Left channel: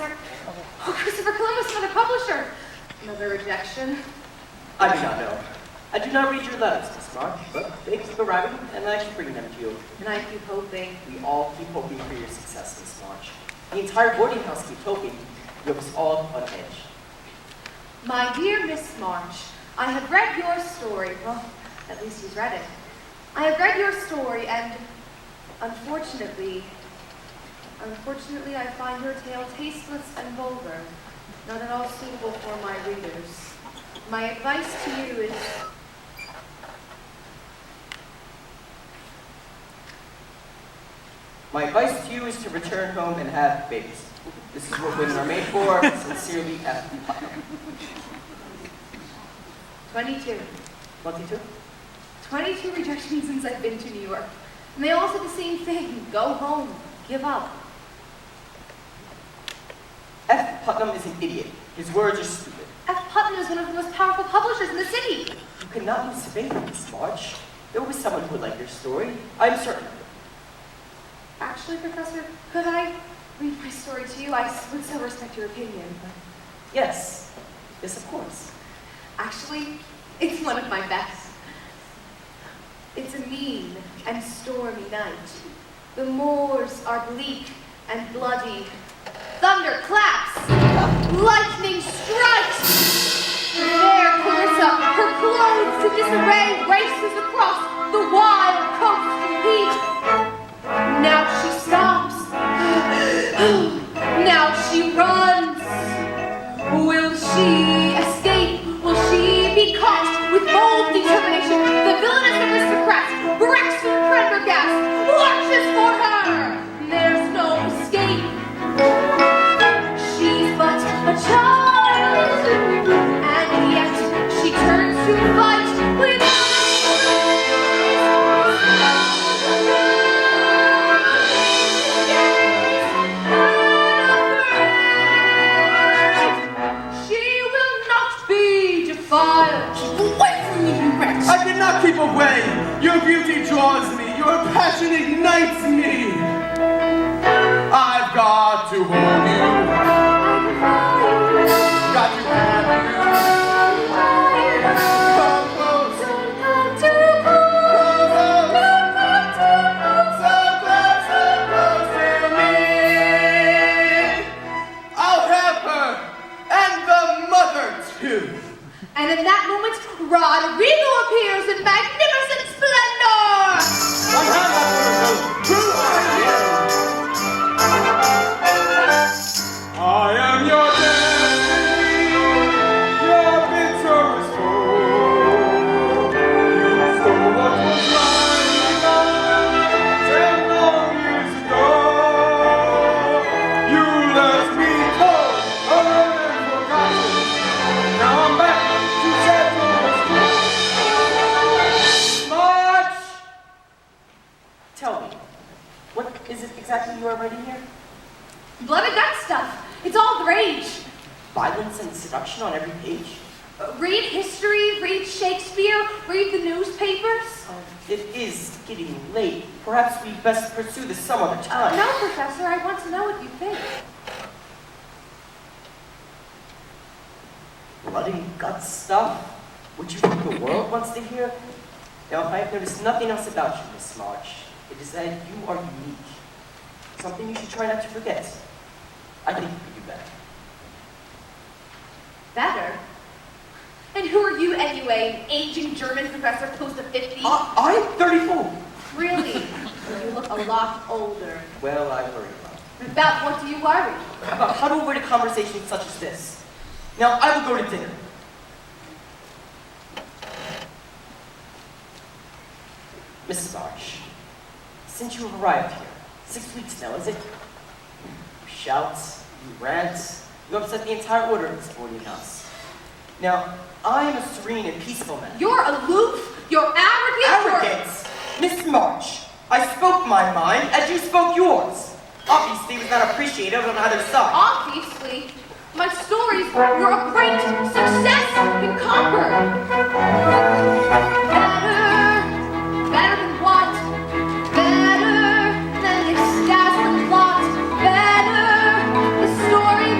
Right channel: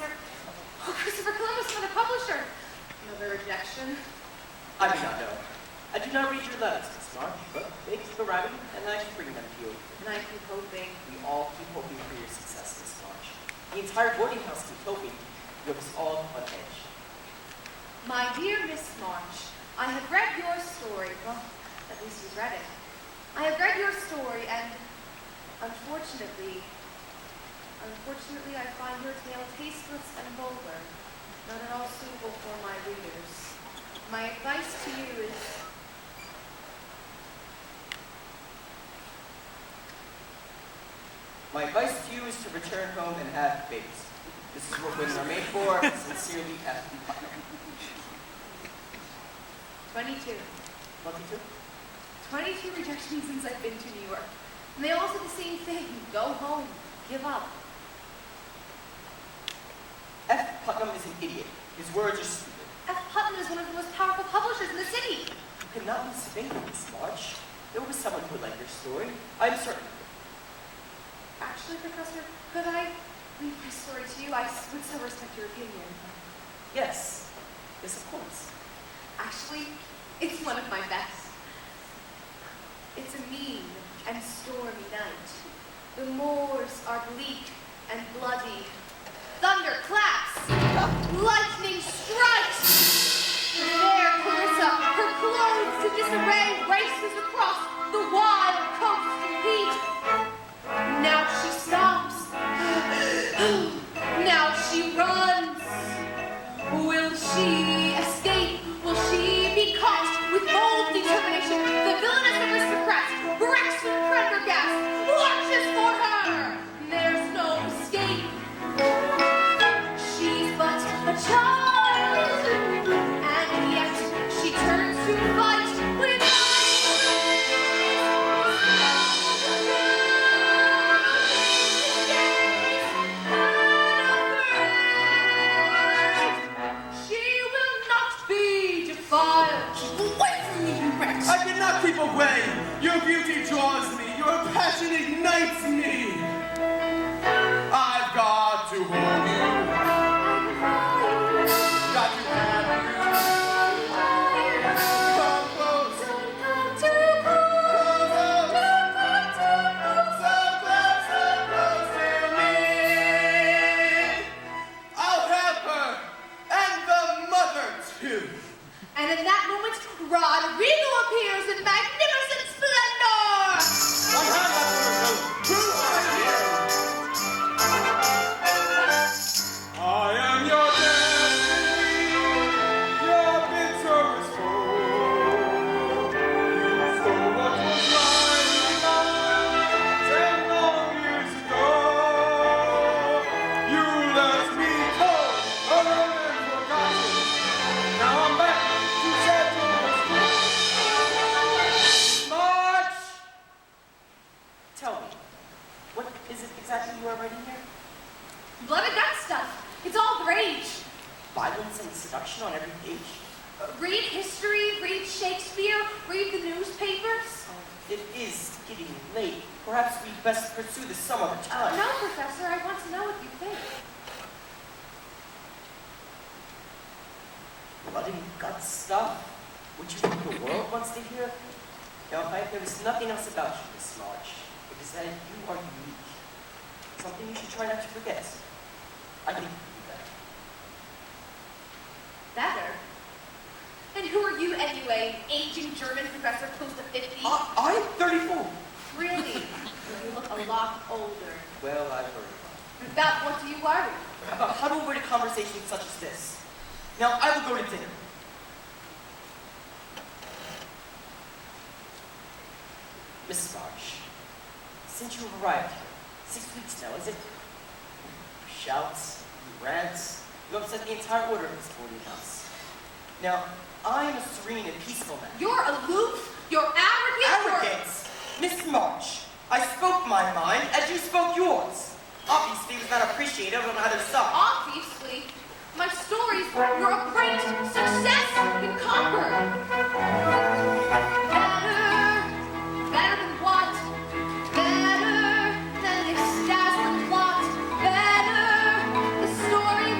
Professor. Oh, Christopher Columbus, another publisher. Another rejection. I do not know. I do not read your letters, Miss March, but they keep arriving, and I keep bringing them to you. And I keep hoping. We all keep hoping for your success, Miss March. The entire boarding house keeps hoping. You have us all on edge. My dear Miss March, I have read your story. Well, at least he's read it. I have read your story, and unfortunately, I find your tale tasteless and vulgar, not at all suitable for my readers. My advice to you is... My advice to you is to return home and have babies. This is what women are made for. Sincerely, F. Putnam. 22. 22? 22 rejections since I've been to New York. And they all said the same thing. Go home. Give up. F. Putnam is an idiot. His words are stupid. F. Putnam is one of the most powerful publishers in the city. You cannot lose faith, Miss March. There was someone who would like your story. I'm certain of it. Actually, Professor, could I read my story to you? I would so respect your opinion, but... Yes. Yes, of course. Actually, it's one of my best. It's a mean and stormy night. The moors are bleak and bloody. Thunder claps. Lightning strikes. There, Clarissa, her clothes in disarray, races across the wild coast of heat. Now she stops. Now she runs. Will she escape? Will she be caught? With bold determination, the villainous aristocrat, Braxton Prendergast, lunges for her. There's no escape. She's but a child, and yet she turns to fight with I cannot keep away. Your beauty draws me. Your passion ignites me. I've got to hold you. Got to have you. Come close. So close to me. I'll have her and the mother too. And in that moment, Rodrigo appears in magnificent splendor! I am your destiny, your bitterest foe. You stole what was mine 10 long years ago. You left me cold, alone and forgotten. Now I'm back to set March! Tell me, what is it exactly you are writing here? Blood and guts stuff. It's all the rage. Violence and seduction on every page? Read history, read Shakespeare, read the newspapers. It is getting late. Perhaps we best pursue this some other time. No, Professor, I want to know what you think. Blood and guts stuff? What you think the world wants to hear? Now, I have noticed nothing else about you, Miss March. It is that you are unique. Something you should try not to forget. I think you could do better. Better? And who are you anyway, an aging German professor close to 50? I'm 34. Really? You look a lot older. Well, I worry a lot. About what do you worry? About how to avoid a conversation such as this. Now, I will go to dinner. Mrs. March, since you have arrived here, 6 weeks now, is it? You shout, you rant, you upset the entire order of this boarding house. Now, I am a serene and peaceful man. You're aloof, you're arrogant, Arrogance! Miss March, I spoke my mind as you spoke yours. Obviously, it was not appreciated on either side. Obviously, my stories were a great success in Concord. Better than what? Better than the dazzling plot. Better, the story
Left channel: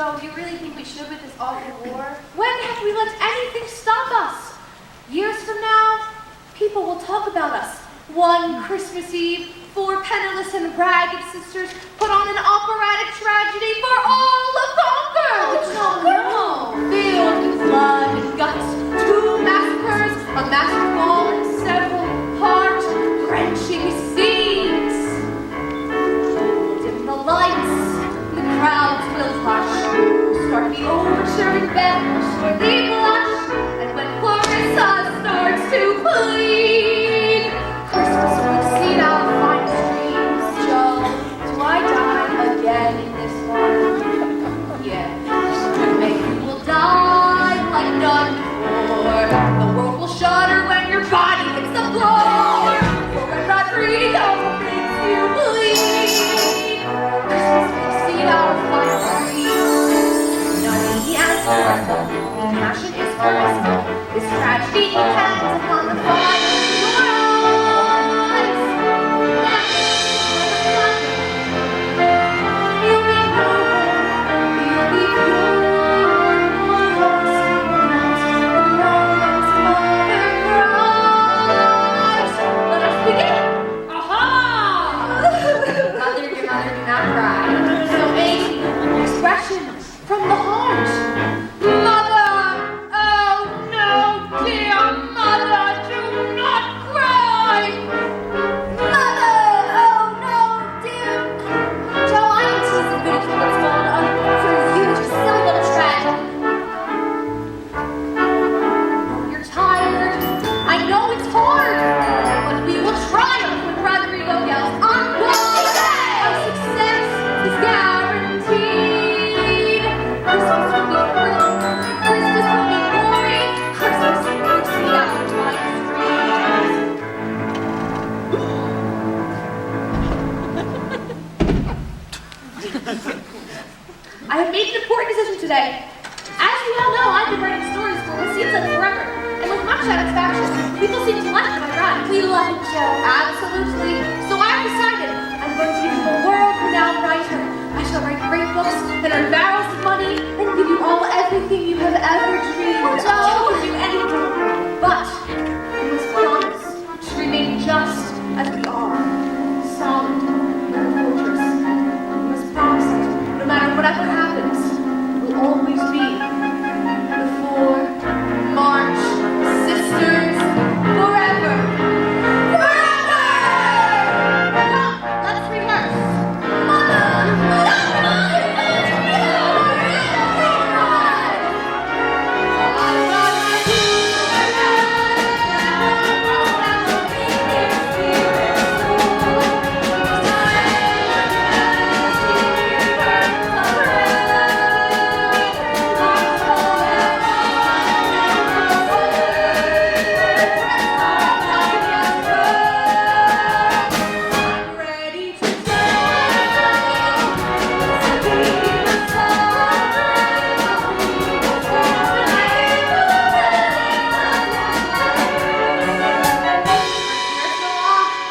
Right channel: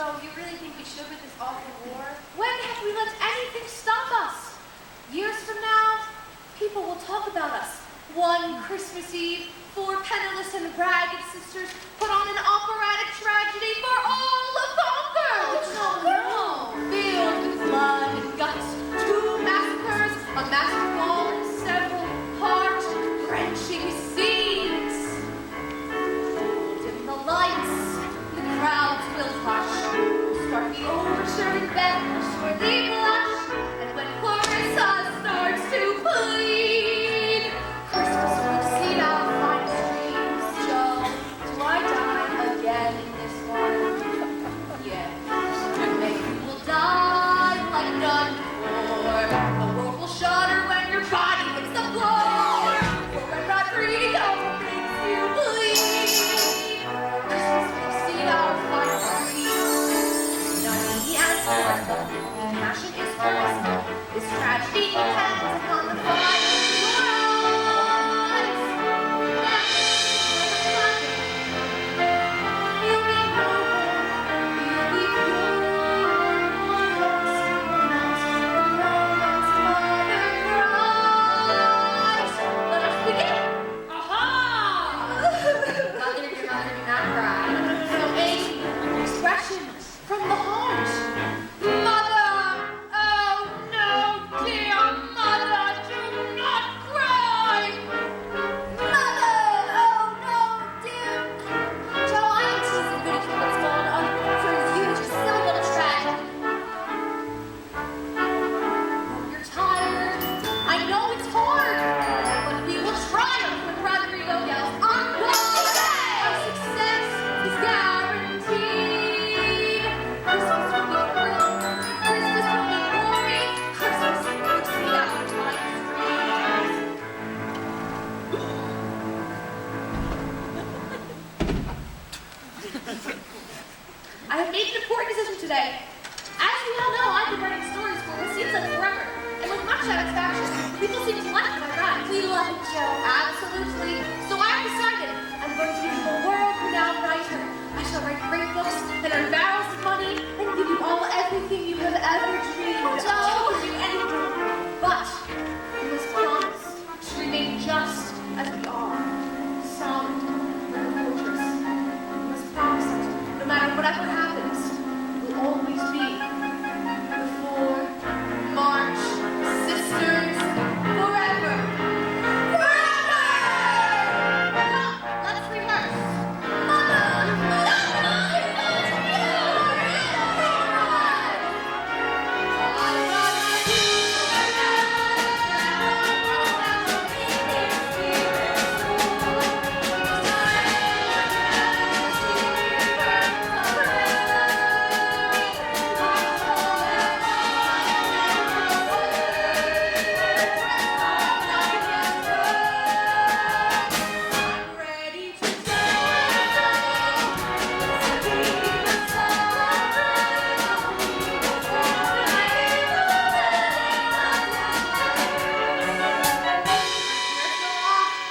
Joe, you really think we should with this awful war? When have we let anything stop us? Years from now, people will talk about us. One Christmas Eve, 4 penniless and ragged sisters put on an operatic tragedy for all the conquered. No. Filled with blood and guts, 2 massacres, a massive ball, and several heart-wrenching scenes. Dim the lights, the crowds will hush. Start the overture and bells for the blush, and when Clarissa starts to plead, Christmas will see our fine streams. Joe, do I die again in this one? Yes. Maybe you will die like none before. The world will shudder when your body hits the floor. For when Rodrigo makes you bleed, Christmas will see our fine streams. No easy answer, the passion is personal. This tragedy depends upon the fire in your eyes. You'll be noble, you'll be pure, Let us begin. Aha! Mother, your mother, do not cry. So many expressions from the heart. Mother, oh no, dear mother, do not cry. Mother, oh no, dear. Joe, I am teasing good for what's going on for you, just silly little tragedy. You're tired. I know it's hard, but we will triumph when Rodrigo yells, "On God!" Our success is guaranteed. Christmas will be thrilled. Christmas will be glory. Christmas will see our fine streams. I have made an important decision today. As you all know, I've been writing stories for what seems like forever, and with much satisfaction. People seem to like my rhymes. We love it, Joe. Absolutely. So I've decided I'm going to become a world-renowned writer. I shall write great books that are barrels of money and give you all everything you have ever dreamed of. Joe can do anything, but we must promise to remain just as we are, solid like a fortress. We must promise it. No matter whatever happens, we'll always be the 4 March sisters forever. Forever! Come, let's rehearse.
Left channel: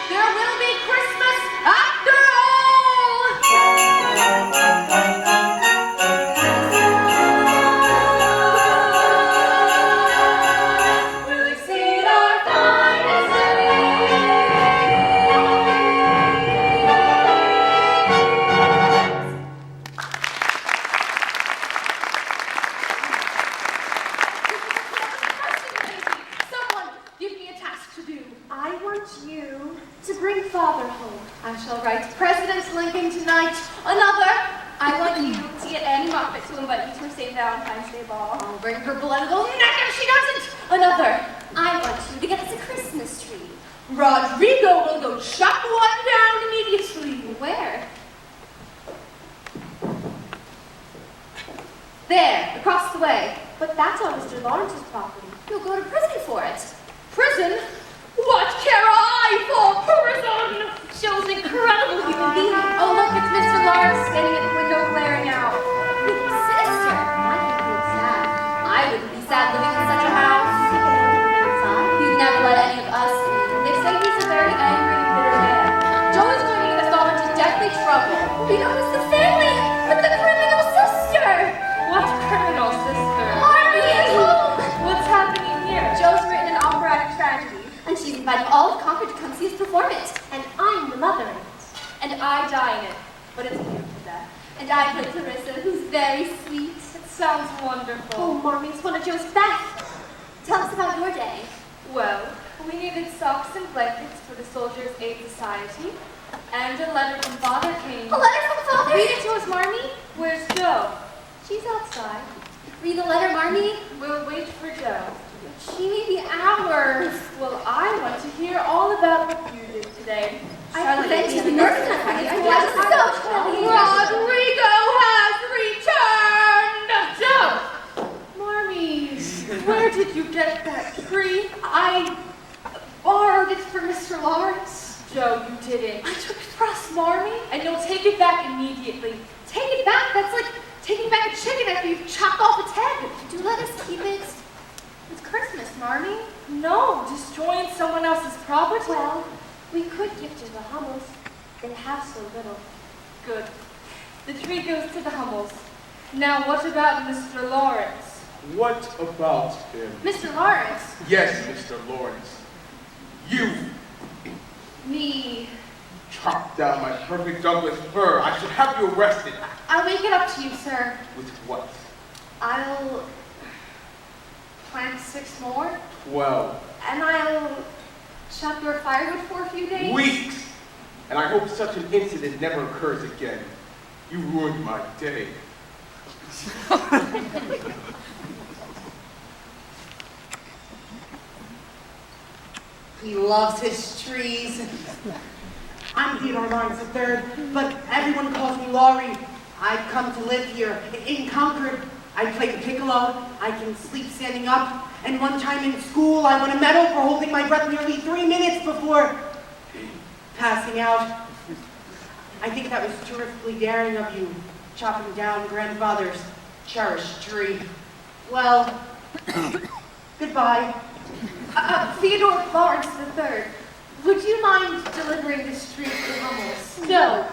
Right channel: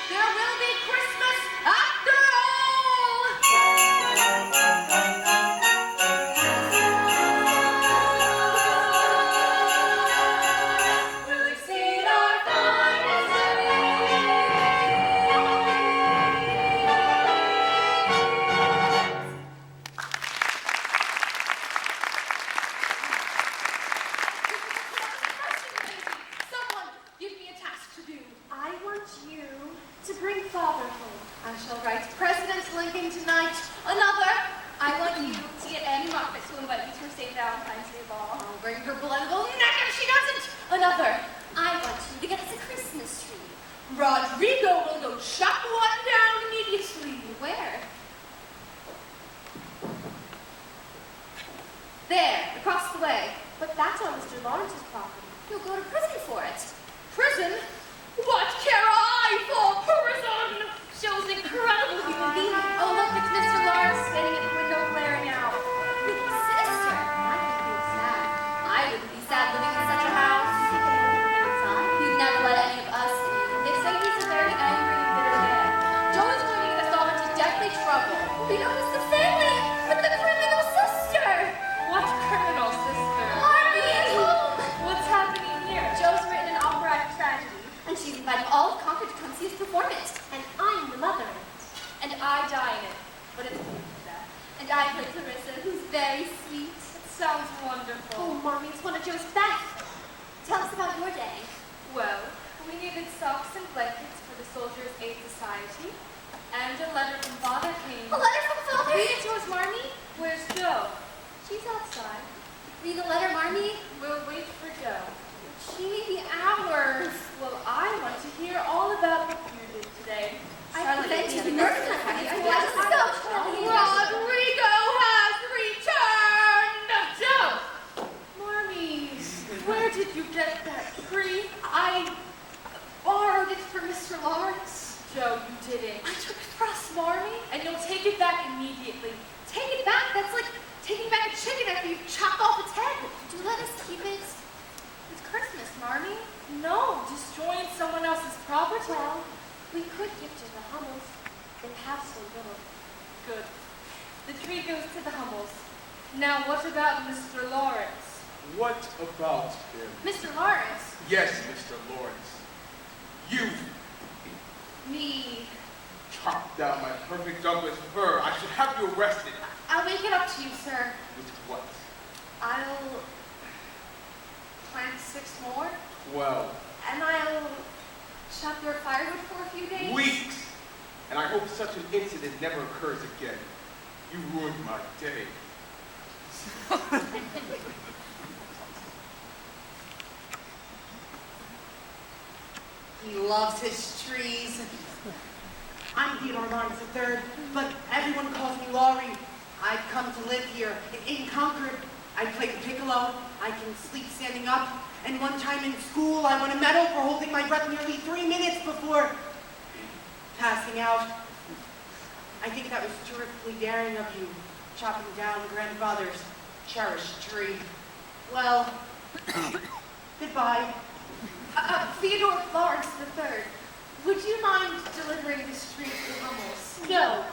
There will be Christmas after all! We'll exceed our finest Someone give me a task to do. I want you to bring father home. I shall write President Lincoln tonight. Another. I want you to get Annie Moffat to invite you to her St. Valentine's Day ball. I'll bring her blood and go neck if she doesn't. Another. I want you to get us a Christmas tree. Rodrigo will go chop one down immediately. Where? There, across the way. But that's on Mr. Lawrence's property. He'll go to prison for it. Prison? What care I for prison? Joe's an incredible human being. Oh, look, it's Mr. Lawrence standing at the window glaring out. With his sister. I can feel sad. I wouldn't be sad living in such a house. He'd never let any of us in. They say he's a very angry and bitter man. Joe is going to get us all into deathly trouble. You know, it's the family with the criminal sister. perform it, and I'm the mother in it. And I die in it, but it's beautiful death. And I play Clarissa, who's very sweet. It sounds wonderful. Oh, Marmee, it's one of Joe's best. Tell us about your day. Well, we needed socks and blankets for the Soldiers' Aid Society, and a letter from Father came. A letter from Father? Read it to us, Marmee. Where's Joe? She's outside. Read the letter, Marmee. We'll wait for Joe. But she may be hours. Well, I want to hear all about what you did today. I bet you Rodrigo has returned! Joe! Marmee, where did you get that tree? I borrowed it from Mr. Lawrence. Joe, you didn't. I took it for us, Marmee. And you'll take it back immediately. Take it back? That's like taking back a chicken after you've chopped off its head. Do let us keep it. It's Christmas, Marmee. No, destroying someone else's property? Well, we could give to the Hummels. They have so little. Good. The tree goes to the Hummels. Now, what about Mr. Lawrence? What about him? Mr. Lawrence. Yes, Mr. Lawrence. You Me. chopped down my perfect Douglas fir. I should have you arrested. I'll make it up to you, sir. With what? I'll plant 6 more, 12 and I'll chop your firewood for a few days. weeks. And I hope such an incident never occurs again. You ruined my day. He loves his trees. I'm Theodore Lawrence III, but everyone calls me Laurie. I've come to live here in Concord. I play the piccolo. I can sleep standing up. And one time in school, I won a medal for holding my breath nearly 3 minutes before passing out. I think that was terrifically daring of you, chopping down grandfather's cherished tree. Well, goodbye. Theodore Lawrence III, would you mind delivering this tree to the Hummels? No,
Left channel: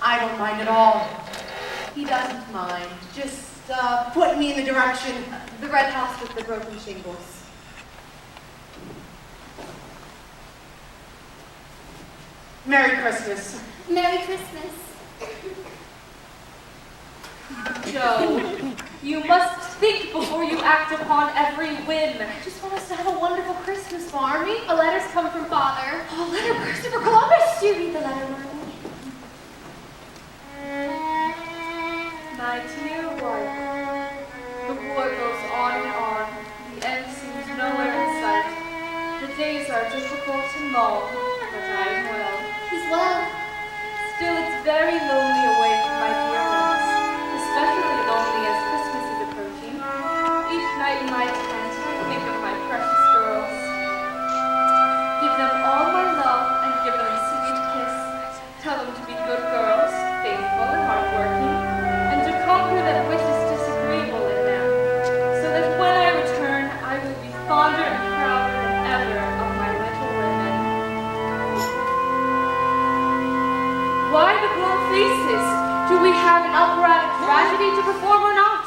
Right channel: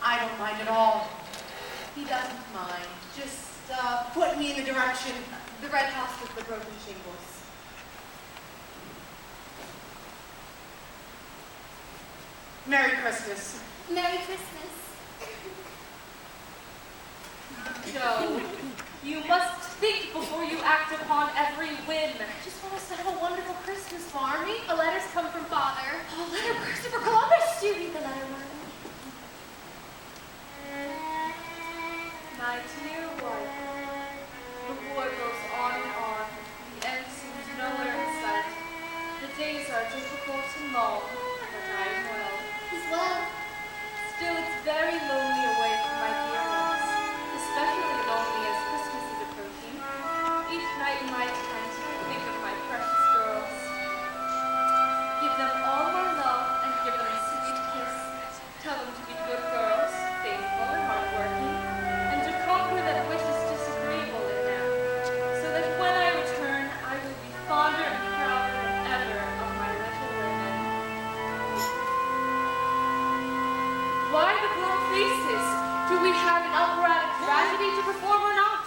I don't mind at all. He doesn't mind. Just put me in the direction. The red house with the broken shingles. Merry Christmas. Merry Christmas. Joe, you must think before you act upon every whim. I just want us to have a wonderful Christmas, Marmee. A letter's come from Father. A letter for Christopher Columbus. Do you read the letter, Marmee? My dear wife, the war goes on and on. The end seems nowhere in sight. The days are difficult and long, but I am well. He's well. Still, it's very lonely away from my dear ones, especially lonely as Christmas is approaching. Each night in my tent, I think of my precious girls. Give them all my love and give them a sweet kiss. Tell them to be good girls, faithful and hardworking, and to conquer that which is disagreeable in them, so that when I return, I will be fonder and prouder than ever of my little women. Why the glum faces? Do we have an operatic tragedy to perform or not?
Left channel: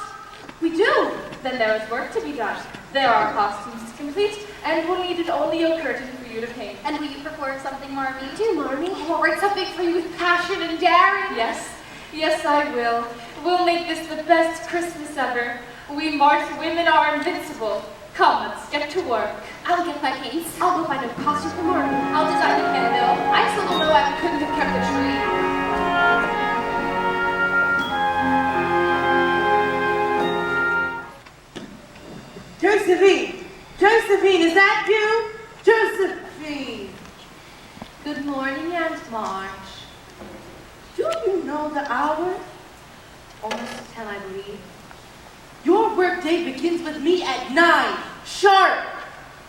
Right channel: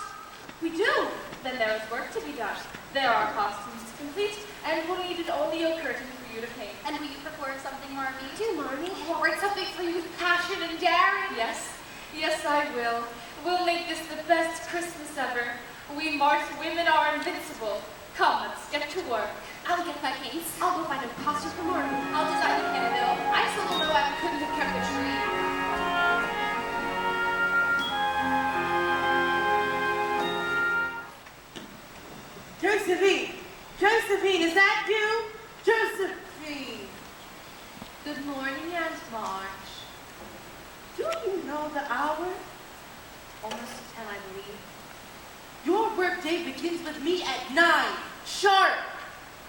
We do. Then there is work to be done. There are costumes to complete, and we'll need only a curtain for you to paint. And will you perform something, Marmee? Do, Marmee. I'll write something for you with passion and daring. Yes, yes, I will. We'll make this the best Christmas ever. We March women are invincible. Come, let's get to work. I'll get my paints. I'll go find a costume for Marmee. I'll design the candle. I still don't know why we couldn't have kept the tree. Josephine! Josephine, is that you? Josephine! Good morning, Aunt March. Do you know the hour? Almost 10, I believe. Your workday begins with me at 9, sharp.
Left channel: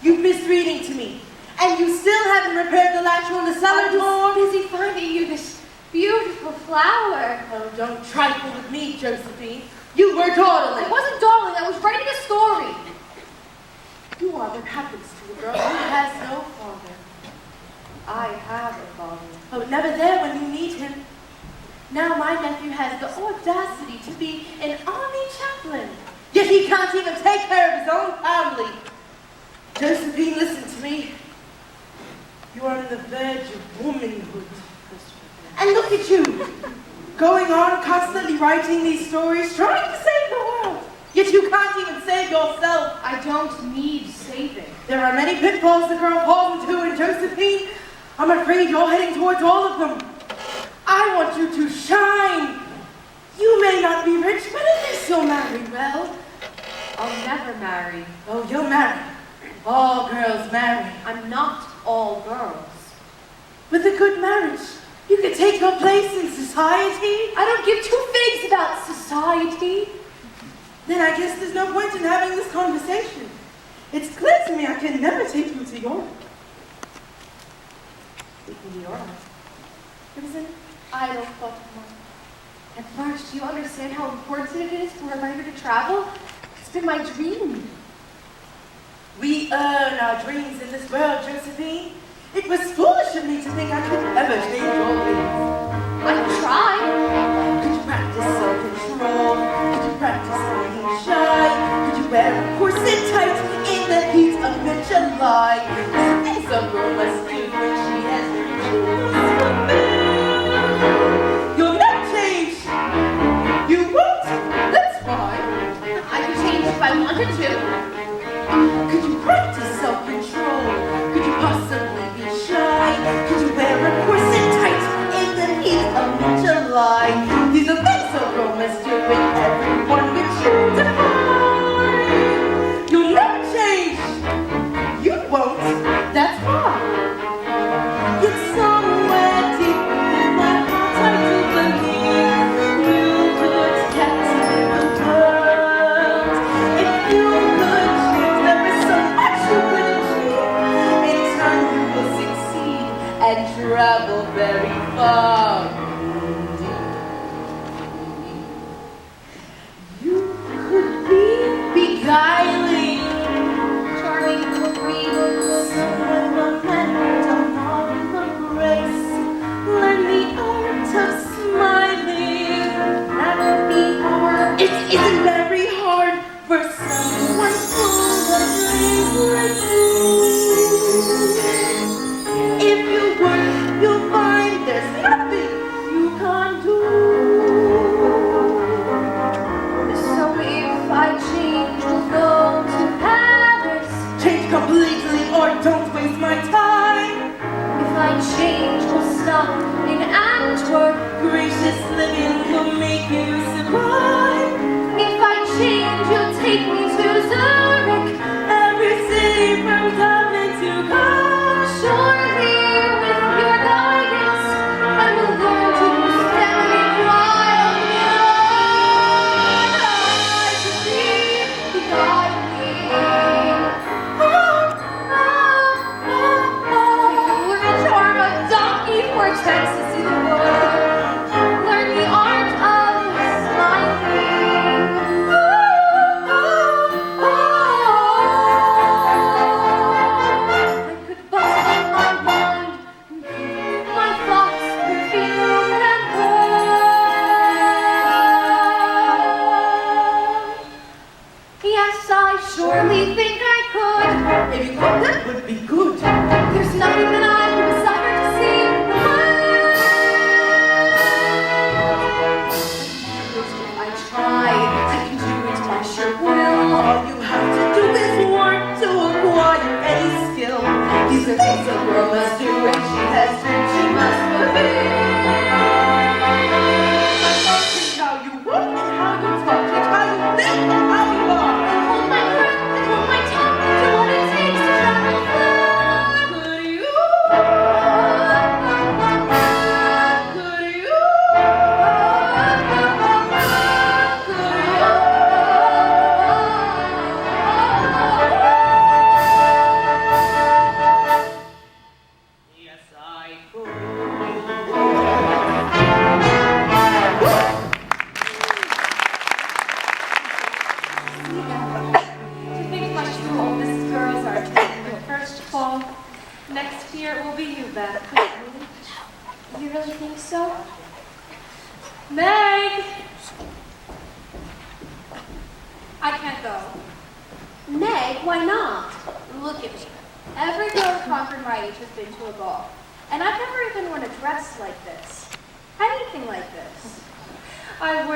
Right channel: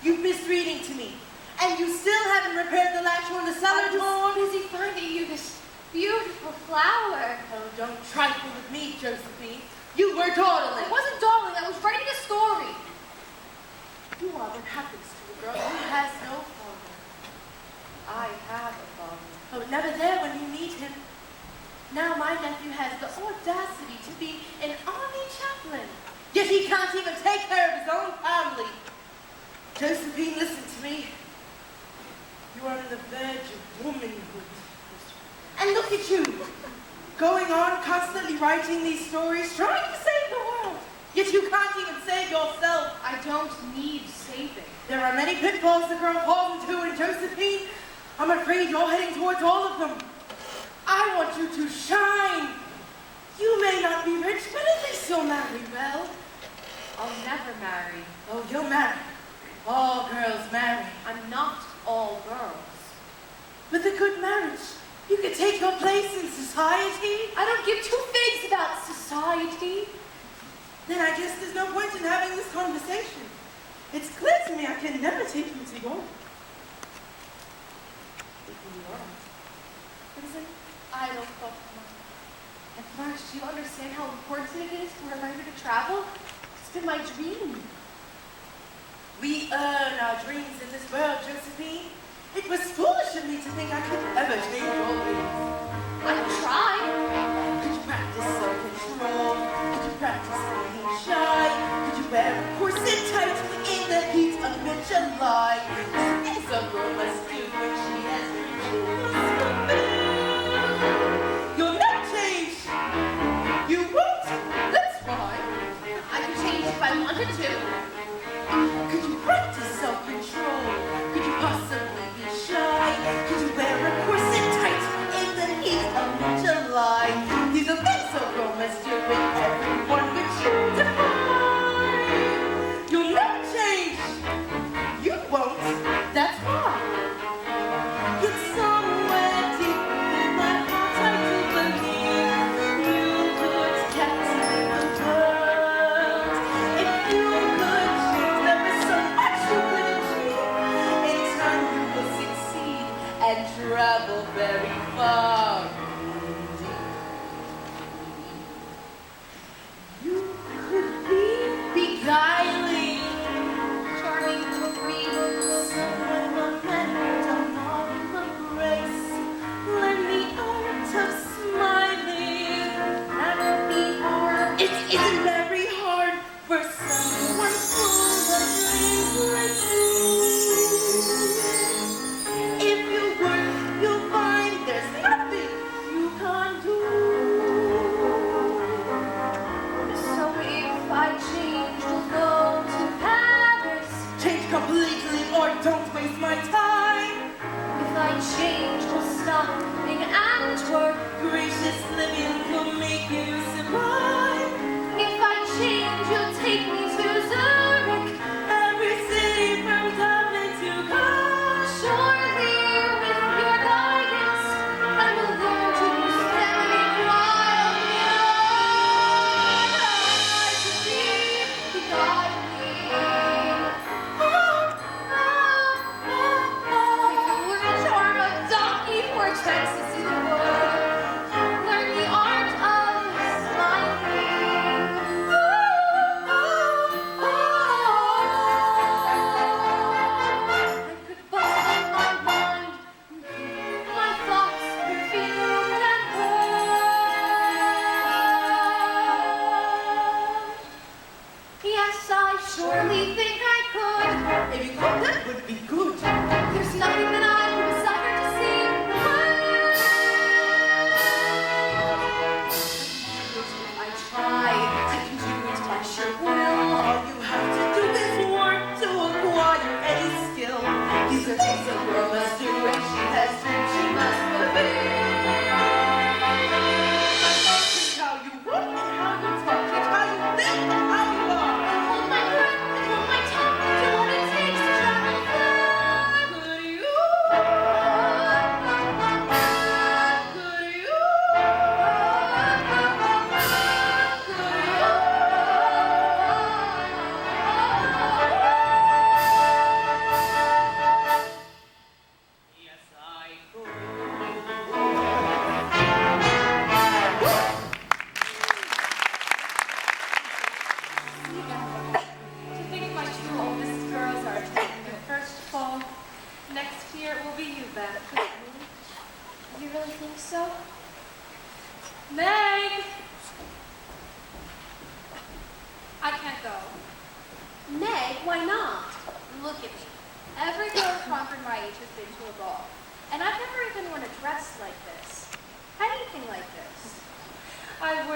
You've missed reading to me. And you still haven't repaired the latch on the cellar door? I was busy finding you this beautiful flower. Oh, don't trifle with me, Josephine. You were dawdling. I wasn't dawdling, I was writing a story. You are what happens to a girl who has no father. I have a father. Oh, never there when you need him. Now my nephew has the audacity to be an army chaplain. Yet he can't even take care of his own family. Josephine, listen to me. You are on the verge of womanhood. And look at you, going on constantly writing these stories, trying to save the world. Yet you can't even save yourself. I don't need saving. There are many pitfalls the girl falls into, and Josephine, I'm afraid you're heading towards all of them. I want you to shine. You may not be rich, but at least you'll marry well. I'll never marry. Oh, you'll marry. All girls marry. I'm not all girls. With a good marriage, you could take your place in society. I don't give two figs about society. Then I guess there's no point in having this conversation. It's clear to me I can never take you to Europe. Speaking to Europe, it was an idle thought of mine. And Marsh, do you understand how important it is for a writer to travel? It's been my dream. We earn our dreams in this world, Josephine. It was foolish of me to think I could ever change your ways. I try. Could you practice self-control? Could you practice being shy? Could you wear a corset tight in the heat of mid-July? As a girl must do when she has dreams she must fulfill. You'll never change. You won't. That's fine. I could change if I wanted to. Could you practice self-control? Could you possibly be shy? Could you wear a corset tight in the heat of mid-July?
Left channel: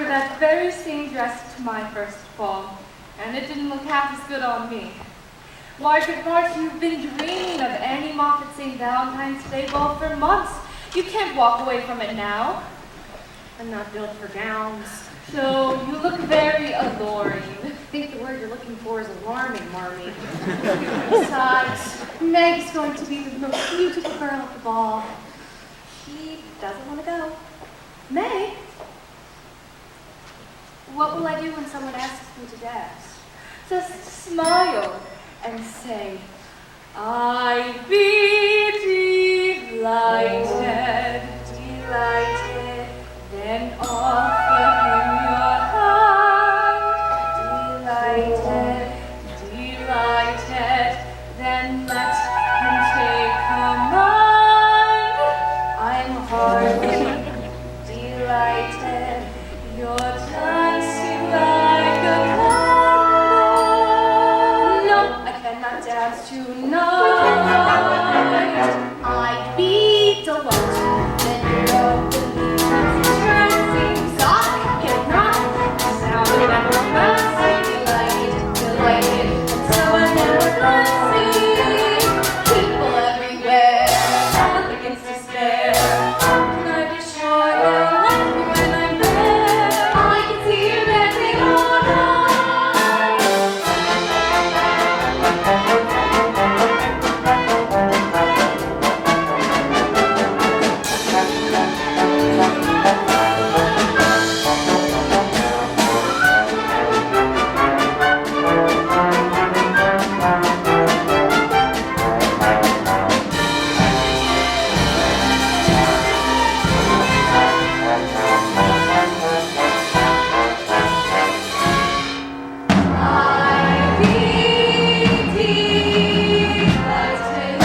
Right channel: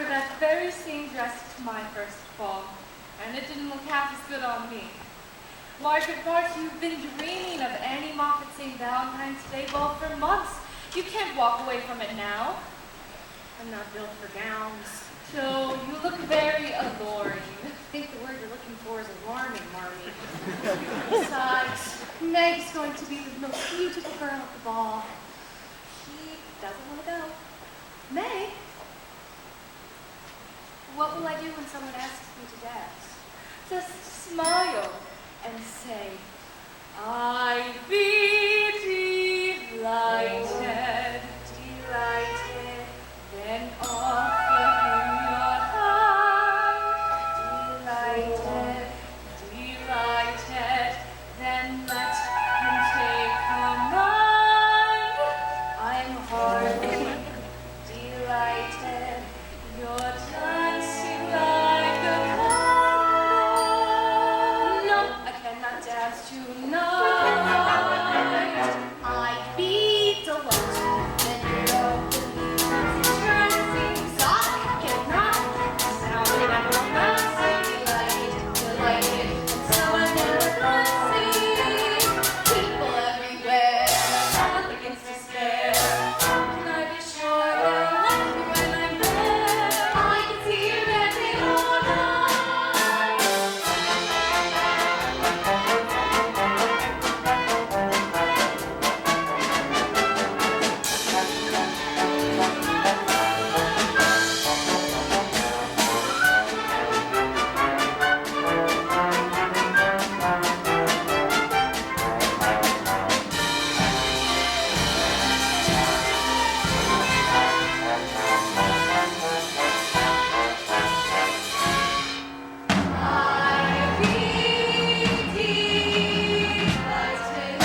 wear that very same dress to my first ball, and it didn't look half as good on me. Margaret March, you've been dreaming of Annie Moffat's St. Valentine's Day ball for months. You can't walk away from it now. I'm not built for gowns. So you look very alluring. I think the word you're looking for is alarming, Marmee. Besides, Meg's going to be the most beautiful girl at the ball. She doesn't want to go. Meg? What will I do when someone asks me to dance? Just smile and say, I'd be delighted, Delighted, then offer him your hand. delighted. Delighted, then let him take her mind. I'm hardly delighted. You're dancing like a candle. No, I cannot dance tonight. I'd be delighted. Then you're opening dancing. I cannot sound and romancing. Delighted, and so I'm never glancing. People everywhere, against despair. Can I be sure they'll love me when I'm there? I can see you dancing all night. I'd be delighted,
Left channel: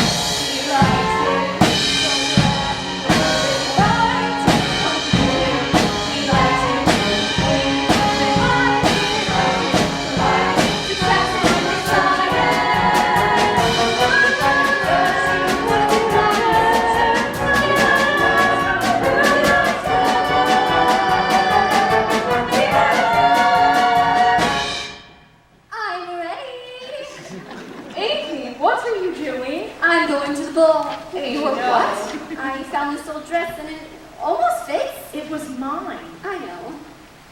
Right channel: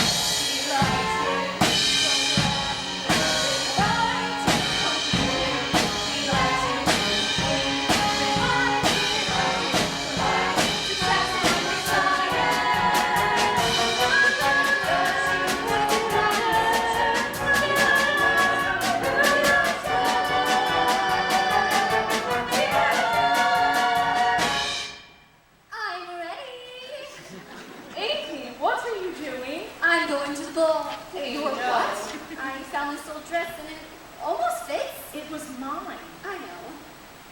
I'm ready. Amy, what are you doing? I'm going to the ball. You're what? I found this old dress and it almost fits. It was mine. I know.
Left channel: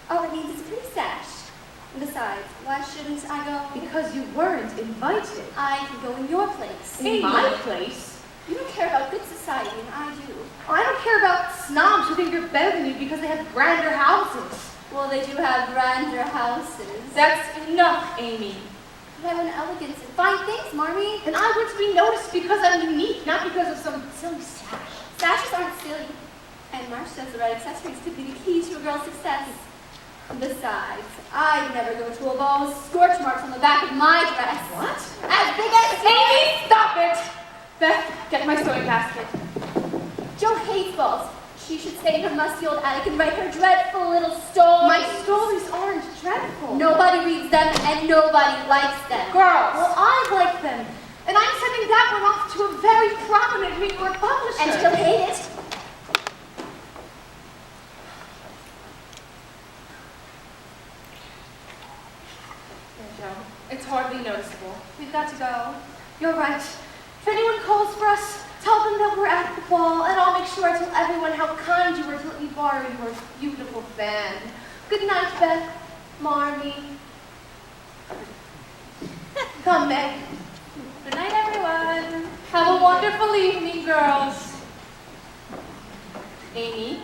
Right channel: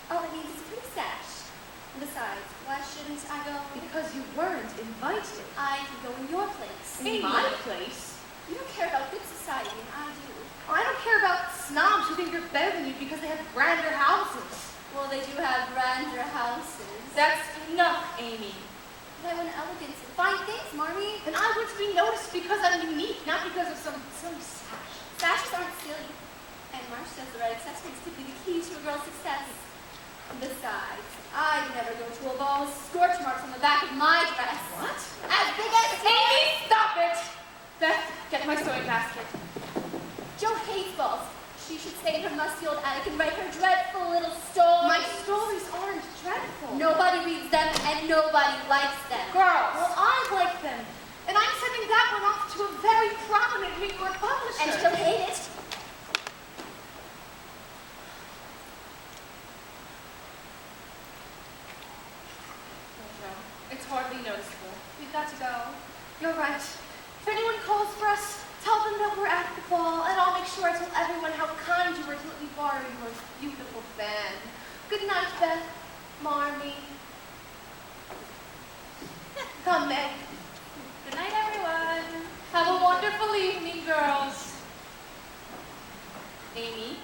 All it needs is a pretty sash. Besides, why shouldn't I go? Because you weren't invited. I can go in your place. In my place? You don't care about good society, and I do. I don't care about snobs who think you're better than you because they have grander houses. Well, they do have grander houses. That's enough, Amy. But I want elegance and fine things, Marmee. And I want to be noticed because I'm unique, not because of some silly sash. Sashes aren't silly. And Marsh says the right accessories could be the key to a girl's success. Besides, I'd never go to a ball with scorch marks on the back of my dress. What? As big as Amy, stop it! Beth, get my sewing basket. Jo hates balls. She should stay in her musty old attic and write her dreadful little stories. My stories aren't dreadful. Nobody reads them and nobody likes them. Girls, Well, I like them. And I'm sending that one off to a very prominent New York publisher. And she'll hate it. yeah, Jo, it's hardly noticeable. We've got to go. You're right. If anyone calls for us, tell them that we're at the ball, and I'll make sure I tell everyone how kind you were to let me borrow your beautiful fan. Good night, Beth. Marmee. Come, Meg. Good night, everyone. Have a wonderful evening, girls. Amy?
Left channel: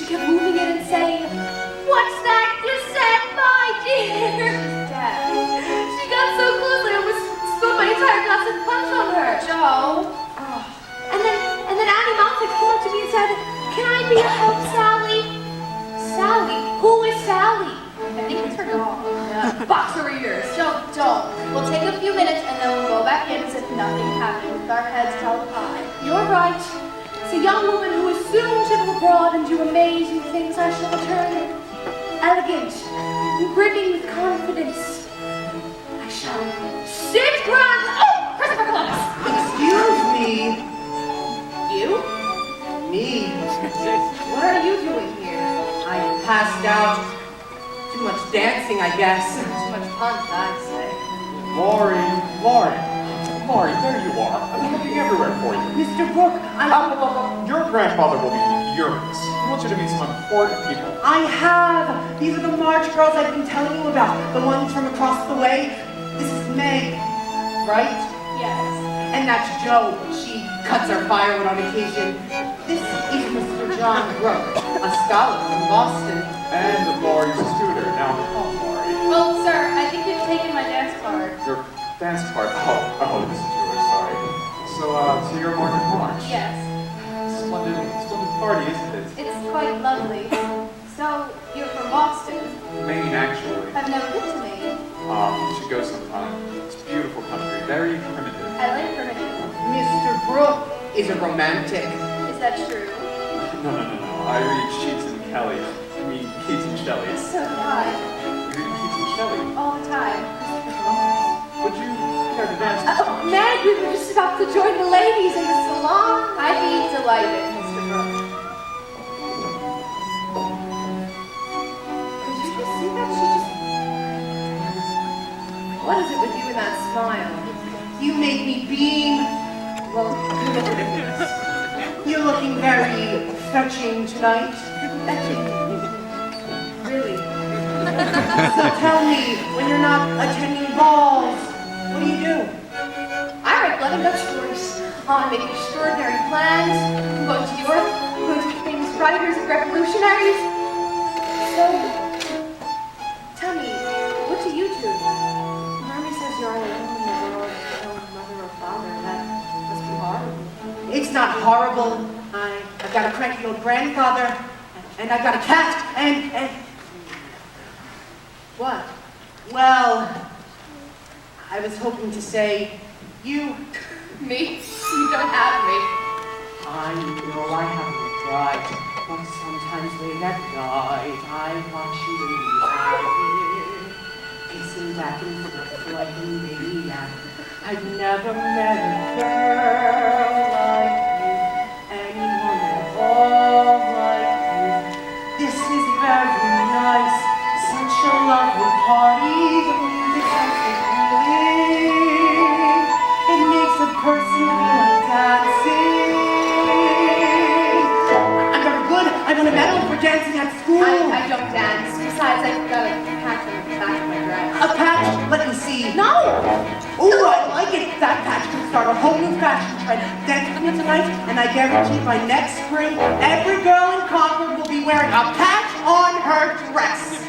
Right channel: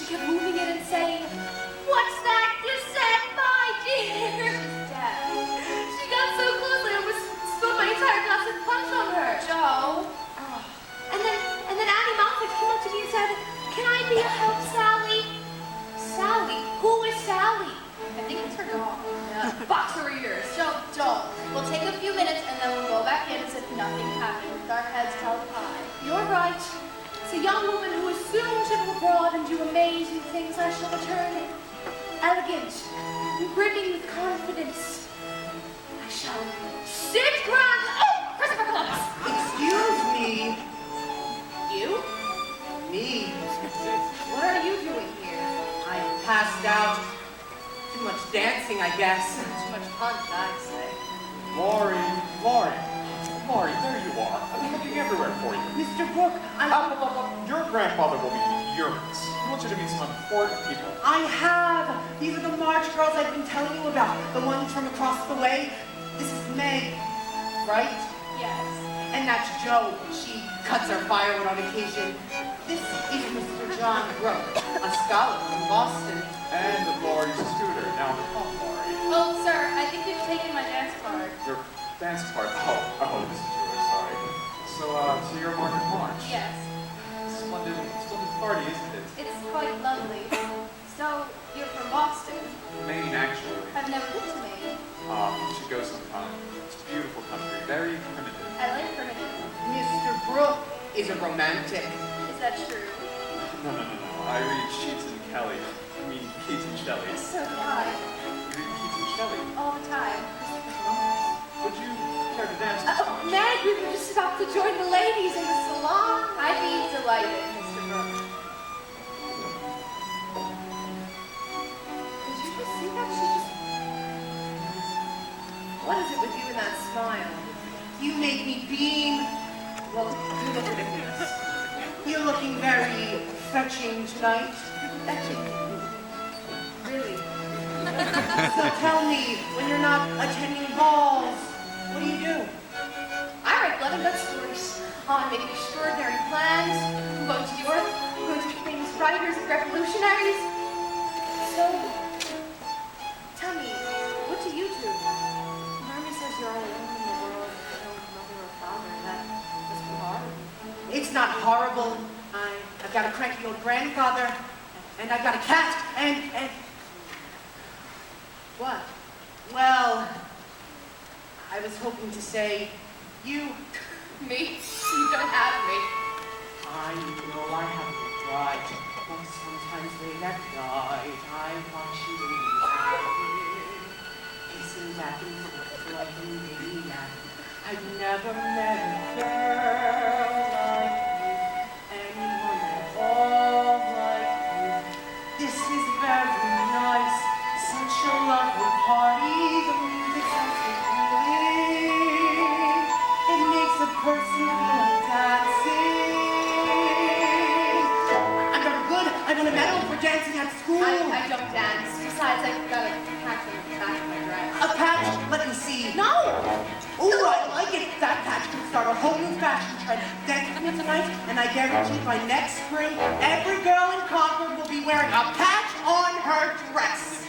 She kept moving it and saying, "What's that you said, my dear?" Dad. She got so close I almost spilled my entire glass of punch on her. Joe. And then Annie Moffat came up to me and said, "Can I be a help, Sally?" Sally? Who is Sally? I think it's her dog. Box over ears. Joe, we'll take a few minutes and then we'll go back in as if nothing happened with our heads held high. You're right. It's a young woman who is soon to go abroad and do amazing things. I shall return elegant, brimming with confidence. I shall sit grand. Oh, Christopher Columbus. Excuse me. You? Me. What are you doing here? I passed out. Too much dancing, I guess. Too much punch, I'd say. Laurie, there you are. I've been looking everywhere for you. Mr. Brooke, Your grandfather will be furious. He wants you to meet some important people. I have. These are the March girls I've been telling you about. The ones from across the way. This is Meg, right? Yes. And that's Jo. She cuts our firewood on occasion. This is Mr. John Brooke, a scholar from Boston. And Laurie's tutor. Now, Laurie. Well, sir, I think you've taken my dance card. Your dance part. Oh, this is yours, sorry. So you're Margaret March. Yes. Splendid party, isn't it? It's quite lovely. So, you're from Boston? Maine, actually. I've never been to Maine. You should go sometime. It's a beautiful country, very primitive. I like primitive. Mr. Brooke is a romantic. Is that true? No. I read Sheets and Kelly. I mean, Keats and Shelley. So do I. You read Keats and Shelley? All the time. Would you care to dance? Meg, we were just about to join the ladies in the salon. I'd be delighted, Mr. Brooke. Did you just see that? What is it with you and that smile? You make me beam. Well, You're looking very fetching tonight. really. So tell me, when you're not attending balls, what do? I write blood and guts stories. I make extraordinary plans. I'm going to Europe. I'm going to meet famous writers and revolutionaries. So, tell me, what do you do? Army says you're alone in the world, no mother or father. That must be horrible. It's not horrible. I've got a cranky old grandfather, and I've got a cat, and What? well, I was hoping to say, you. Me? You don't have me. I know I haven't tried, but sometimes late at night I watch you leave, pacing back and forth like a maniac. I've never met a girl like you, anyone at all like you. This is very nice, such a lovely party. The music sounds so cooling. It makes a person feel like dancing. I'm very good. I won a medal for dancing at school. I don't dance. Besides, I've got a patch on the back of my dress. A patch? Let me see. No! Ooh, I like it. That patch could start a whole new fashion trend. Dance with me tonight, and I guarantee by next spring, every girl in Concord will be wearing a patch on her dress.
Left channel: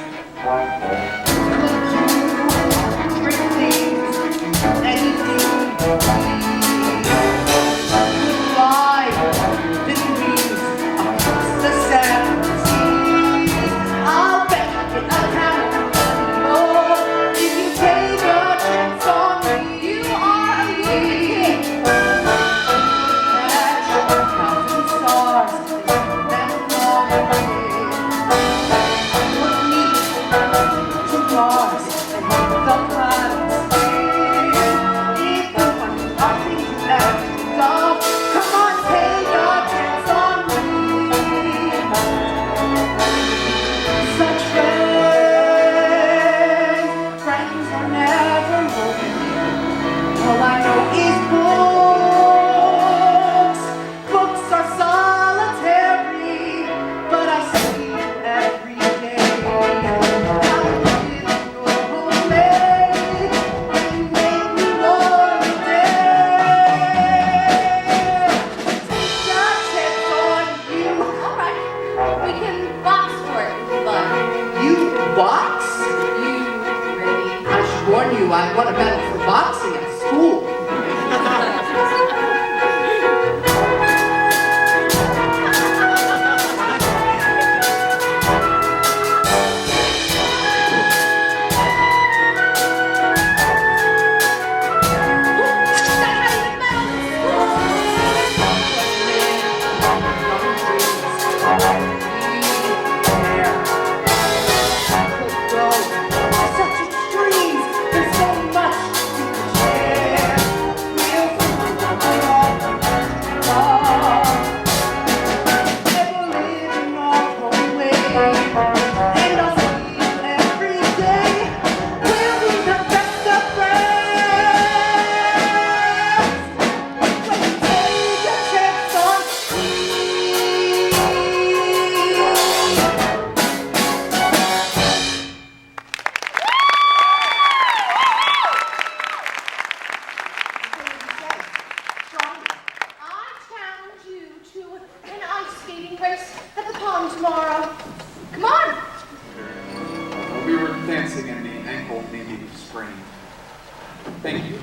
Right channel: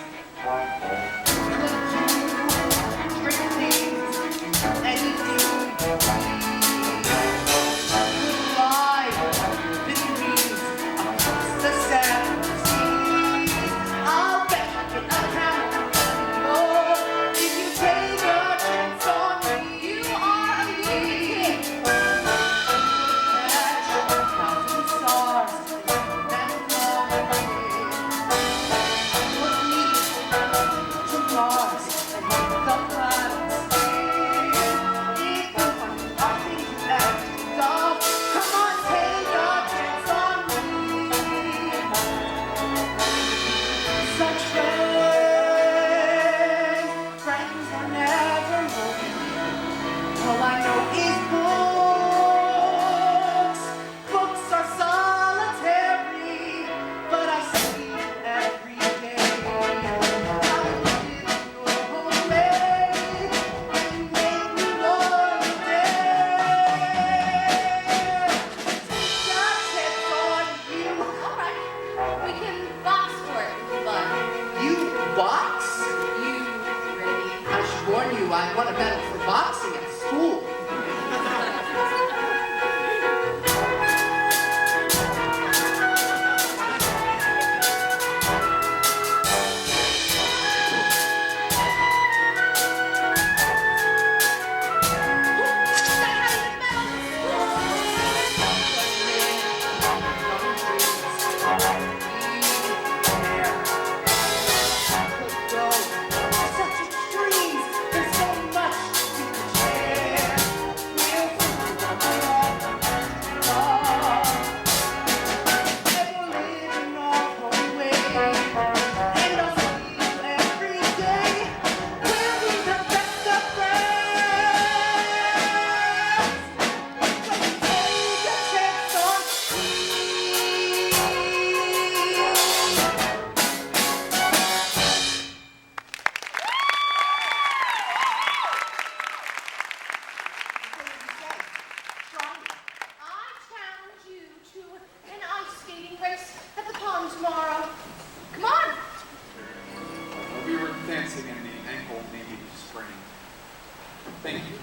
Thank you.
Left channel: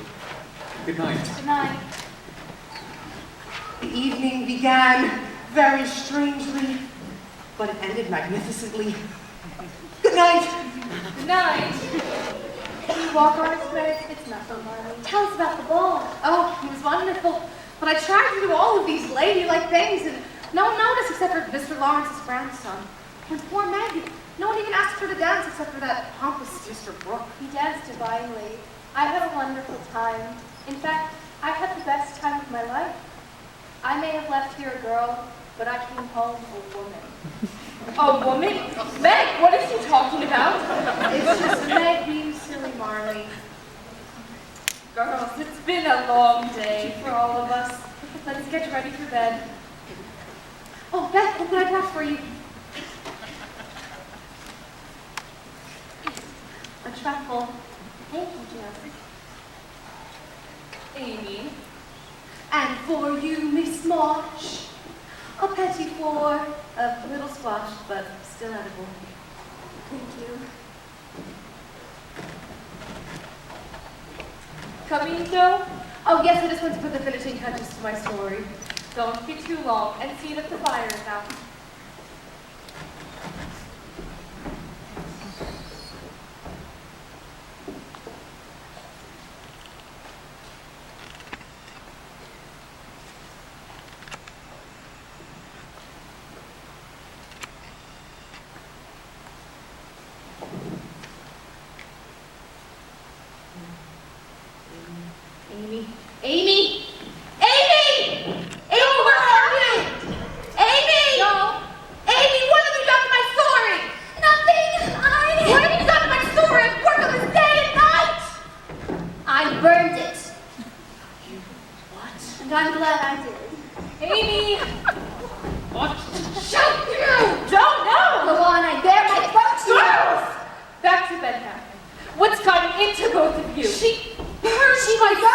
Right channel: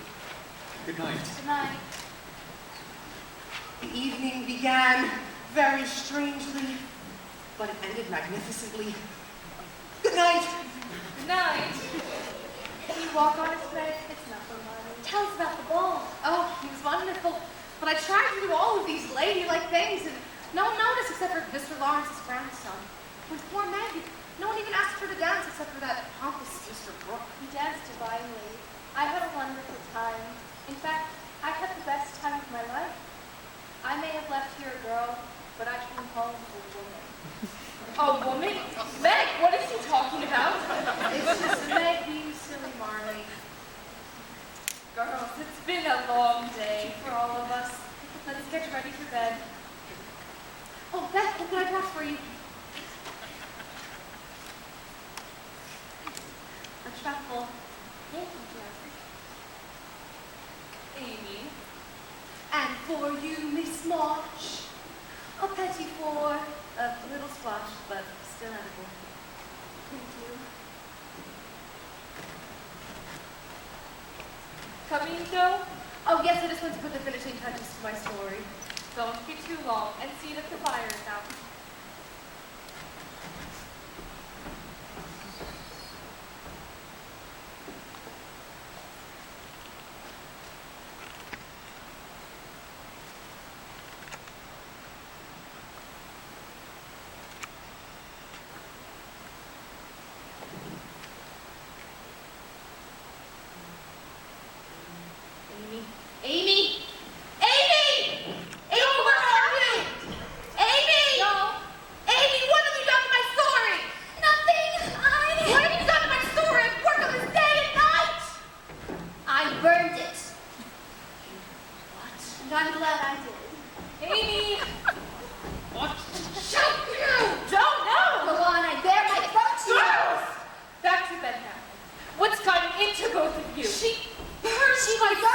Good night. Good night. The evening began very strangely, but it ended magnificently. Good night. Good night. Can you walk on its way? It's not so Marley. Tell us about the ball. Oh, it was wonderful. But I tried to do all of these ladylike things, and no one noticed except for Mr. Lawrence's grandson. And poor Maggie. No one even asked her to dance except for that pompous Mr. Brooke. He danced divinely. I had a wonderful time. In fact, I had the best time of my life. I may have left here a girl, but I came home a woman. A woman? Meg, what are you talking about? It's just Meg being silly, Marley. Girls, it's been a long day for all of us. Let's get ready for bed. Oh, Beth, look what I brought for you. A truffle. Thank you, Joe. Amy. And for you, Miss March, a petit four, a little squash, but still edible. Thank you. Coming, Joe? Oh, yes, I just want to put the finishing touches to my story. Don't get too long and see that the fire is out. Amy! Amy! Amy! Amy, where are you? Amy! No. Amy, what have you done to my story? Nothing. What have you done to my story? I've worked on this day and night! I burned it. You what? And I'm glad I did. Amy! Shoot you! Don't know! Go on, I bear my throat to you. Girls! Back to bed now. What's gotten into both of you? She burned my story!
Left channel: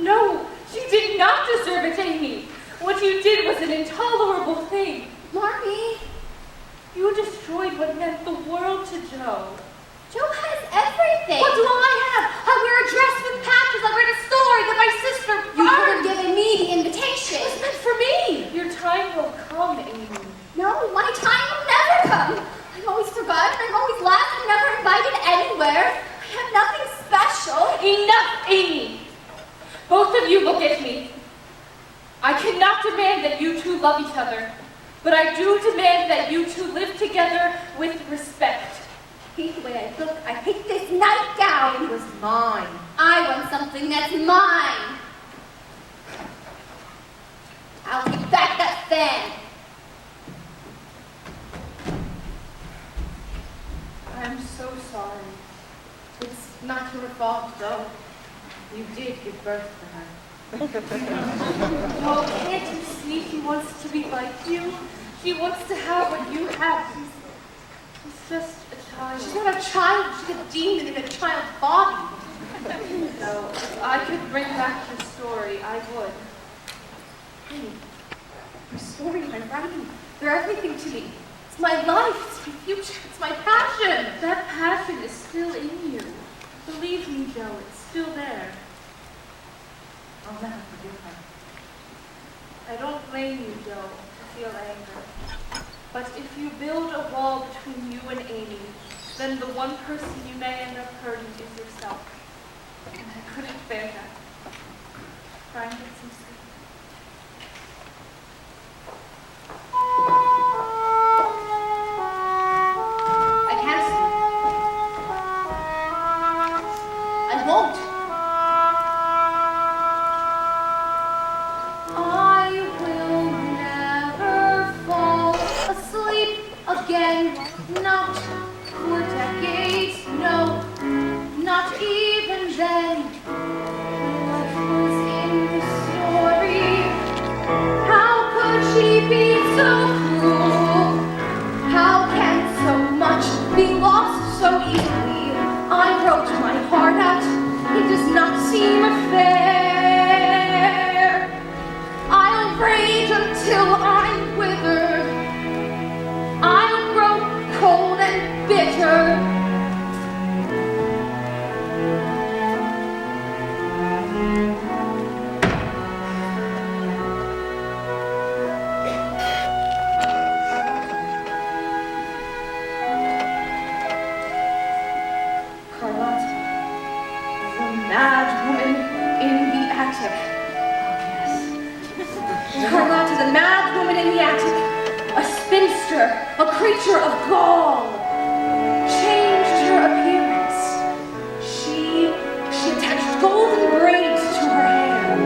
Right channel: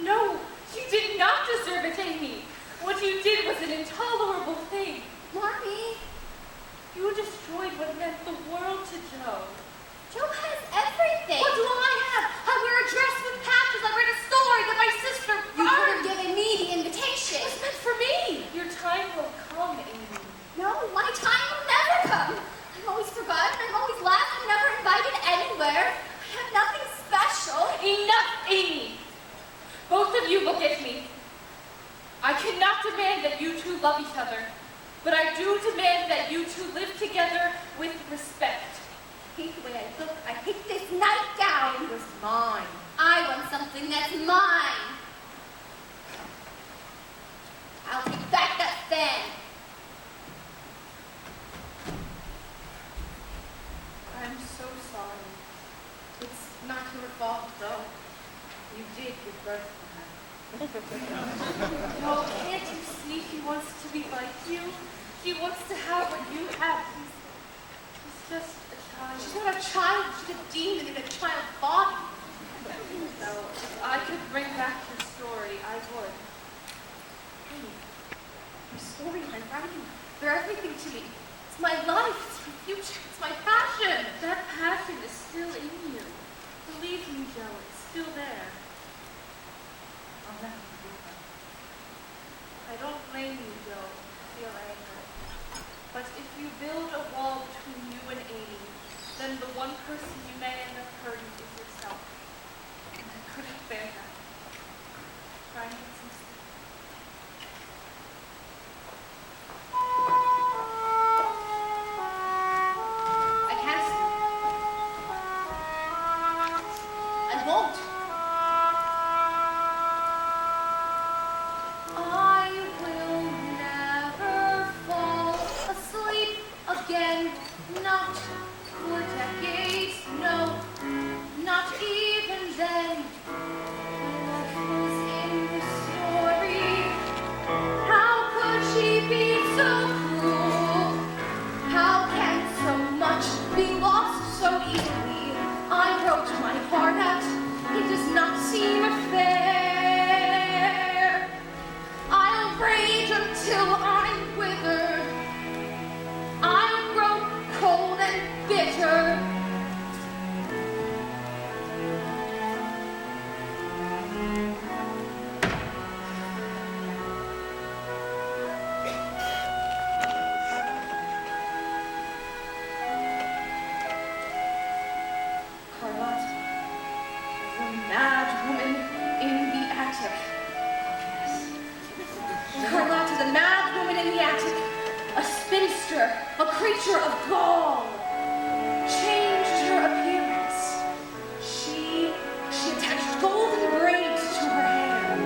No, she did not deserve it, Amy. What you did was an intolerable thing. Marmy, You destroyed what meant the world to Joe. Joe has everything. What do I have? I wear a dress with patches. I read a story that my sister You could have burned. given me the invitation. It was meant for me. Your time will come, Amy. No, my time will never come. I'm always forgotten. I'm always last. I'm never invited anywhere. I have nothing special. Enough, Amy. Both of you look at me. I cannot demand that you two love each other, but I do demand that you two live together with respect. I hate the way I look. I hate this nightgown. It was mine. I want something that's mine. I'll take back that fan. I'm so sorry. It's not your fault, though. You did give birth to her. Oh, can't you see she wants to be like you? She wants to have what you have. She's just a child. She's not a child. She's a demon in a child's body. So, if I could bring back your story, I would. Hey, your story, my writing, they're everything to me. It's my life. It's my future. It's my passion. That passion is still in you. Believe me, Joe, it's still there. I'll never forgive her. I don't blame you, Joe, to feel anger. But if you build a wall between you and Amy, then the one person you may end up hurting is yourself. And I couldn't bear that. Try and get some sleep. I can't sleep. I won't. I will never fall asleep again. Not for decades, no. Not even then. Life was in the store creature of gall, changed her appearance. She attached golden braids to her hair.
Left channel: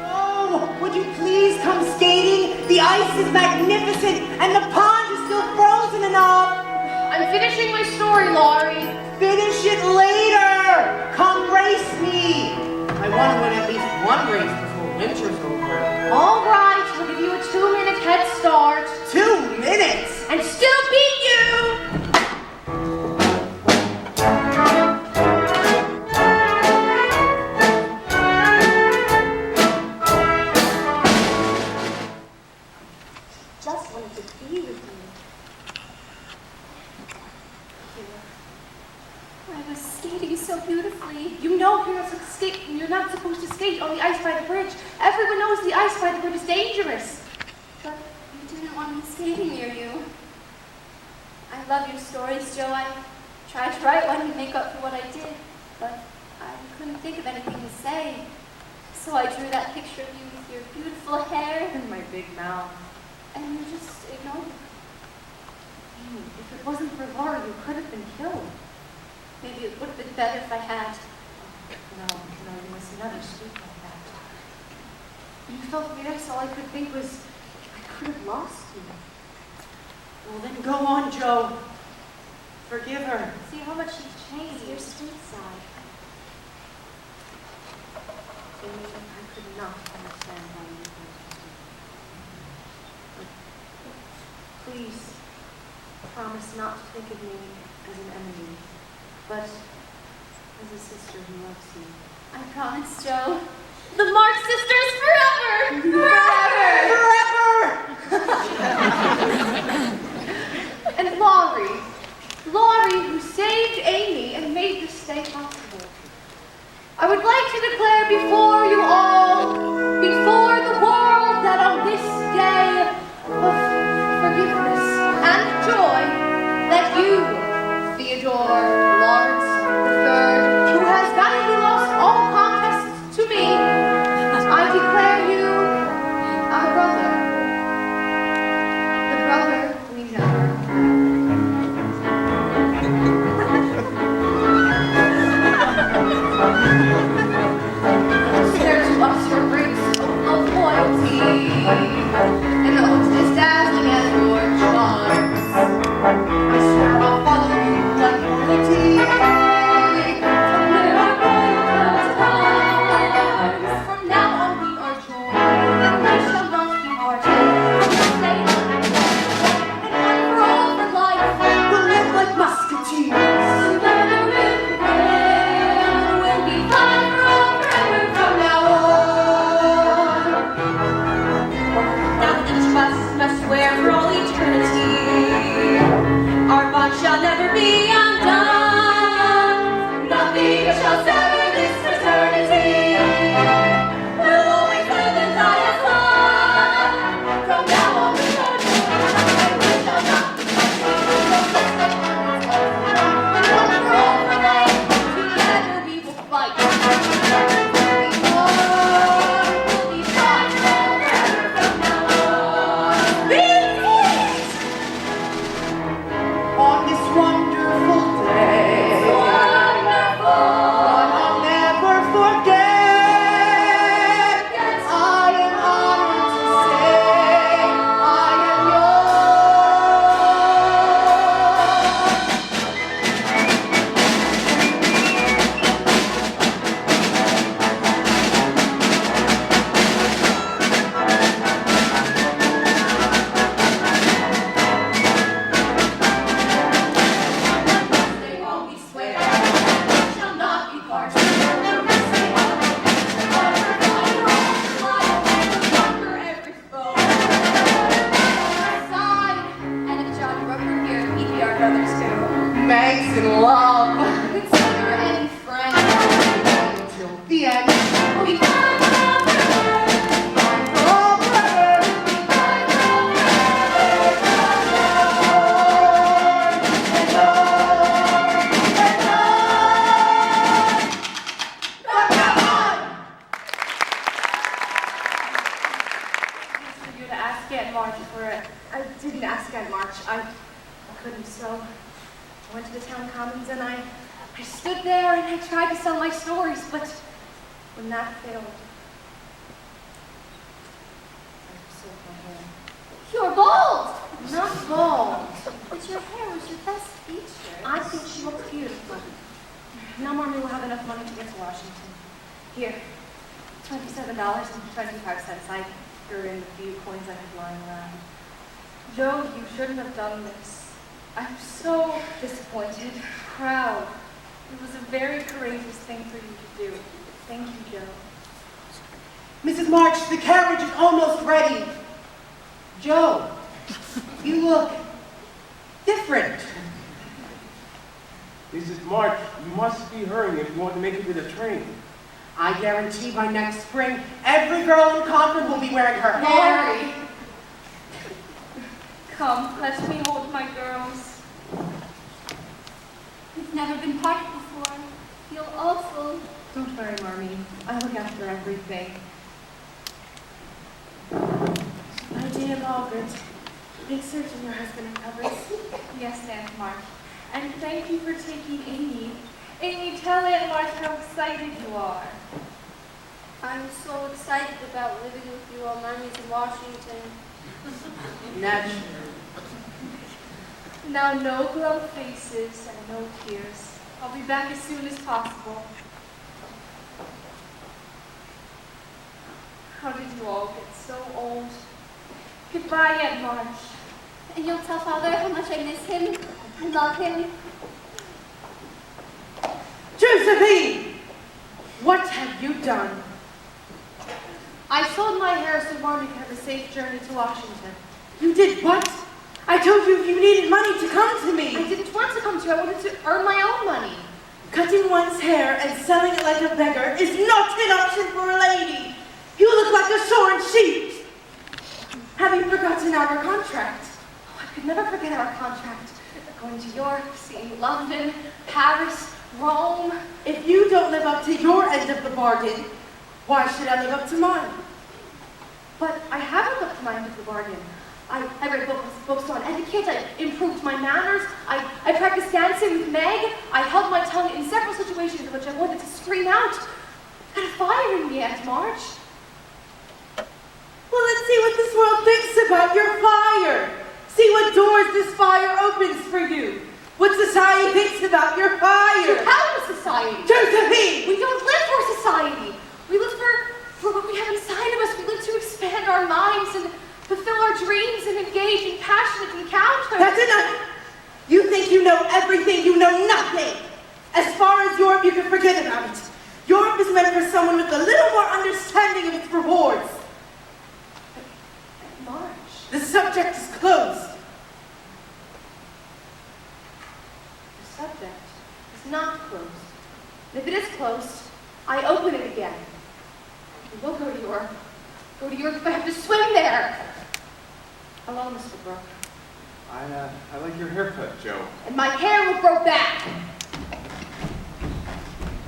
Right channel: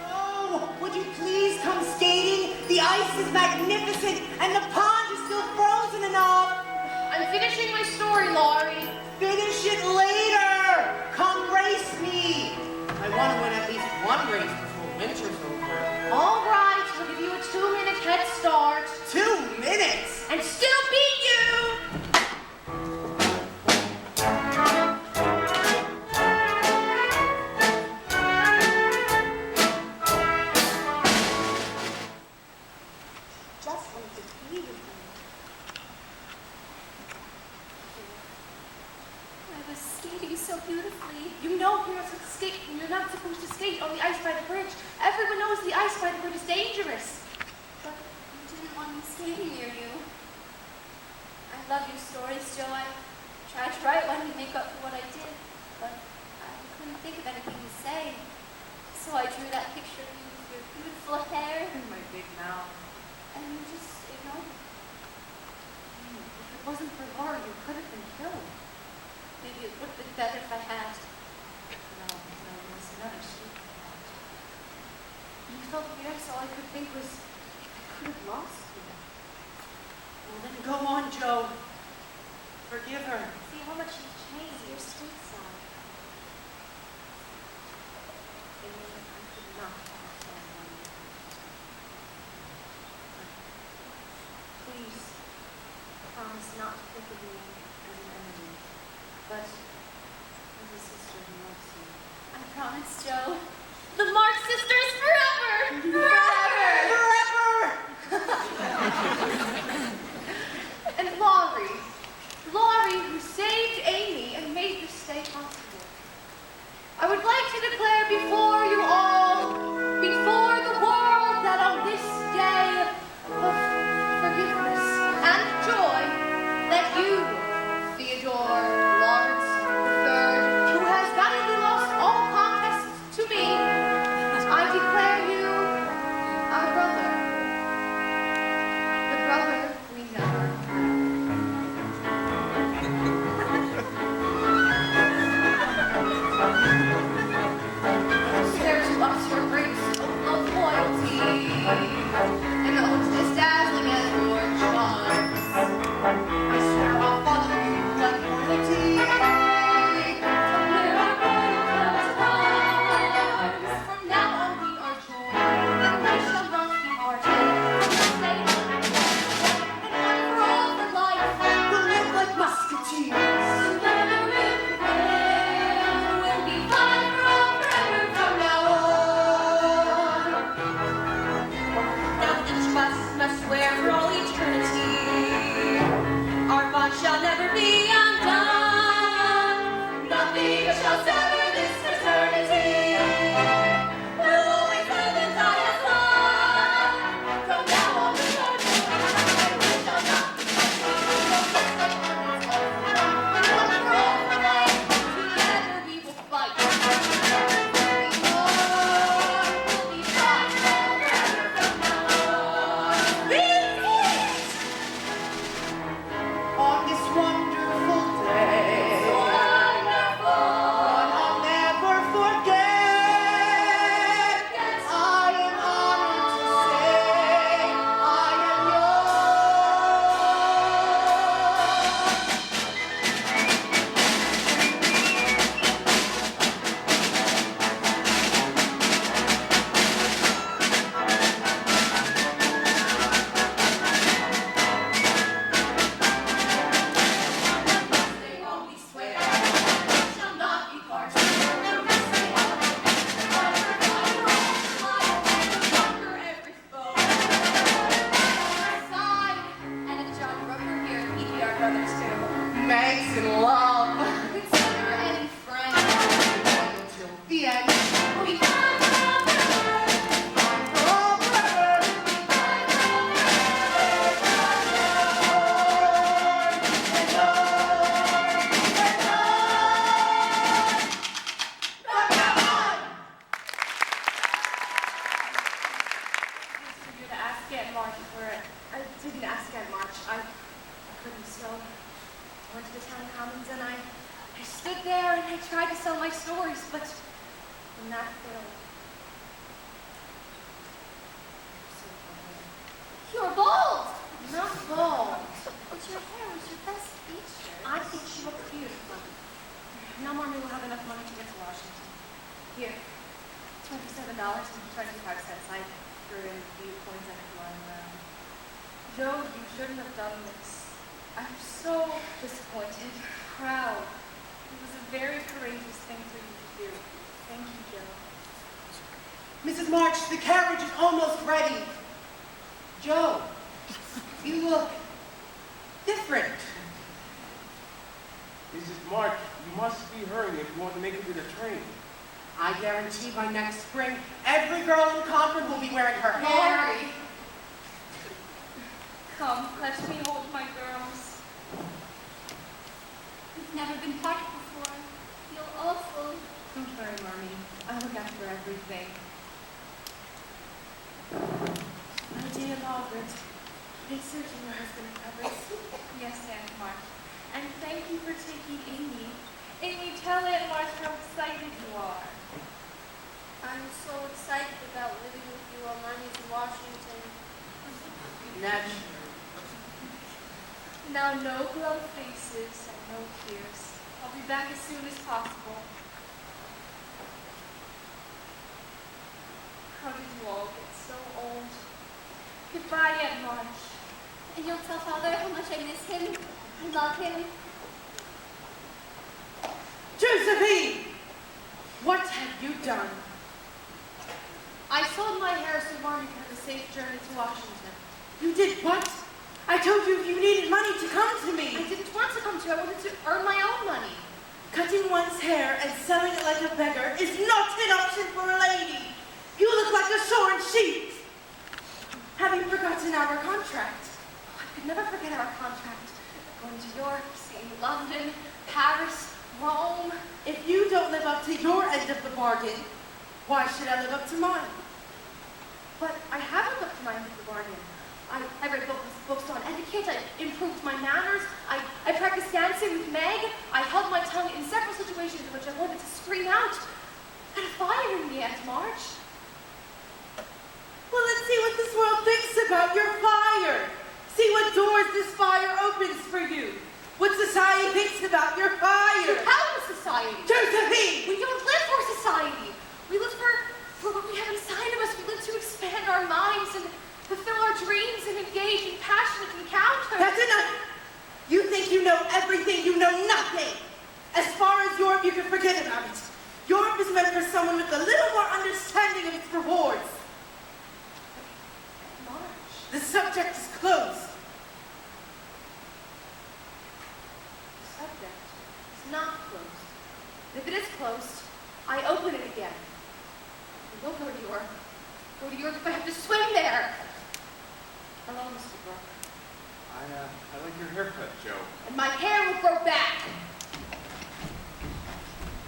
Oh, would you please come skating? The ice is magnificent and the pond is still frozen enough. I'm finishing my story, Laurie. Finish it later. Come race me. I want to win at least one race before winter's over. All right, I'll give you a 2-minute head start. 2 minutes. And still beat you! Just wanted to be with you. I was skating so beautifully. You know you're not supposed to skate on the ice by the bridge. Everyone knows the ice by the bridge is dangerous. But you didn't want me skating near you. I love your stories, Joe. I tried to write one to make up for what I did, but I couldn't think of anything to say. So I drew that picture of you with your beautiful hair, And my big mouth. and you just ignored it. Amy, if it wasn't for Laura, you could have been killed. Maybe it would have been better if I had. No, you must never speak like that. You felt there, so all I could think was, I could have lost you. Well, then go on, Joe. Forgive her. See how much she's changed. Your sweet side. Amy, I could not understand why you were interested. But please, promise not to think of me as an enemy, but as a sister who loves you. I promise, Joe. The Mark sisters forever! And Laurie, who saved Amy and made this day possible. I would like to declare before you all, before the world, that on this day of forgiveness and joy, that you, Theodore Lawrence III, who has valiantly lost all contests to me, I declare you our brother. The brother we never had. for it. I didn't ask Aunt March. I couldn't, so I went to the town commons and I stood there and I tried to sell my stories, but when that failed, I sold my hair. You're bald! Not bald. But your hair was your best feature. I think she looks beautiful. Now Mommy will have enough money to get to Washington. Here, $27.25. I threw in the few coins I had lying around. Joe, you shouldn't have done this. I'm so Disappointed. proud. It was a very courageous thing for you to do. Thank you, Joe. Mrs. March, the carriage is almost ready. Joe, you look different. Mrs. March, you must be hurrying if you want to make it to the train. I guarantee by next spring, every girl in Concord will be wearing her hair. Mary! Come, let me hold my girls. You've never been parted before. I feel awful. Don't worry, Mommy. I'll look after everything. My dear Margaret, make certain your husband recovers. Yes, Aunt March. And thank you for taking Amy. Amy, tell Aunt March how excited you are. I'm so excited about living with you while Mommy's in Washington. Naturally. Now, no glum faces and no tears. I'll be back as soon as possible. How did you all get so old? Goodbye, Aunt March. And you'll tell Father how much I miss him and love him. Josephine! What have you done? I sold my hair so Mommy could have a safe journey to Washington. You did what? I told you if you needed money to come to me. I didn't want to come to you. I wanted to earn my own money. Cutting one's hair and selling it like a beggar is not an option for a lady. You look like a shorn sheep. Have you forgotten our contract? Oh, I could never forget our contract. Going to York, seeing London, Paris, Rome. If you don't live up to your end of the bargain, why should I live up to mine? But I haven't lived up to my end of the bargain. I read books on etiquette, I improved my manners, I practiced dancing with Meg, I held my tongue in several situations in which I wanted to scream out. I got a fire in me, Aunt March. Well, let's see what this world thinks about your fire. See what doors this fire opens for you. What society thinks about your fire. How is society? Josephine! We don't live for society. We live for what we have inside of us. We live to expand our minds and fulfill our dreams and engage in passionate encounters. That's enough. You think you know everything, you know nothing. As far as Europe, you can forget about it. Europe is meant for someone with a little more understanding of its rewards. March. The subject is closed. The subject is not closed. And if it is closed, I open it again. We'll go to Europe. Go to Europe if I have to swim there. Hello, Mr. Brooke. I like your haircut, Joe. And my hair will grow back.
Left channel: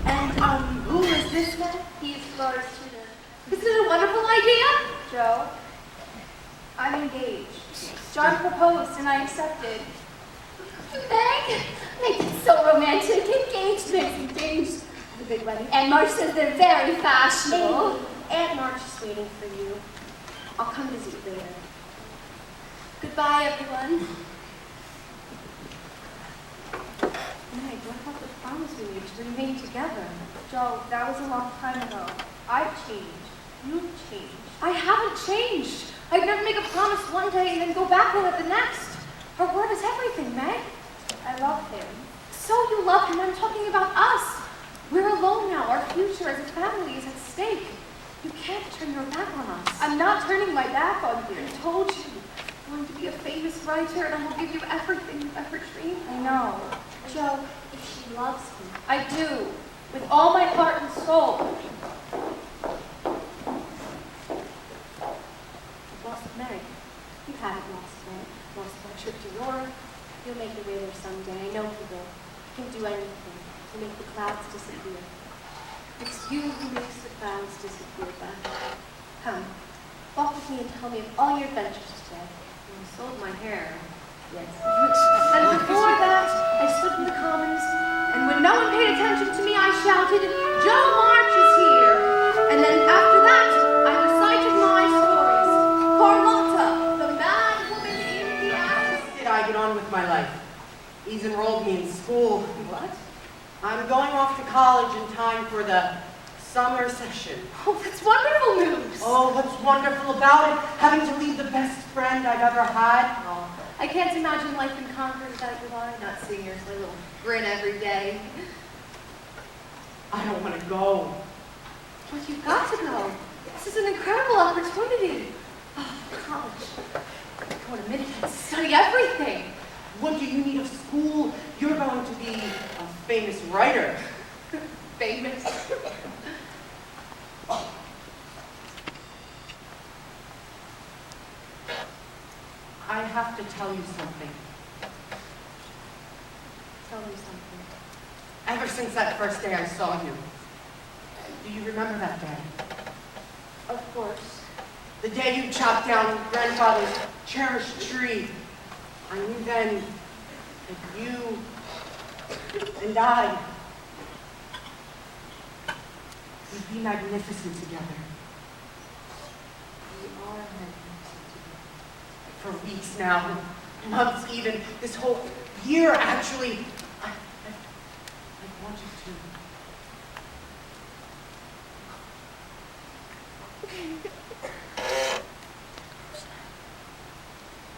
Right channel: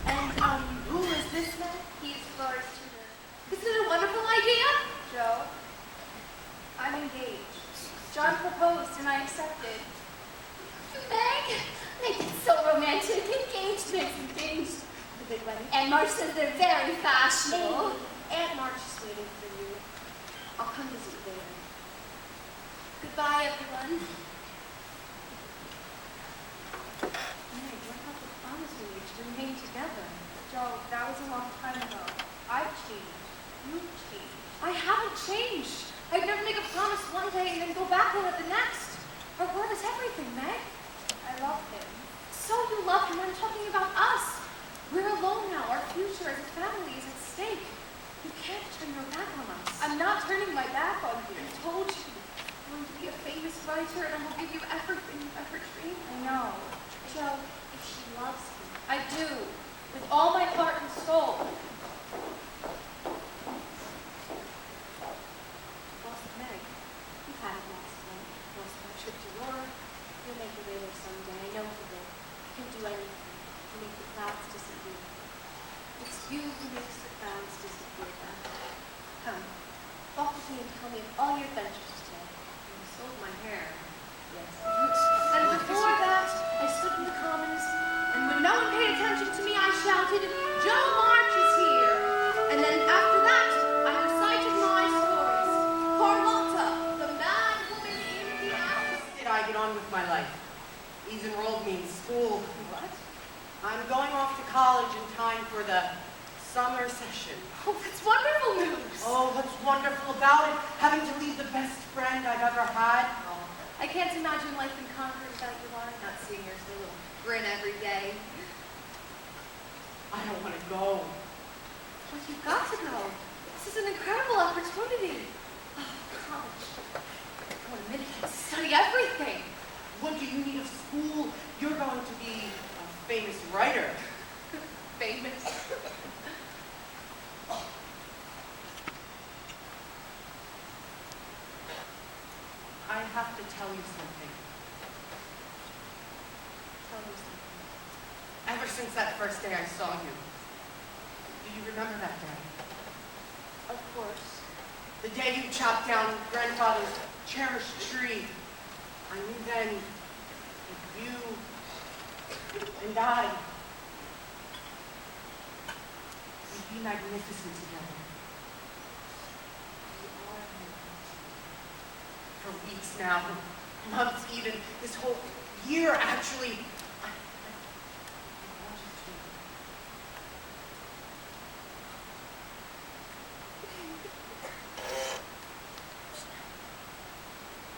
And, who is this man? He's Laura's tutor. Isn't it a wonderful idea? Joe, I'm engaged. John proposed and I accepted. Meg, make it so romantic. Engaged. The big wedding. And March says they're very fashionable. Aunt March is waiting for you. I'll come visit you later. Goodbye, everyone. Meg, what about the promise we made to remain together? Joe, that was a long time ago. I've changed. You've changed. I haven't changed. I'd never make a promise one day and then go back on it the next. Our word is everything, Meg. I love him. So you love him. I'm talking about us. We're alone now. Our future as a family is at stake. You can't turn your back on us. I'm not turning my back on you. I told you. I'm going to be a famous writer and I will give you everything you've ever dreamed of. I know. Joe, if she loves him. I do. With all my heart and soul. I've lost Meg. You haven't lost Meg. Lost my trip to Europe. You'll make your way there someday. I know you will. You can do anything to make the clouds disappear. It's you who makes the clouds disappear, Beth. Come, walk with me and tell me of all your adventures today. sold my hair. Yes. And before that, I stood in the commons, and when no one paid attention to me, I shouted, "Joe March is here!" And then after that, I recited my stories. Carlotta, the mad woman in the attic. Did I get on with my life? He's enrolled me in school. What? I'm going off to college in time for the summer session. Oh, that's wonderful news. Oh, what's wonderful about it? Having to leave the best friend I've ever had. Oh, I can't imagine life in Concord without you, Laurie. Not seeing your little grin every day. I don't want to go. But you've got to go. This is an incredible opportunity. Oh, college. Go in a minute and study everything. What do you need of school? You're going to be a famous writer. Famous. I have to tell you something. Tell me something. Ever since that first day I saw you, do you remember that day? Of course. The day you chopped down grandfather's cherished tree. I knew then that you and I would be magnificent together. We are magnificent together. For weeks now, months even, this whole year actually, I've wanted to.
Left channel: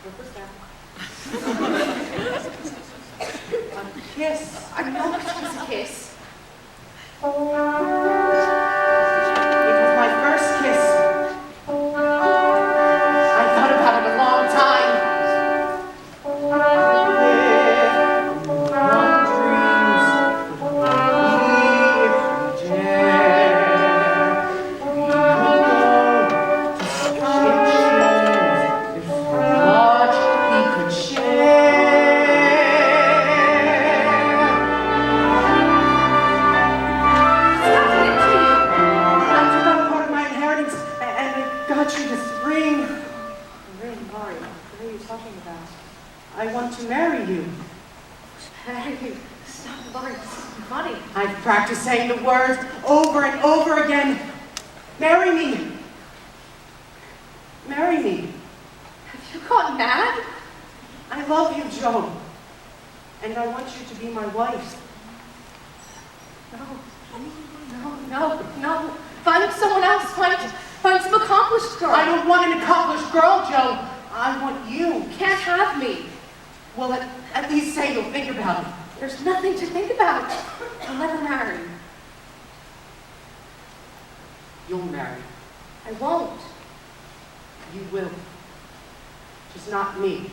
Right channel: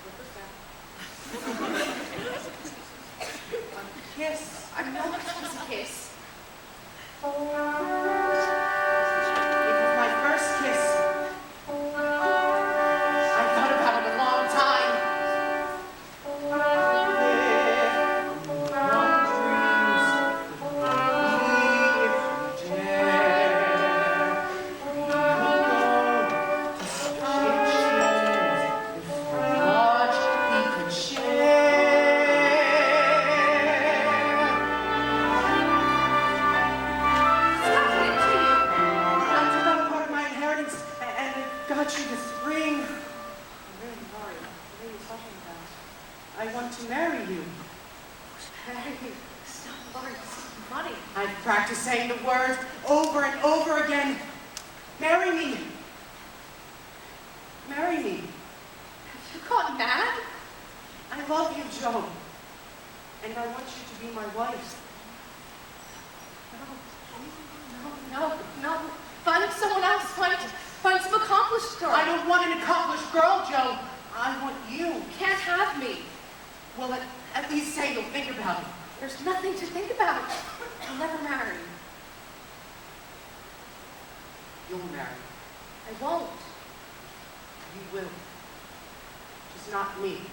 What was that? A kiss. I know it was a kiss. It was my first kiss. I thought about it a long time. I want to marry you. Hey, stop, Laurie. This is funny. I've practiced saying the words over and over again. Marry me. Marry me. Have you gone mad? I love you, Joe. And I want you to be my wife. No. Find someone else. Find some accomplished girl. I don't want an accomplished girl, Joe. I want you. You can't have me. Well, at least say you'll think about it. There's nothing to think about. I'll never marry. You'll marry. I won't. You will. Just not me.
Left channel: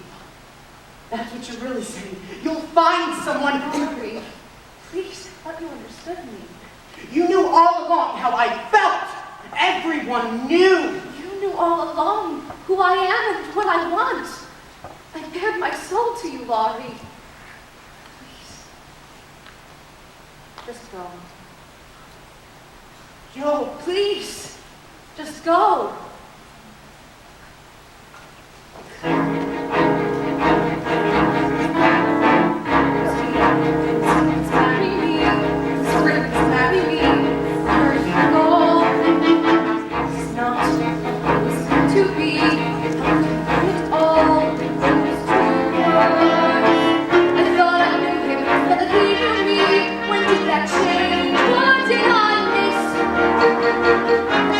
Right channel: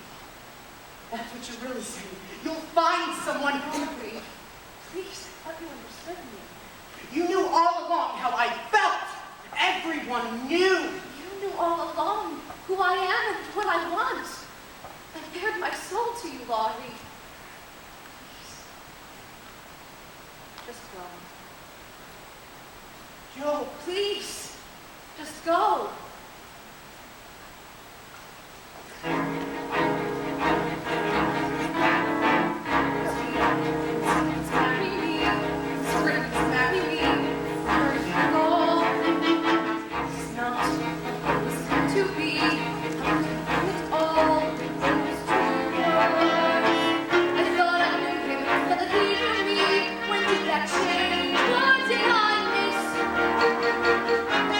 That's what you're really saying. You'll find someone who... Laurie, please, I thought you understood me. You knew all along how I felt. Everyone knew. You knew all along who I am and what I want. I bared my soul to you, Laurie. Please. Just go. Joe, Please. Just go.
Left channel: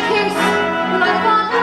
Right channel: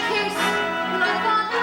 Kiss when I thought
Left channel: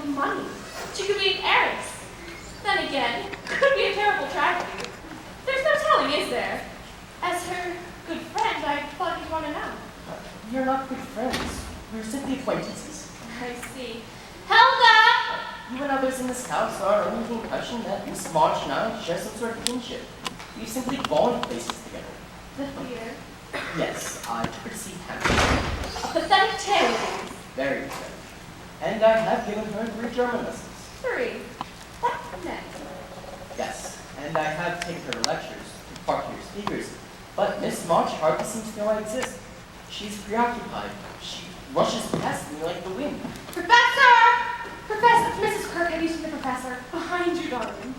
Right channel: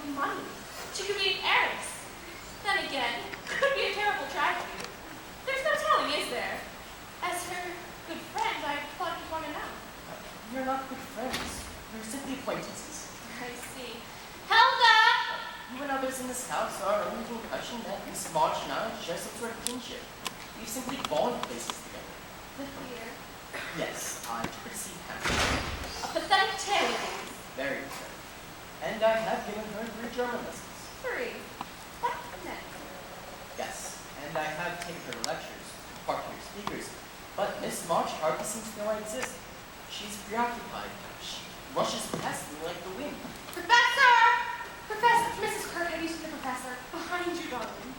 deal of money. She could be an heiress. Then again, could be a terrible tragedy. There's no telling, is there? As her good friend, I thought you'd want to know. We are not good friends. We're simply acquaintances. I see. Helga! You and others in this house are under the impression that Miss March and I share some sort of kinship. We've simply gone places together. The theater. Yes, I took her to see Hamlet. A pathetic tale it is. Very good. And I have given her 3 German lessons. 3. What next? Yes, and I have taken her to lectures, to particular speakers, but Miss March hardly seems to know I exist. She's preoccupied. She rushes past me like the wind. Professor! Professor, Mrs. Kirk, have you seen the professor? Behind you, darling.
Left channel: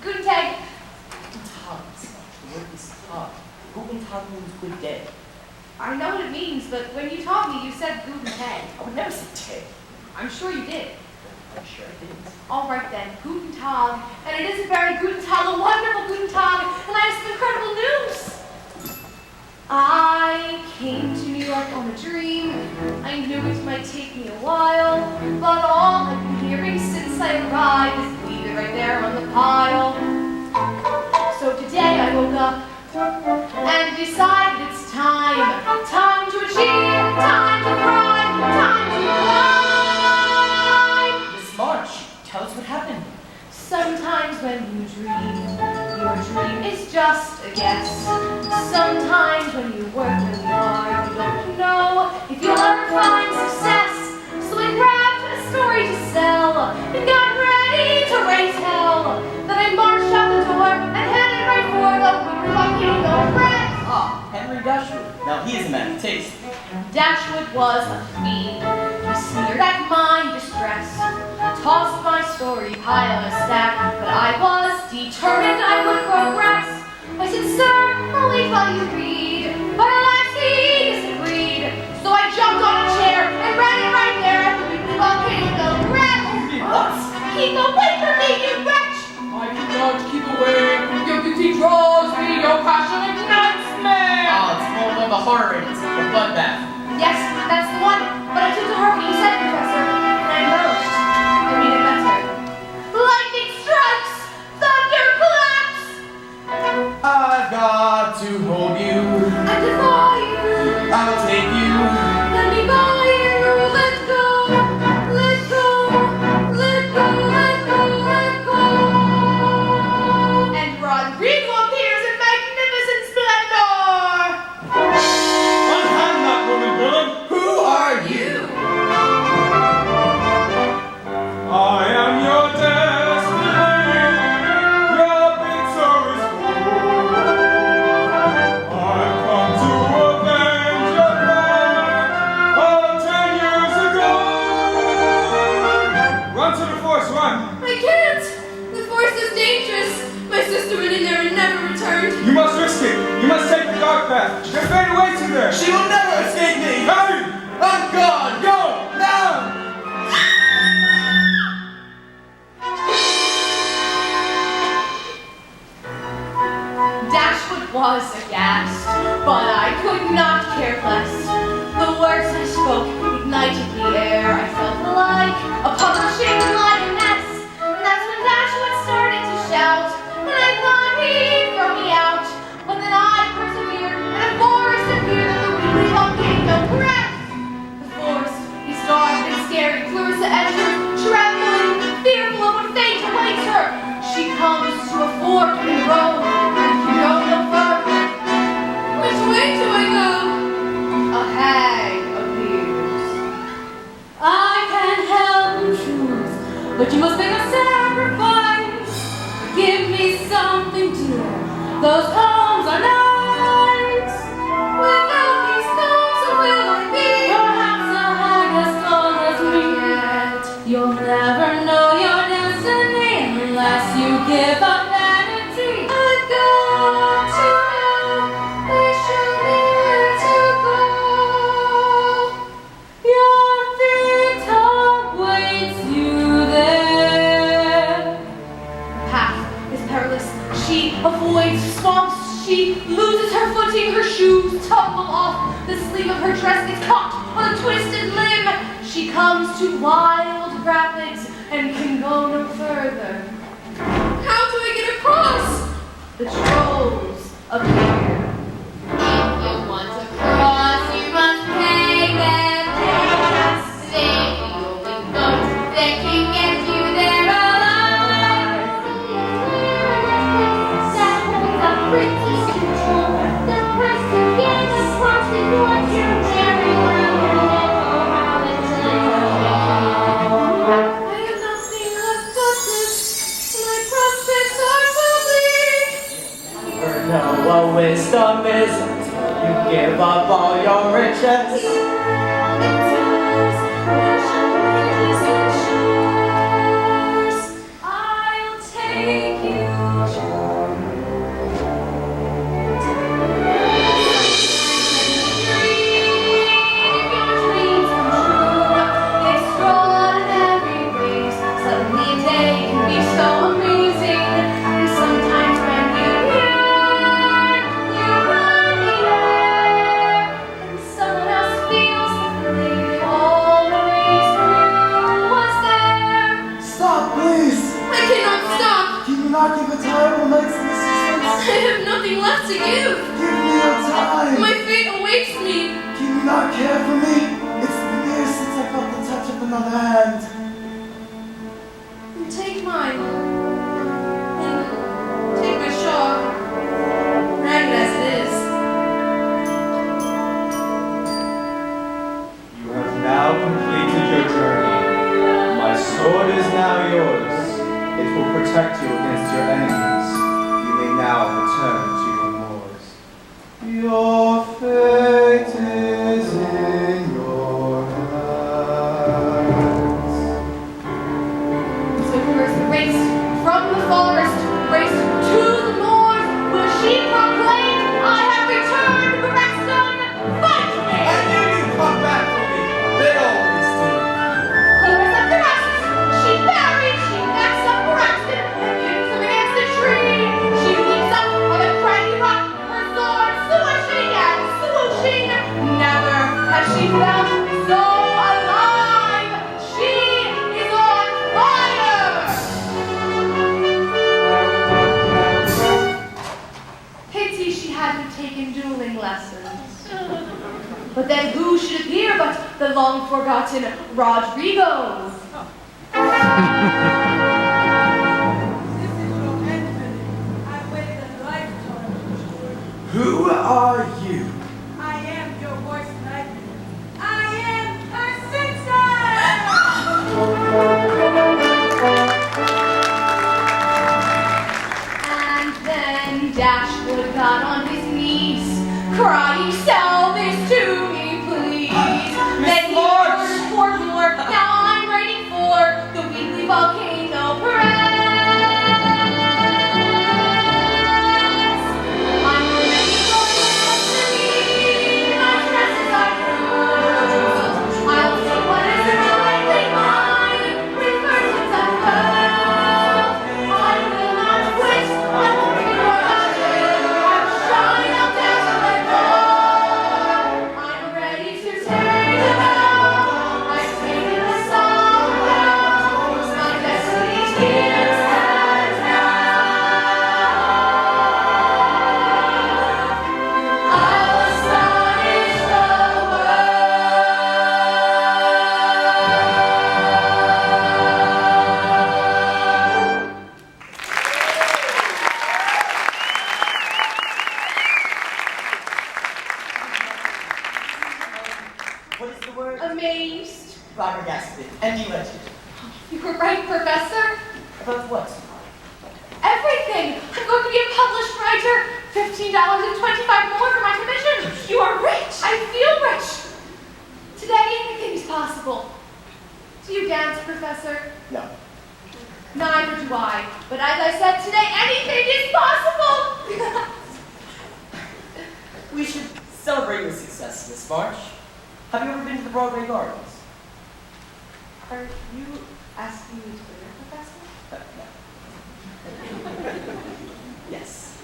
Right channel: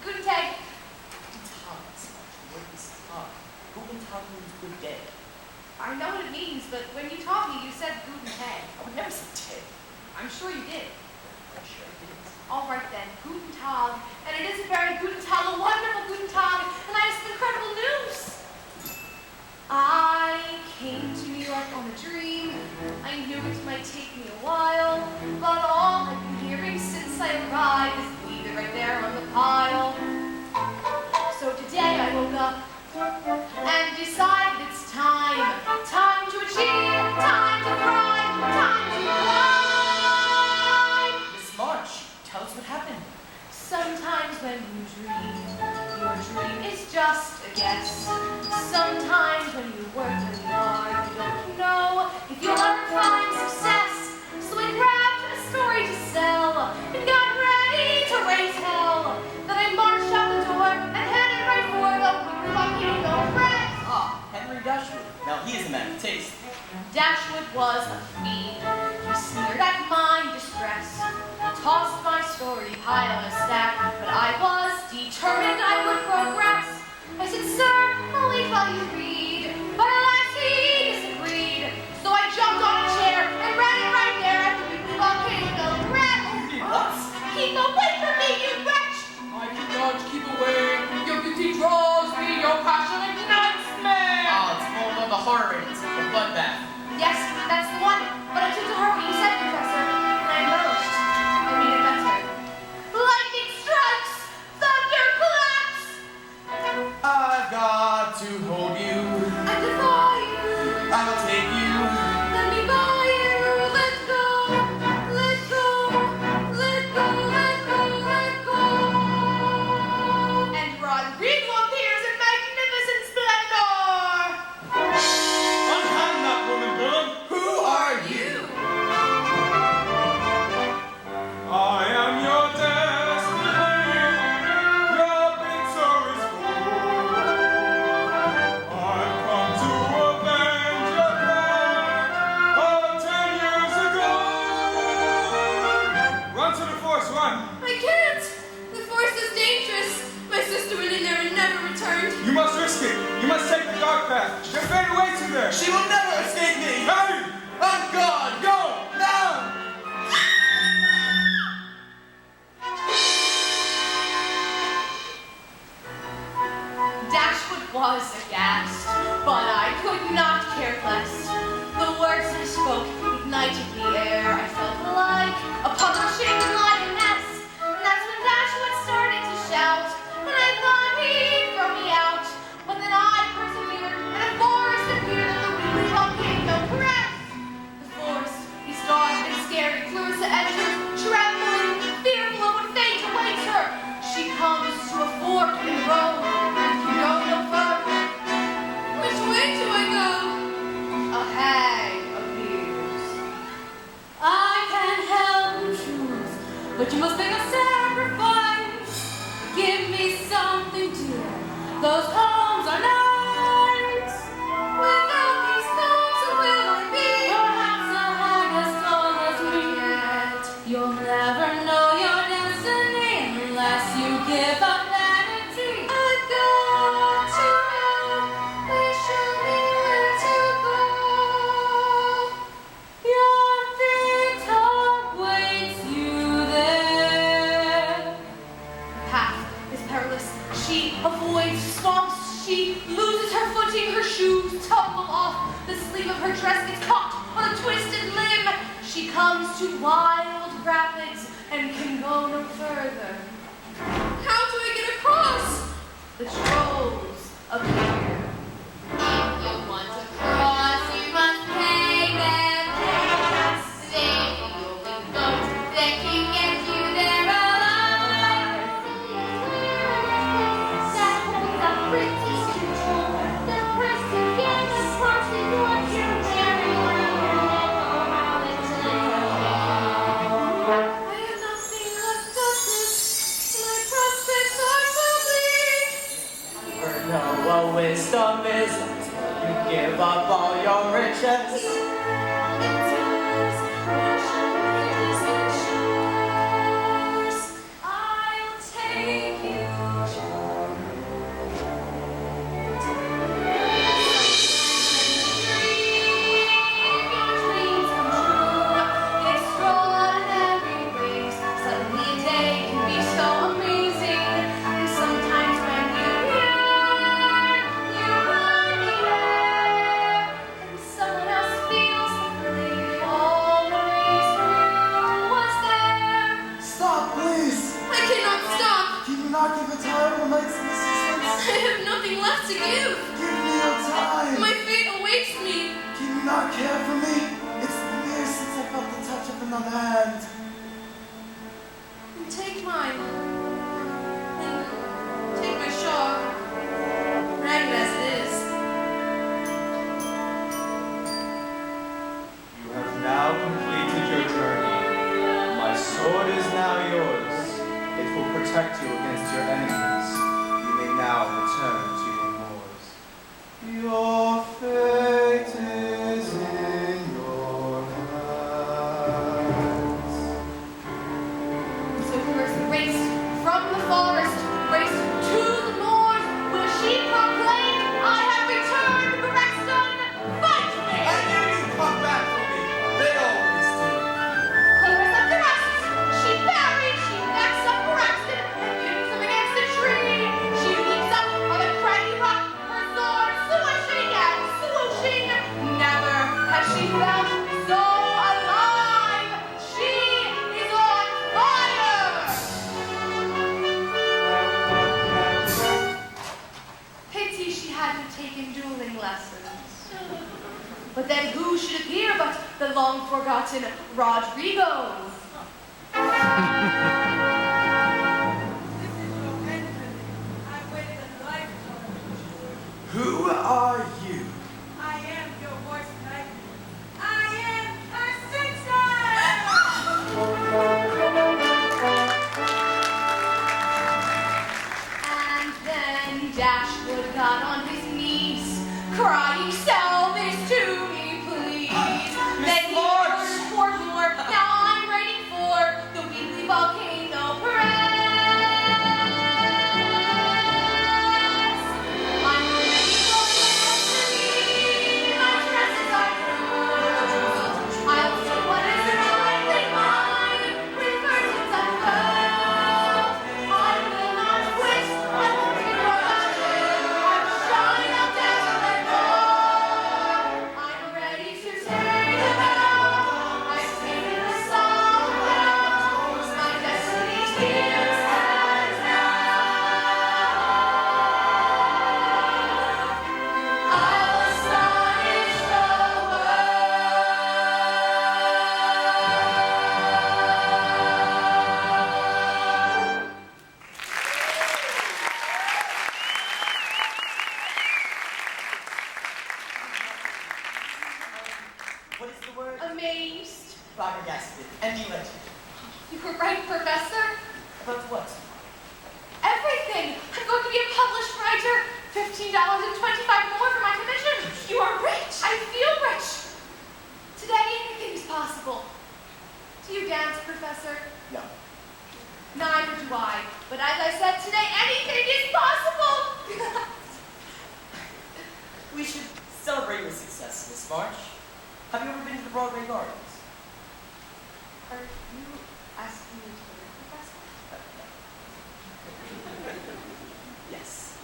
Guten Tag. Guten Tag, Miss March. The word is Tag. Guten Tag means good day. I know what it means, but when you taught me, you said Guten Tag. I would never say Tag. I'm sure you did. I'm sure I didn't. All right then, Guten Tag. And it is a very Guten Tag, a wonderful Guten Tag, and I have some incredible news. I came to New York on a dream. I knew it might take me a while, but all I've been hearing since I arrived is leave it right there on the pile. So today I woke up and decided it's time. Time to achieve, time to thrive, time to climb. Miss March, tell us what happened. Sometimes when you dream, your dream is just a guess. Sometimes when you work really hard, you don't know if you'll ever find success. So I grabbed a story to sell and got ready to raise hell. Then I marched out the door and headed right for the volcano press. Ah, Henry Dashwood. Now he is a man of taste. Dashwood was a fiend. He sneered at my distress, tossed my story high on a stack, but I was determined I would progress. I said, sir, I'll wait while you read, but alas, he disagreed. So I jumped on a chair and read it right there at the volcano press. What? Keep away from me, you wretch! I cannot keep away. Your beauty draws me, your passion ignites me. Ah, it's more of the horror in it, the bloodbath. Yes, that's the one, but I took to heart what you said, Professor, and I embellished. I made it better. Lightning strikes! Thunder claps! I've got to hold you. And defy you! I'll take you. Let me buy you! Let go! Let go! Let go! Let go! Let go! And Rodrigo appears in magnificent splendor! Unhand that woman, villain! Who are you? I am your destiny. Your picture is full. I've come to avenge your crime of 10 years ago. Run to the force, run! I can't! The forest is dangerous. My sister went in there and never returned. You must risk it. You must take the dark path. You're fade away to there. She will never escape me. Hey! I'm gone. Go now. Dashwood was aghast, but I could not care less. The words I spoke ignited the air. I felt like a publishing lioness. And that's when Dashwood started to shout, and I thought he'd throw me out. But then I persevered, and a forest appeared in the weekly volcano press. The forest is dark and scary. Clarissa enters, trembling, fearful of what fate awaits her. She comes to a fork in the road, and you go no further. Which way do I go? A hag appears. I can't help the truth, but you must make a sacrifice. Give me something dear. Those poems are nice. Without these poems, who will I be? Perhaps a hag as tall as me. You'll never know your destiny unless you give up vanity. I've got to know. Please show me where to go. Your feet awaits you there. The path is perilous. She avoids swamps, to wild rapids and can go no further. How do I get across? The trolls appear. If you want to cross, you must pay them tax. They're the only boat that can get you there alive. That holds a princess control. The price to get across is what you're very well. I have nothing left but this. My prospects are so bleak. For no wisdom is you give up all your riches. I'll take you. Dreams come true. They stroll out in every breeze. Suddenly a day can be so amazing. And sometimes when you yearn, you run the air. And someone else feels the feeling always knew was there. Stop, please! I cannot stop. Can you not give a terrible night's assistance? I have nothing left to give. Give me your time! My fate awaits me. Can you not care for me? It's been years since I felt the touch of another hand. Take mine. And take my shawl. Ragged as it is. You have now completed your journey. My sword is now yours. It will protect you against your enemies. You may now return to your moors. Your fate is in your hands. So first raced from the forest, raced to the moor, where she proclaimed, I have returned, Braxton, fight me! I knew you'd come back for me. They always do. Clears up the rest, she buried, she backs up Braxton, kicks him against a tree. She leaps up on a craggy rock, her sword swishing and swooshing. Never has she felt so alive. She is on fire! Pity she hadn't taken dueling lessons. But then who should appear but the long-forgotten Rodrigo? Who are you? I am your worst nightmare. I am her And then Dashwood got on his knees, crying, "Sell this to me, please." Then he ordered for more. Now I'm writing for the Weekly Volcano Press. I'm ready for destiny. My dresses are through. I'll say what is rightly mine, with curtains unfurled. I will not quit. I won't be forgotten. I'll shine, I'll dazzle and glow. I'm ready to take the vow. I've taken the song vow. My destiny's here stands now. I'll astonish the world. What is the word? Amazed. Flabbergasted and elated. You were right, Professor. About what? Everything. I'm going to be a published writer. $15.25 more for my commission. You are rich. I feel rich. Today, anything is possible. Do you dance, Professor? No. Neither do I. But as I said today, anything is possible. We should celebrate your success, Miss March. Have you ever been to the Broadway Gardens? Are you asking me to dinner, Professor? No. Yes.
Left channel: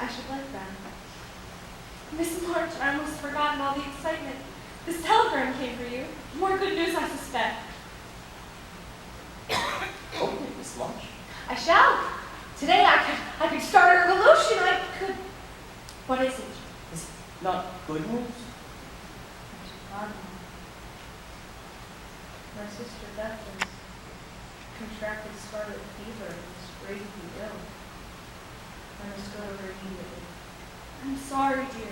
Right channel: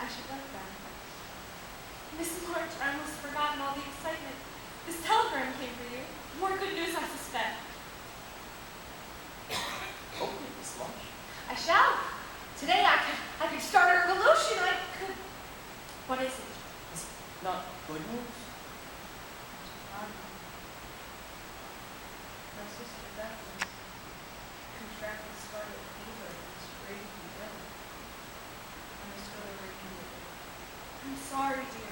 I should like that. Miss March, I almost forgotten all the excitement. This telegram came for you. More good news, I suspect. Open it, Miss March. I shall. Today I could start a revolution. I could. What is it? Is it not good news? What you God now? My sister Beth has contracted scarlet fever and is gravely ill. I must go to her immediately. I'm sorry, dear.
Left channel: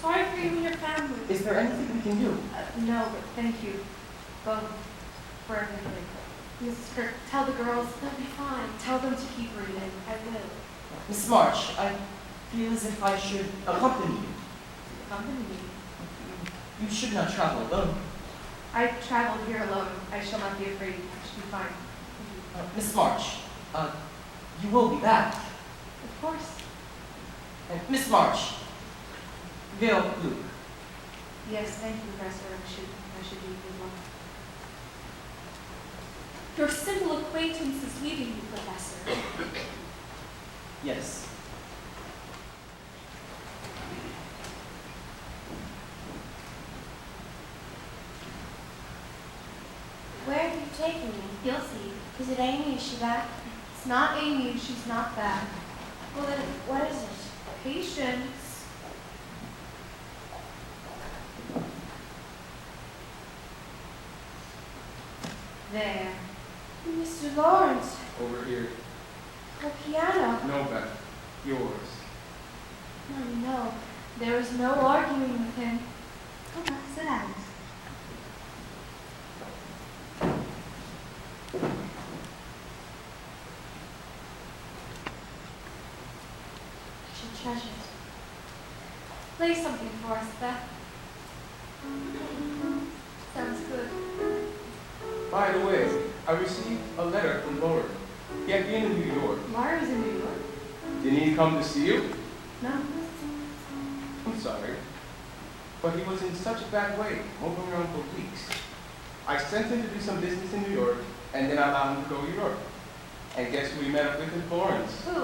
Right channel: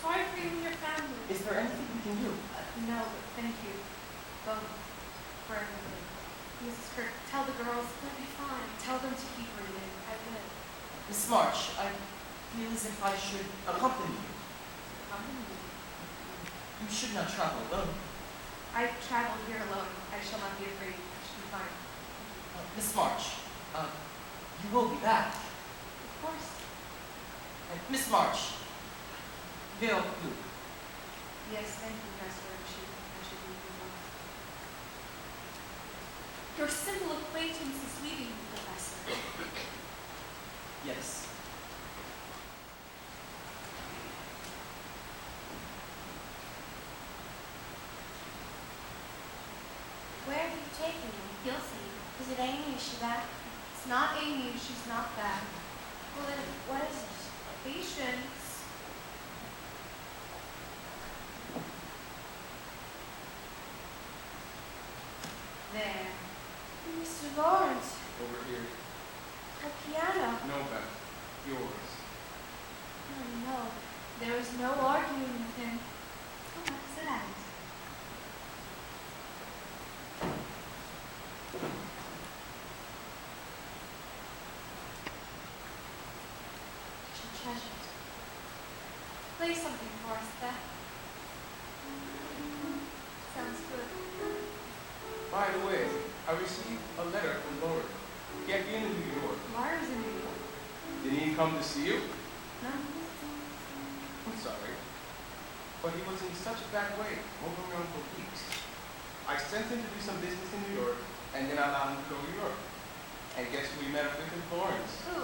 Sorry for you and your family. Is there anything we can do? No, but thank you both for everything. Mrs. Kirk, tell the girls they'll be fine. Tell them to keep reading. I will. Miss March, I feel as if I should accompany you. Accompany you. You should not travel alone. I traveled here alone. I shall not be afraid. I should be fine. Thank you. Miss March, you will be back. Of course. And Miss March, Veil Blue. Yes, thank you, Professor. I should leave good luck. Your simple acquaintance is leaving you, Professor. Yes. Where are you taking me? You'll see. Is it Amy? Is she back? It's not Amy and she's not back. Well, then, what is it? Patience. There. Mr. Lawrence, Over here. your piano. No, Beth. Yours. Mommy, no. There was no arguing with him. Go back, sit down. I should treasure it. Play something for us, Beth. Sounds good. By the way, I received a letter from Laurie. He had been in New York. Laura's in New York? Didn't he come to see you? No. I'm sorry. But he was in such a bad way, moving around for weeks. I sent him to do some business in New York, and then I allowed him to go to Europe. And guess who we met up with in Florence? Who?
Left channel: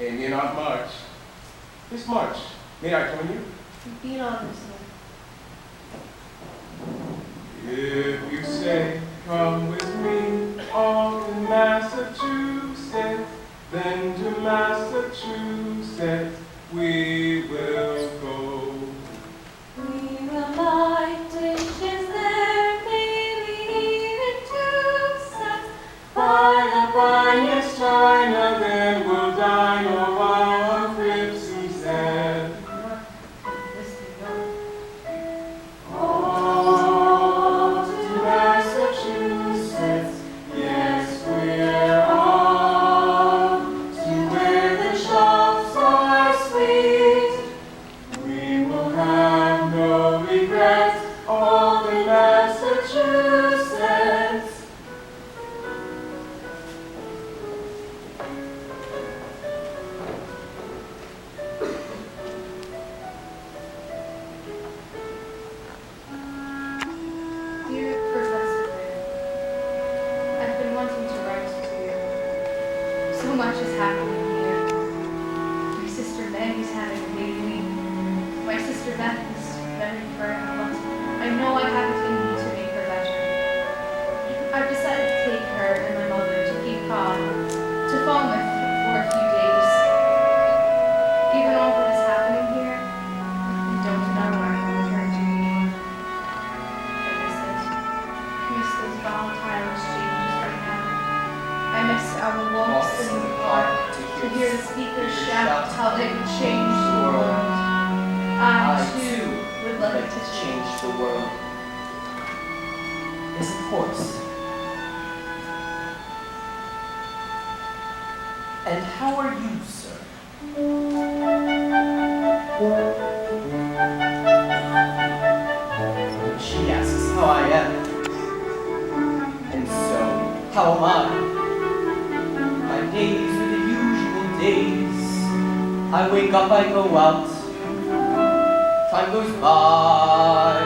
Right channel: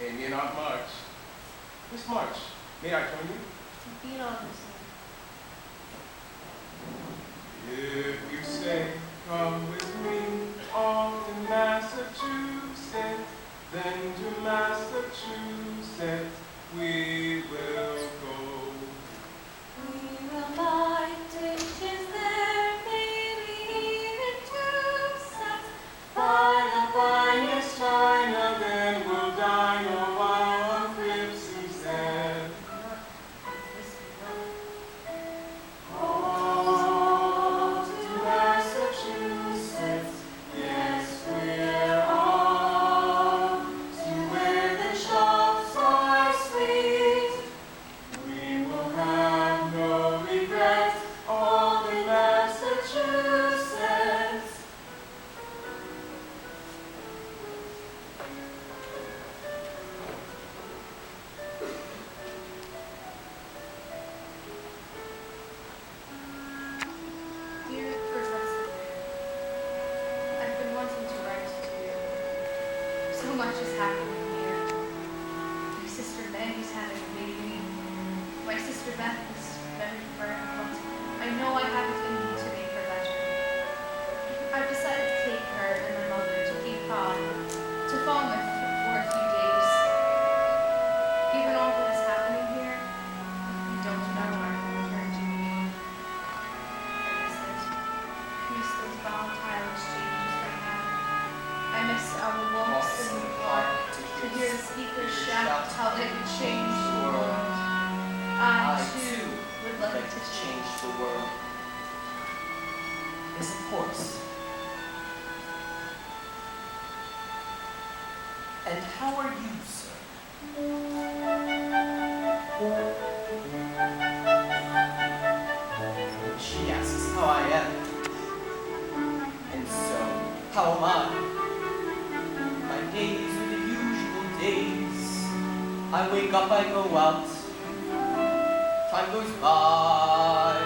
Amy and Aunt March. Miss March, may I join you? Be an honor, sir. If you say, come with me on to Massachusetts, then to Massachusetts we will go. We will buy dishes there, maybe even 2 sets. Buy the finest china, then we'll dine a while on Cripsy said. New York. This New York. Oh, to Massachusetts, yes, we're on to where the shops are sweet. We will have no regrets, all in Massachusetts. Dear Professor Bear, I've been wanting to write to you. So much is happening here. My sister Maggie's having a baby. My sister Beth is very frail, but I know I have it in me to make her better. I've decided to take her and my mother to Cape Cod, to Falmouth for a few days. Given all that is happening here, I don't know when I can return to New York. I miss it. I miss those volatile exchanges right now. I miss our walks in the park to hear the speakers shout how they could change the world. I too would like to change. The world. Yes, of course. And how are you, sir? She asks how I am. And so, how am I? My days are the usual days. I wake up, I go out. Time goes by.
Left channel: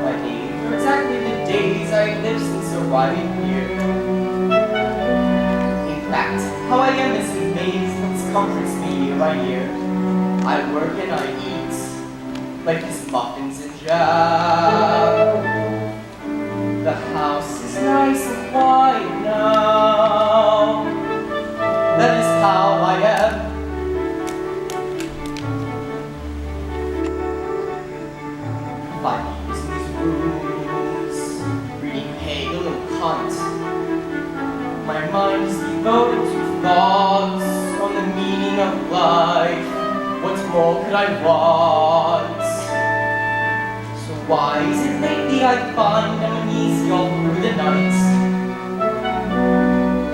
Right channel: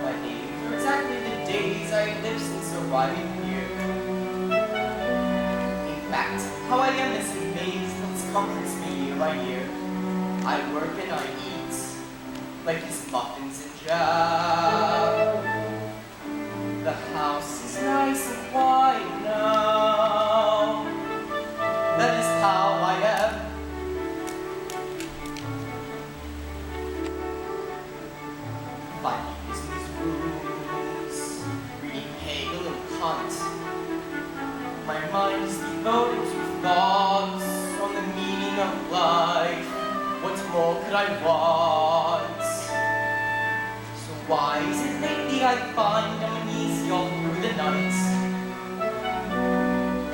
My days are exactly the days I lived since arriving here. In fact, how I am is a maze that comforts me year by year. I work and I eat, like his muffins and jam. The house is nice and quiet now. That is how I am. Five years in these rooms, reading Hegel and Kant. My mind is devoted to thoughts on the meaning of life. What more could I want? So why is it lately I find I'm uneasy all through the night?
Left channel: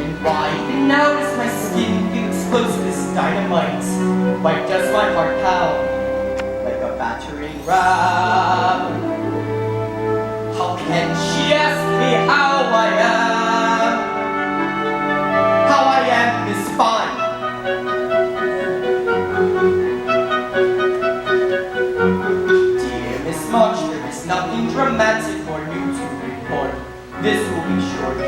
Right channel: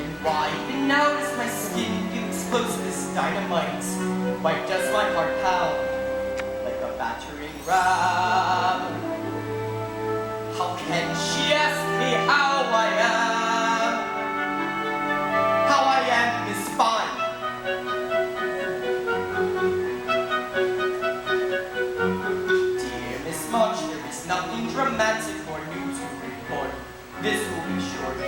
And why even now does my skin feel exposed to this dynamite? Why does my heart pound like a battering ram? How can she ask me how I am? How I am is fine. Dear Miss March, there is nothing dramatic or new to report. This will be short.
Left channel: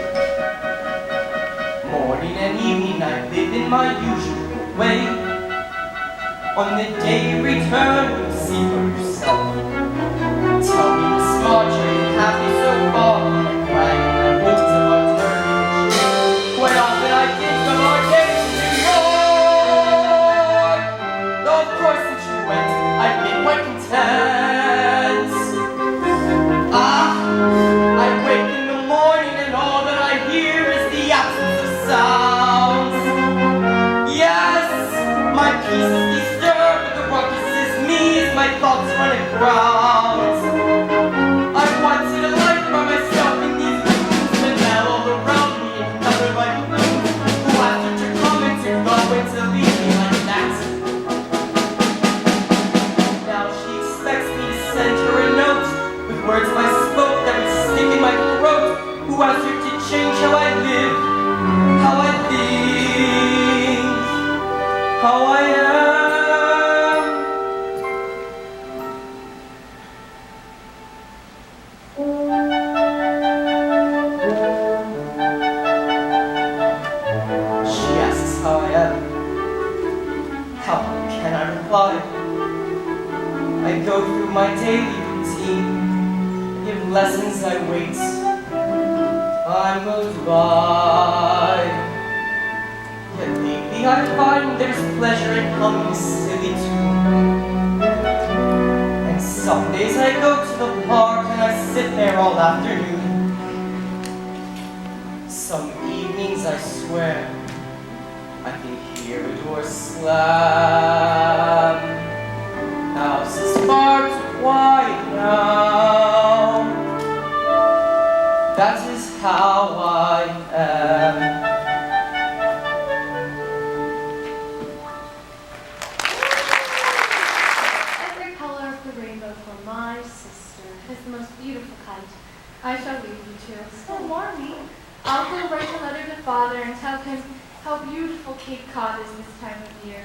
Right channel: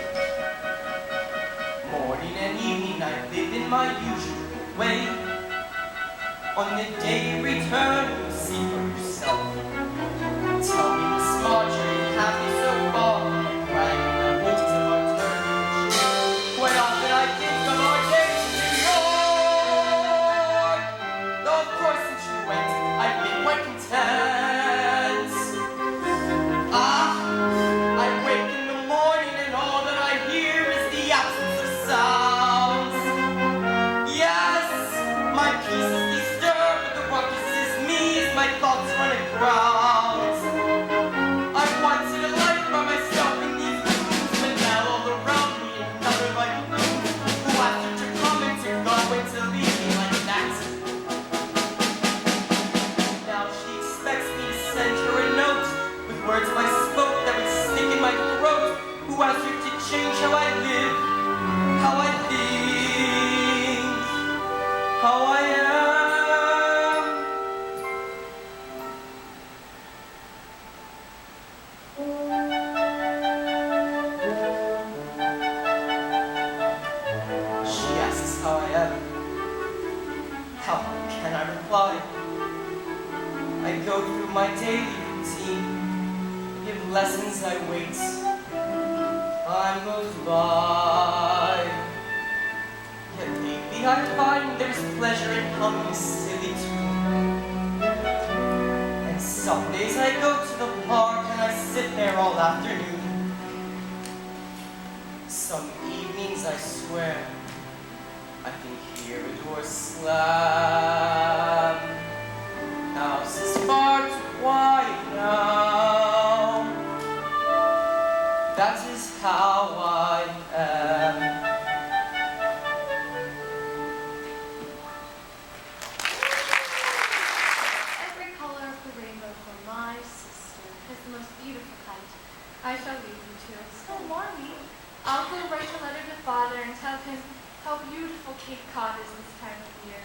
Morning and evening I live in my usual way. On the day you return, you'll see for yourself. Tell me, Miss March, are you happy so far? Like riding the wolves of our turbulence. Quite often I think of our days in New York. Though of course since you went, I've been quite content. I wake in the morning and all that I hear is the absence of sounds. Yes, my peace is disturbed, but the ruckus is me as my thoughts run aground. I wanted a life by myself in these rooms, but now all around me another life blooms. Who after to come and to go and to leave me like that? Now she expects me to send her a note with words I spoke that would stick in my throat. Who asked her to change how I live, how I think, how I am? She asks how I am. How can I reply? I go through my daily routine. I give lessons, I wait. Time goes by. Yet lately I find there's pleasure in humming a silly tune. And some days I go to the park and I sit there all afternoon. Some evenings I swear I can hear a door slam. House is far too quiet now. That is how I am. Every color of the rainbow for my sister. It is the most beautiful kite. I shall leave you two. So, Marmy, I'll go write a letter to Father and tell him how beautiful Cape Cod is this time of year.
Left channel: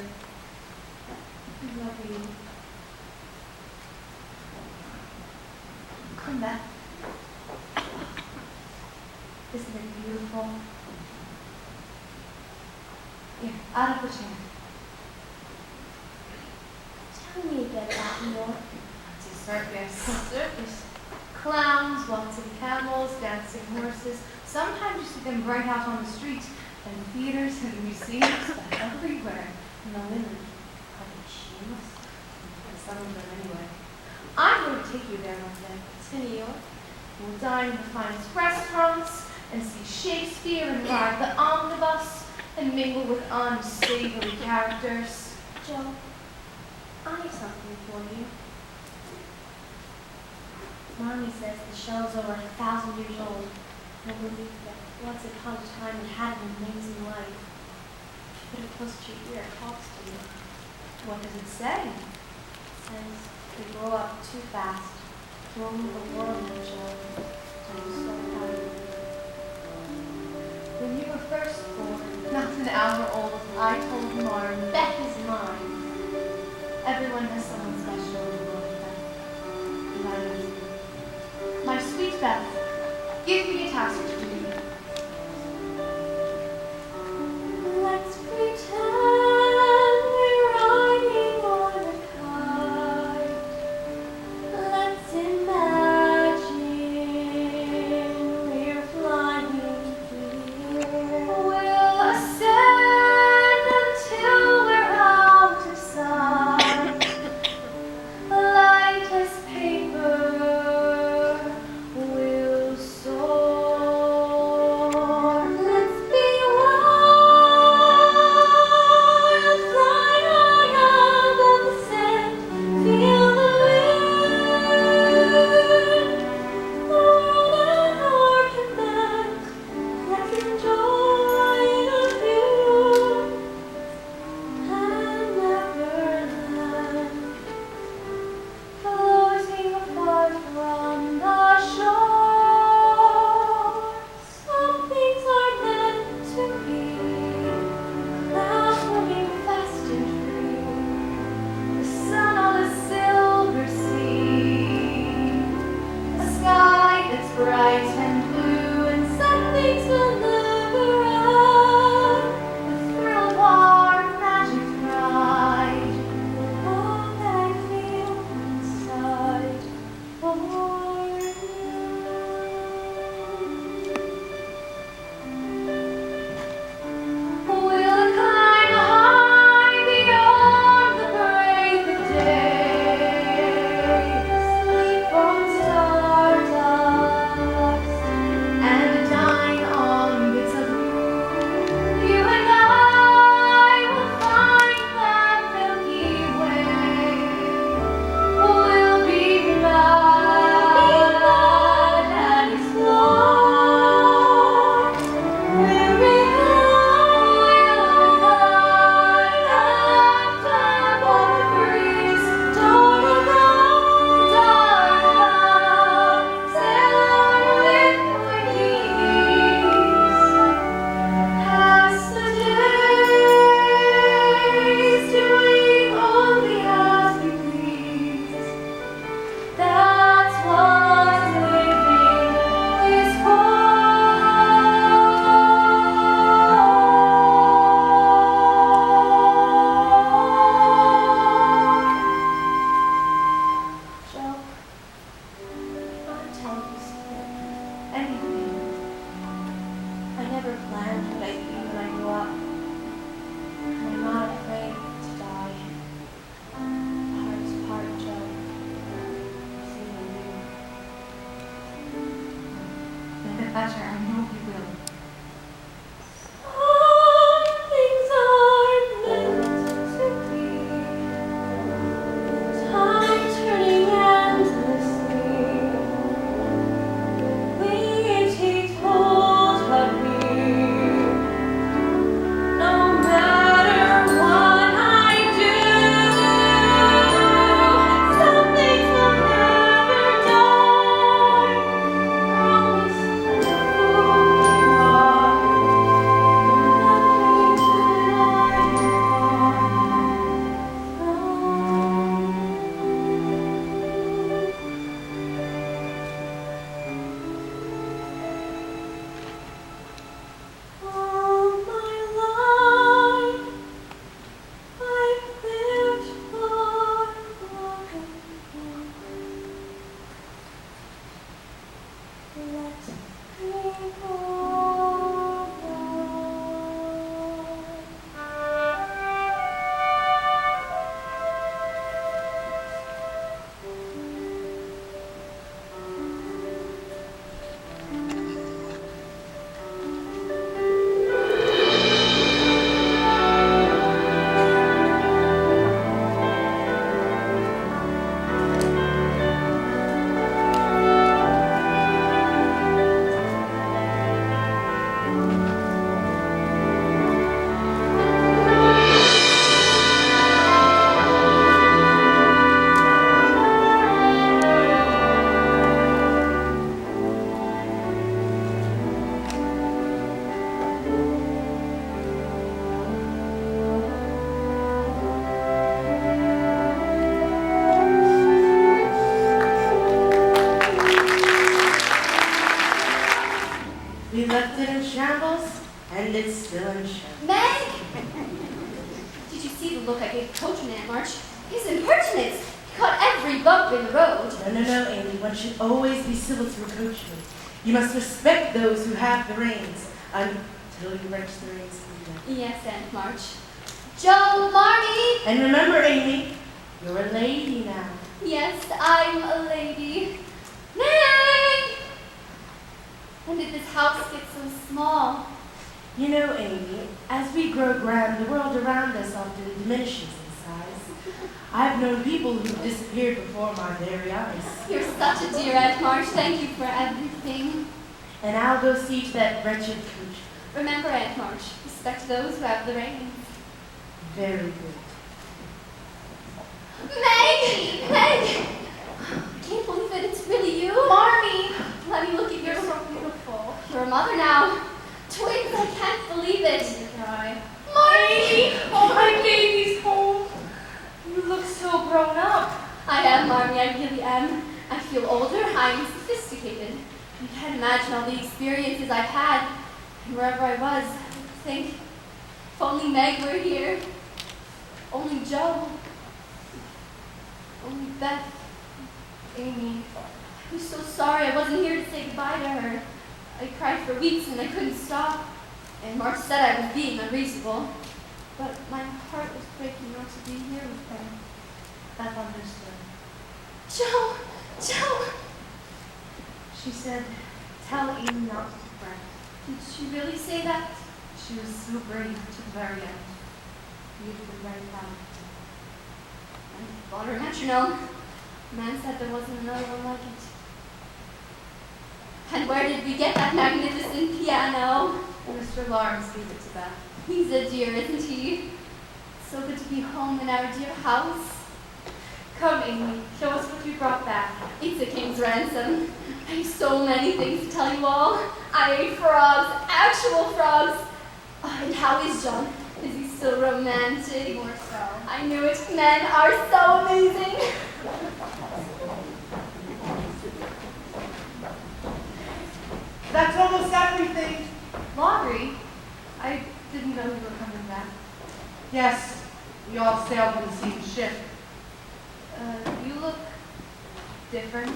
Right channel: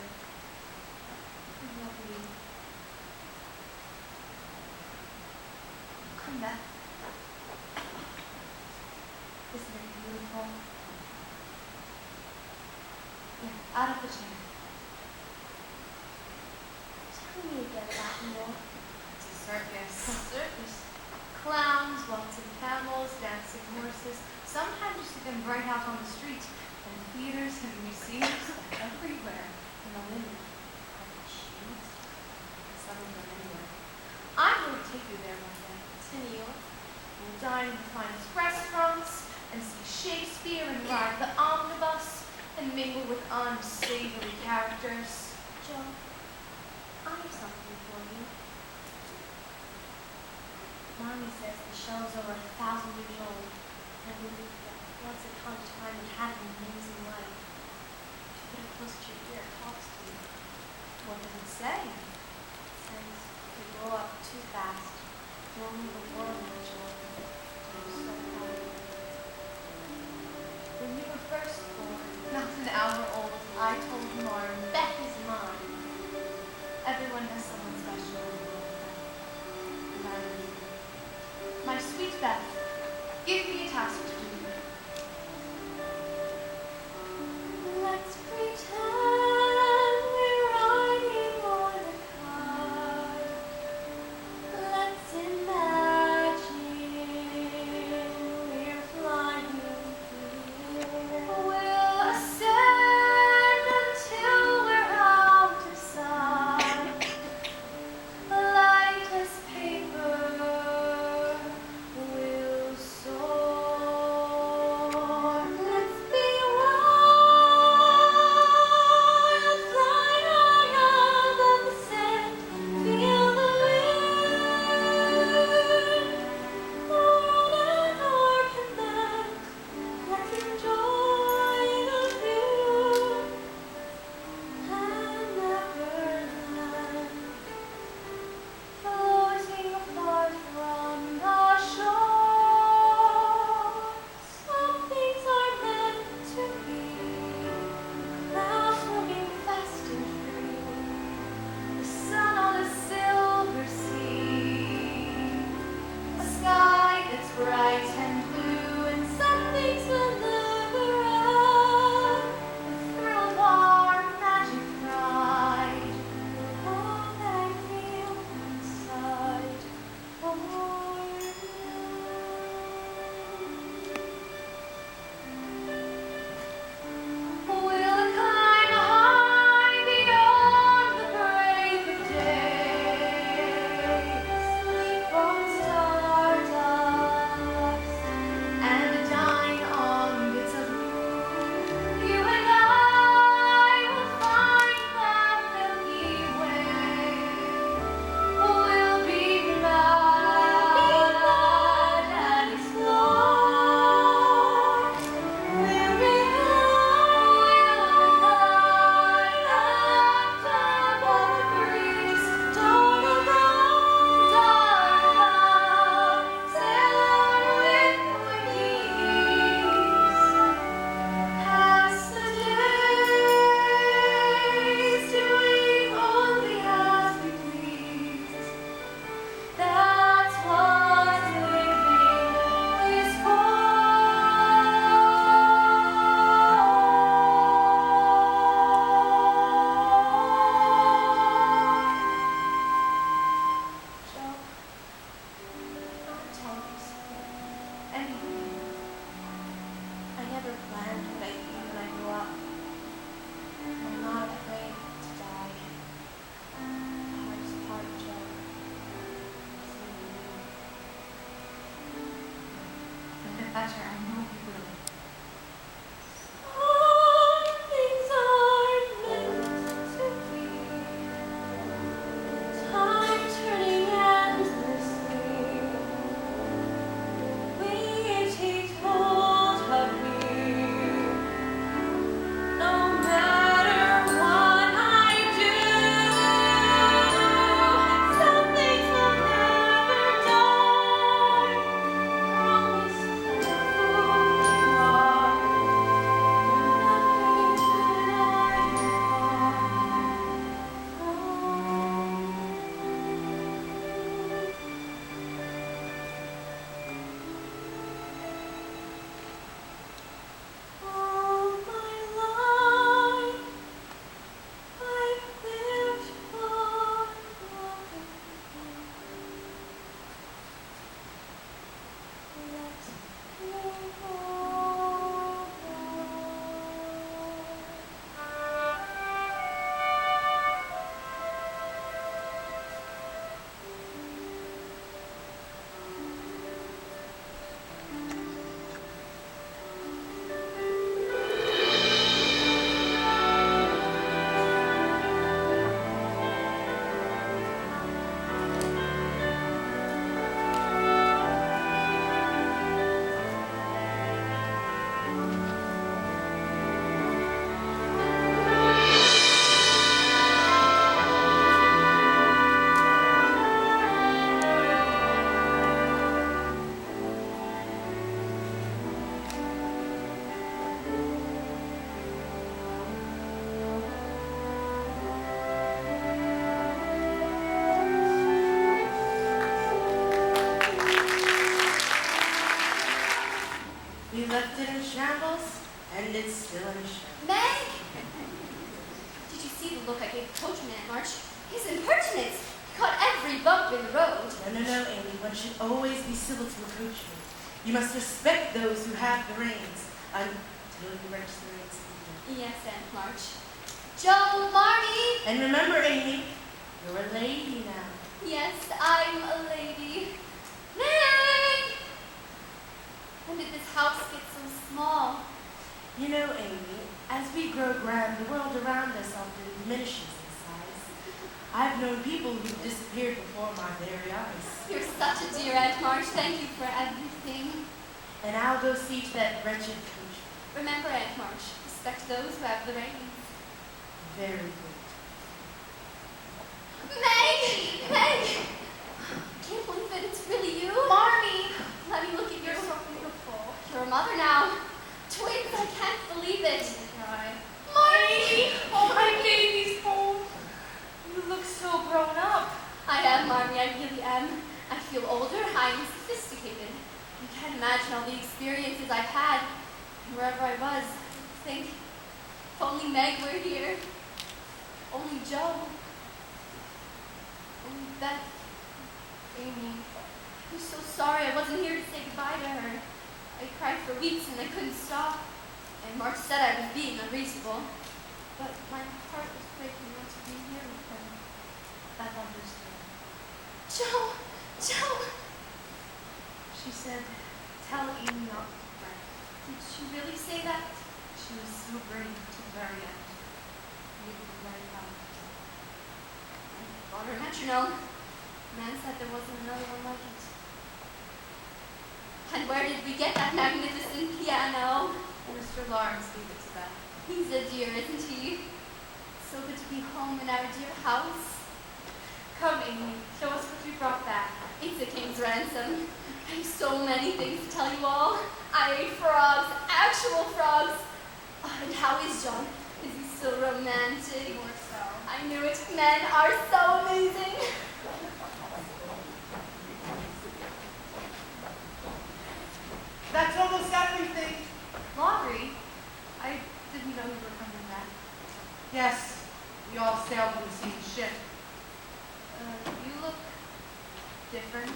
I love you. come back. Isn't it beautiful? Here, out of the chair. Tell me again about New York. It's a circus. A circus. Clowns, waltzing camels, dancing horses. Sometimes you see them right out on the street, and theaters and museums everywhere. And the women, are they shameless? And some of them anyway. I'm going to take you there one day. To New York? We'll dine in the finest restaurants, and see Shakespeare, and ride the omnibus, and mingle with unsavory characters. Joe, I have something for you. Mommy says the show's over 1,000 years old. I believe that once upon a time it had an amazing life. Put it close to your ear, it talks to you. What does it say? It says we grow up too fast. Only the world now, Joe. I'm so proud of you. When you were first born, not an hour old, I told Marm, Beth is mine. Everyone has someone special in the world, Beth. And I have you. My sweet Beth, give me a task to do. Let's pretend we're riding on a kite. bright and blue, and some things will never run. The thrill of our magic ride, the love I feel inside for you. We'll climb high beyond the break of day, sleep on stardust, and dine on bits of moon. You and I will find that Milky Way. We'll be mad and explore. We'll be that's what living is for. Joe, can I tell you a secret? Anything. I never planned what I'd be when I grew up. And I'm not afraid to die. The hardest part, Joe, is seeing you. You'll get better, I know you will. Some things are meant to be. Time turning endlessly. Waves take hold of me. No matter what I do, some things will never die. Promise to who you are. Nothing that I all my life I've lived for loving you. Let me go We left it in shambles, and it's still in shambles. Meg! Did you see the look I gave the coachman at March? His impertinence! He caught every bump in the road. No, Amy. One should always be civil to a coachman. You must respect those who have the reins until you wrench the reins from them. Yes, Aunt March. Joe, Marty! And remember, Amy, you're a lady now. Yes, I'm a lady. Meg! When did this house get so small? You know, Amy, as we grow grand, the world around us often diminishes in size. I've known people who've disappeared before my very eyes. You're such a dear, Aunt March. Thank you for everything. And I'll go see to that wretched coach. Remember, Aunt March, respect those who have the reins. Very good. Meg! Meg! I can't believe it. It's really you. Marmy! Let me look at your... You're so beautiful. You're a mother now. Twins, I can't believe it. Cry. Marmy! Oh, my baby's home. You look so grown up. I am, Marmy. I really am. I feel older. I'm sophisticated. You can't imagine all the experiences I've had, and wherever I was, I think, if only Meg were here, only Joe, only Beth, Amy. I was so sorry I wasn't here to say goodbye to her. I cried for weeks and I couldn't stop, and Mark said I was being unreasonable, but my heart was breaking not to be here with her. Beth understood. Joe! Joe! She said, tell Amy not to fret. Did she really say that? She was so brave to the very end. You'd have been very proud of her. I bought her a metronome. Man said there wasn't another one like it. And where did we get that magnificent piano? Mr. Lawrence gave it to Beth. He's a dear, isn't he? It's so good to be home in our dear house. Come, Amy, show us what you brought back. It's a king's ransom. I have so many things to tell you all. I ate frogs, actual frogs. Oh, and how is John? Is he still romantic? More so. I knew it. Men are so amazing. That's almost everything. Laurie, I didn't know you were coming back. Yes, we all sailed on the same ship. You look different.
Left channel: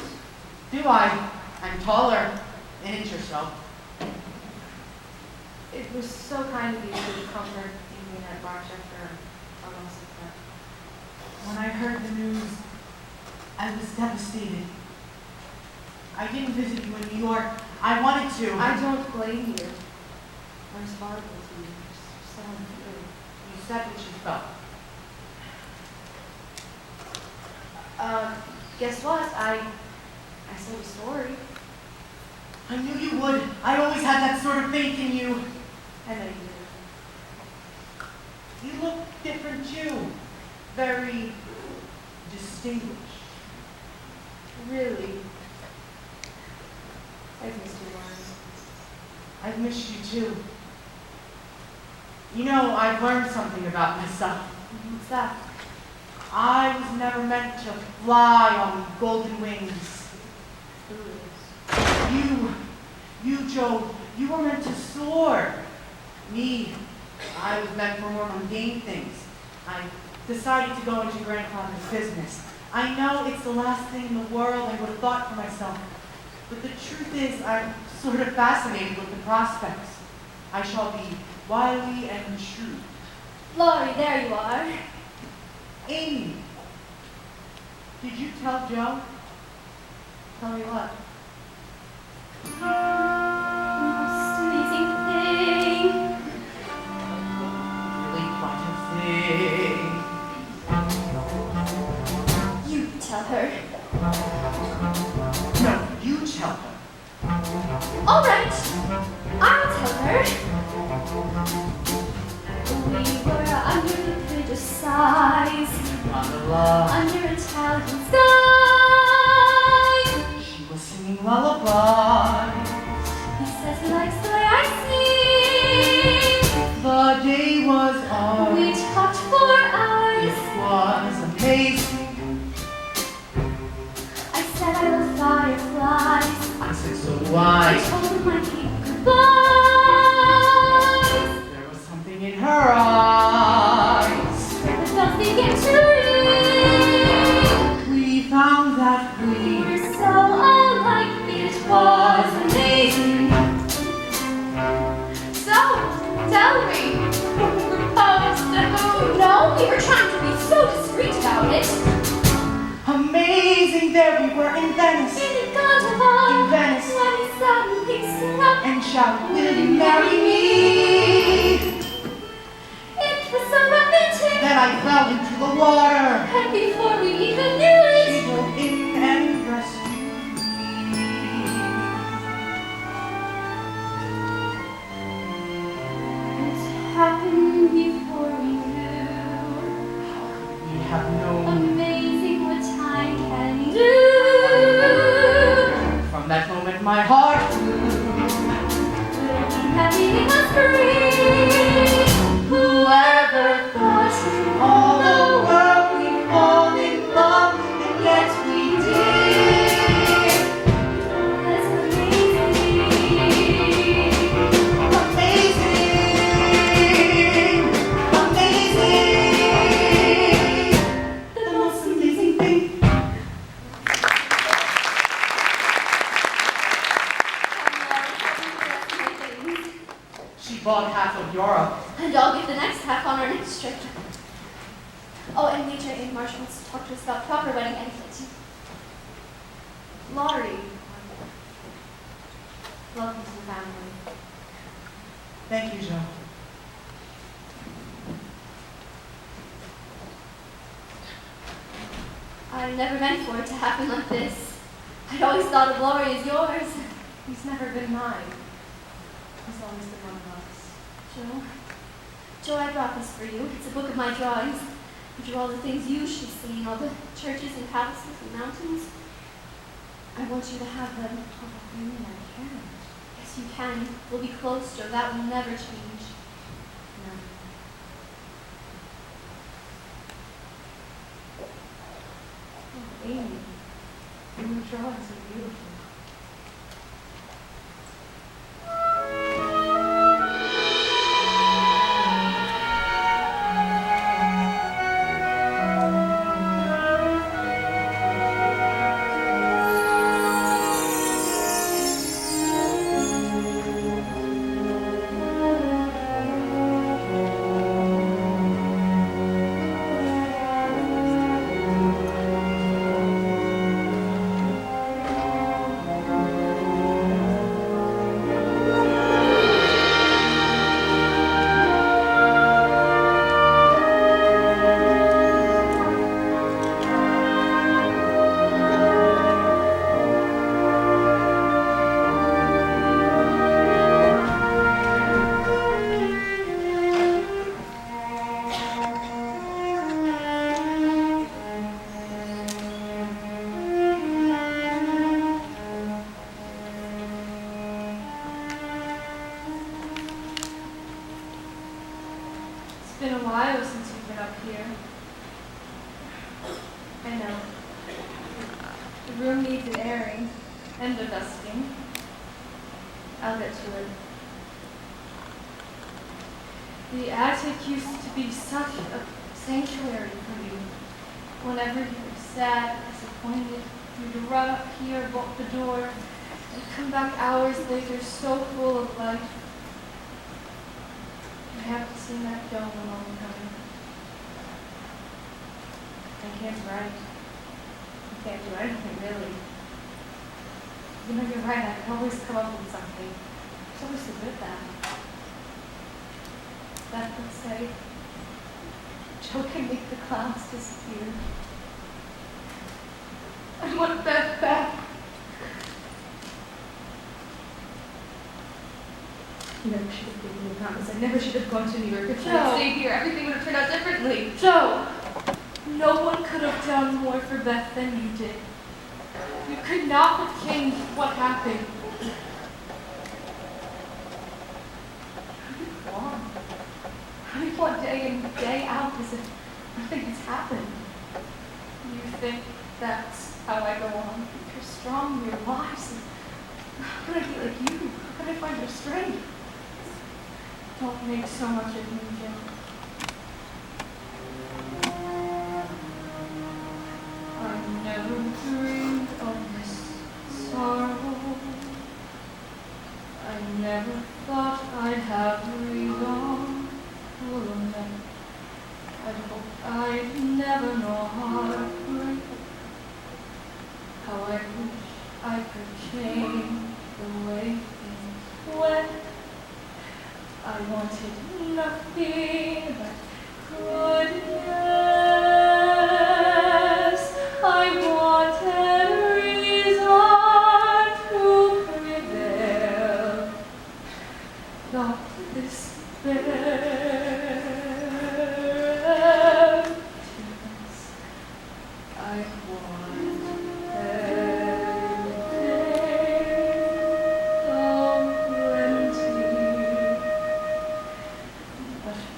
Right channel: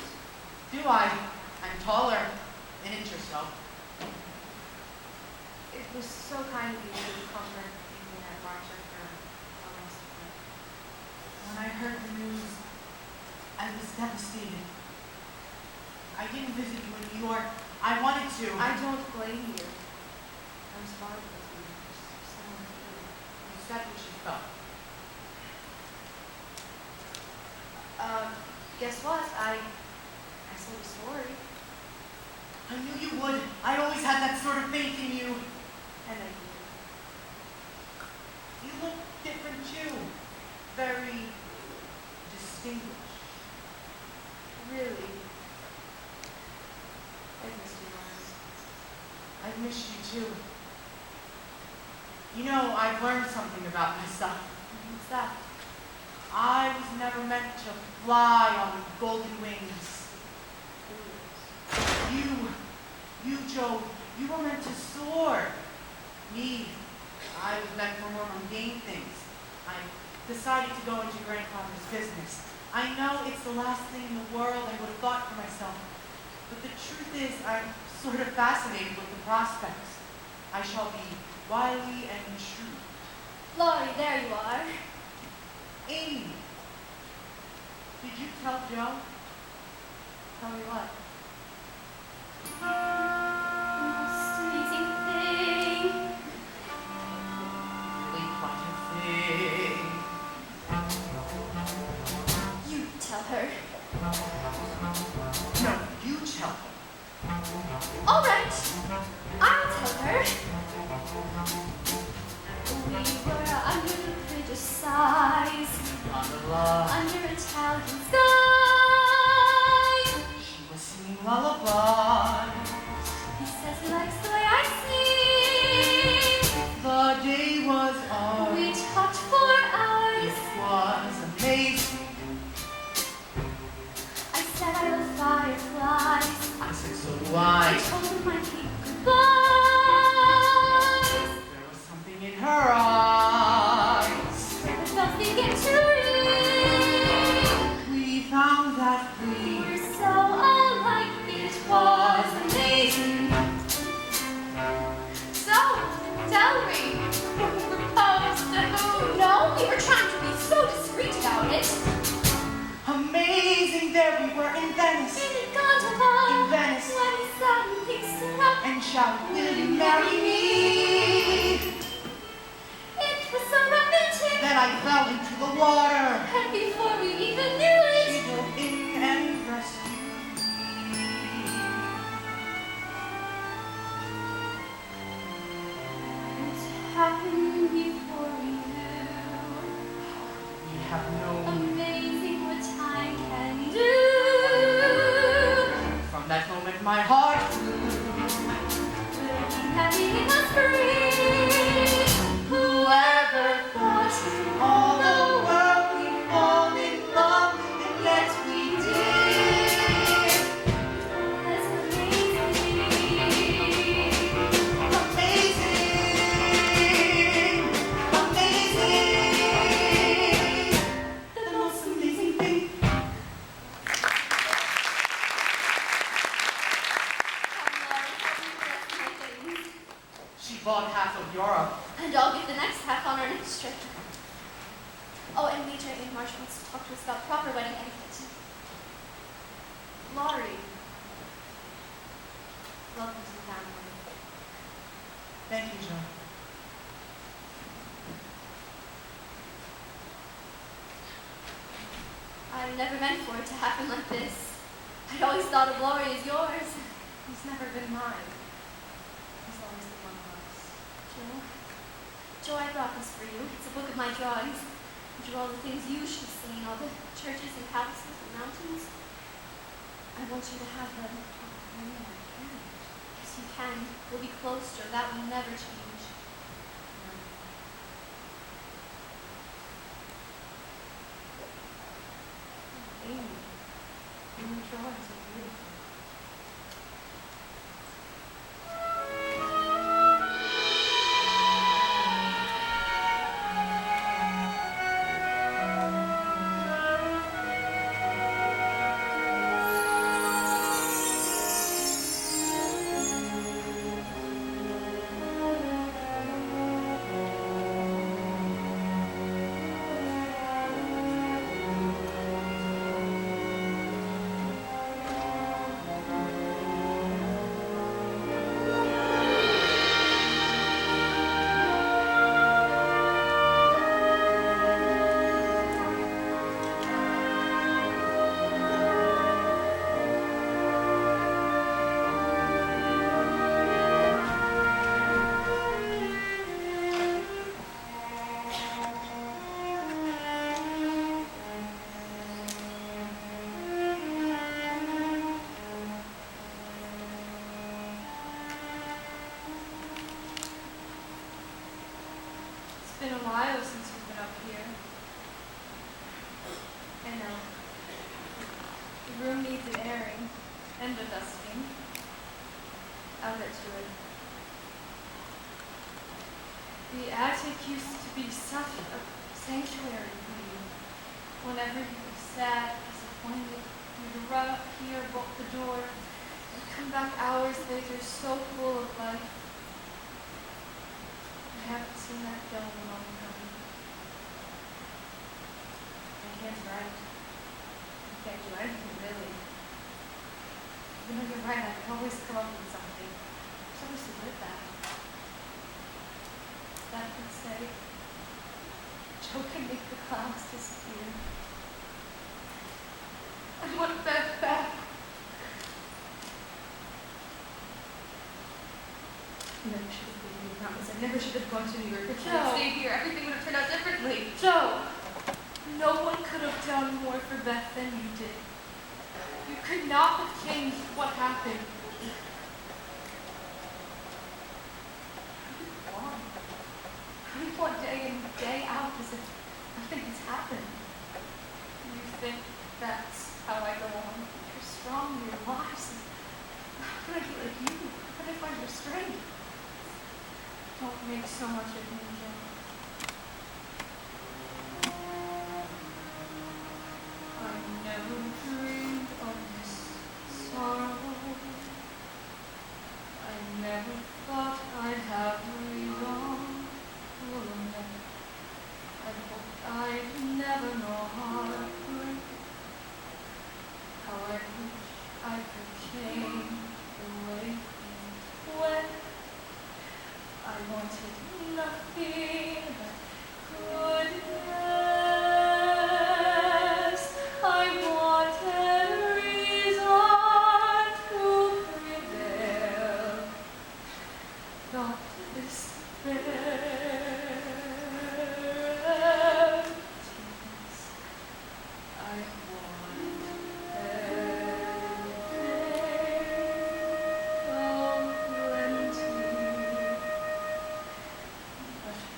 Do I? I'm taller, an inch or so. It was so kind of you to comfort Amy and Aunt March after our loss of them. When I heard the news, I was devastated. I didn't visit you in New York. I wanted to. I don't blame you. I was horrible to you. So untrue. You said what you felt. Guess what? I sold a story. I knew you would. I always had that sort of faith in you. I know you did. You look different too. Very distinguished. Really? I've missed you, Laurie. I've missed you too. You know, I've learned something about myself. What's that? I was never meant to fly on golden wings. Foolish. You, Joe, you were meant to soar. Me, I was meant for more mundane things. I decided to go into grandfather's business. I know it's the last thing in the world I would have thought for myself. But the truth is, I'm sort of fascinated with the prospects. I shall be wily and shrewd. Laurie, there you are. Amy, did you tell Joe? Tell me what? Most amazing thing. Really quite a thing. You tell her. No, you tell her. All right, I'll tell her. We were under the bridge of sighs, under Italian skies. She was singing lullabies. He says he likes the way I sing. The day was on. We talked for hours. It was amazing. I said I love fireflies. I said, so do I I. told him I keep goodbyes. There was something in her eyes. Where the bells begin to ring. We found that we We're so alike. It was amazing. So, tell me, who proposed to who? No, we were trying to be so discreet about it. amazing. There we were in Venice. In the gondola, In Venice. when he suddenly stood up And shouted, will you marry me? It was so romantic. Then I fell into the water. And before we even knew it, She dove in and rescued me. it happened before we knew. We have known. Amazing what time can do. From that moment my heart flew. We'll be happy in the spring. Whoever thought All the world we'd fall in love, and yet we did. it was amazing. bought half of Europe. And I'll give the next half on our next trip. Oh, and Major and Marshall wants to talk to us about proper wedding etiquette. Laurie, welcome to the family. Thank you, Joe. I never meant for it to happen like this. I'd always thought of Laurie as yours. He's never been mine. He's always been one of us. Joe, I brought this for you. It's a book of my drawings. I drew all the things you should have seen, all the churches and palaces and mountains. I want you to have them. Oh, Amy, I can't. Yes, you can. We'll be close, Joe. That will never change. Never. Oh, Amy, your drawings are beautiful. It's been a while since you've been up here. I know. The room needs an airing and a dusting. I'll get to it. The attic used to be such a sanctuary for you. Whenever you were sad, disappointed, you'd run up here, bolt the door, and come back hours later so full of life. I haven't seen that dome in a long time. I can't write. I can't do anything, really. You know, you're right, I can always come up with something. There's always so good at that. Beth would say, Joe can make the clouds disappear. I want Beth back. I never should have given you a promise. I never should have gone to New York. If I had stayed here, everything would have turned out differently. Joe! No one could have done more for Beth than you did. You could not have changed what happened. How do you go on? How do you go on day in, day out as if nothing has happened? You think that's how I go on? You're strong, you're wise. How could I be like you? How could I find your strength? Don't make so much of me, Joe. I never dreamed of this sorrow. I never thought I'd have reason to lament. I hoped I'd never know heartbreak. How I wish I could change the way things went. I wanted nothing but goodness. I wanted reason to prevail, not despair. I want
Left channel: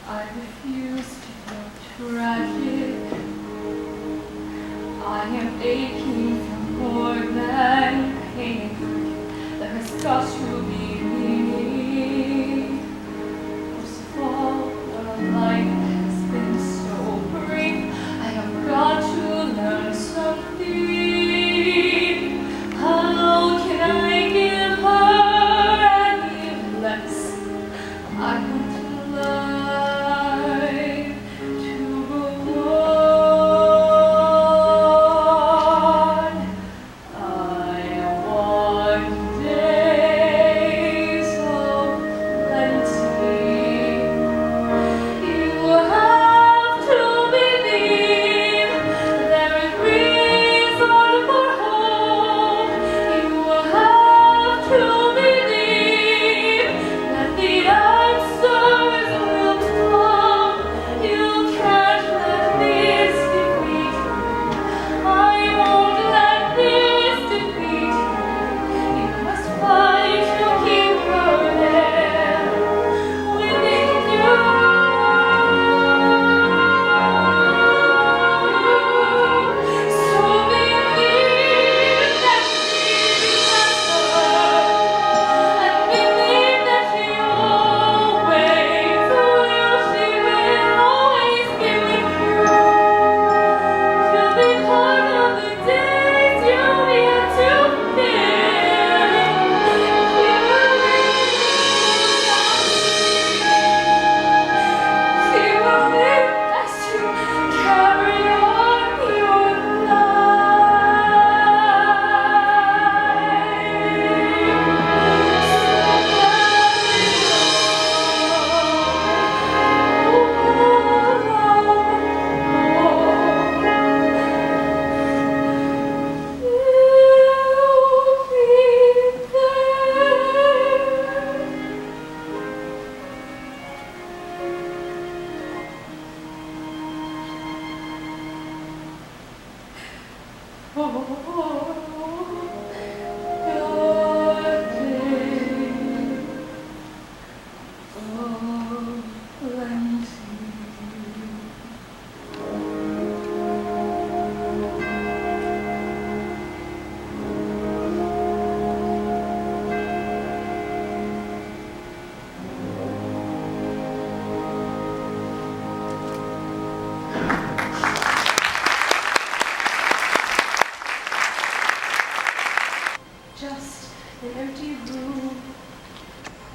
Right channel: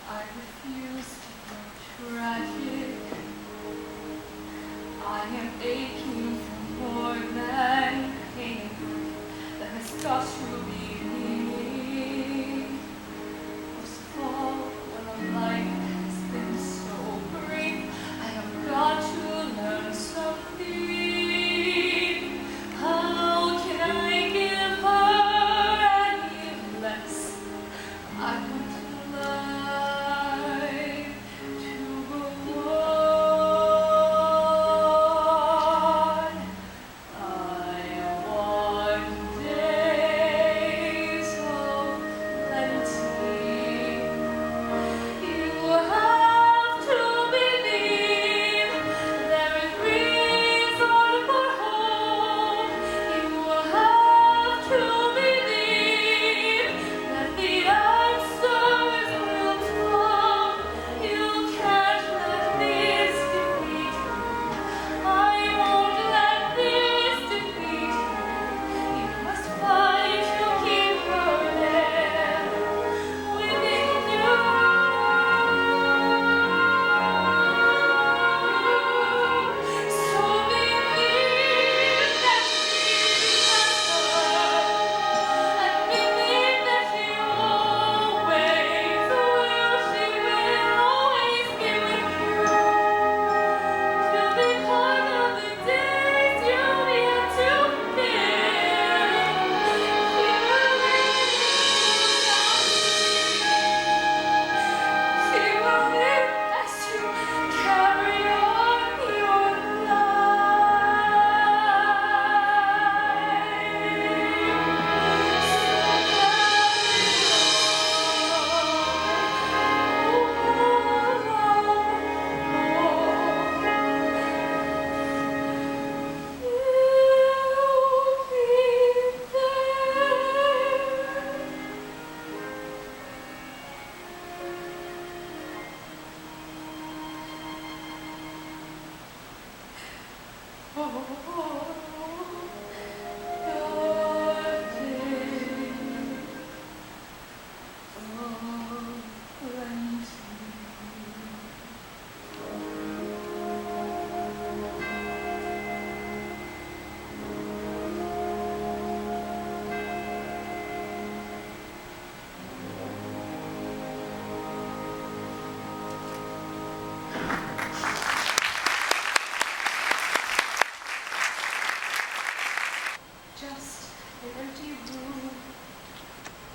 I refuse to feel tragic. I am aching for more than pain. There has got to be meaning. Most of all, when a life has been so brief, I have got to learn something. How can I give her any less? I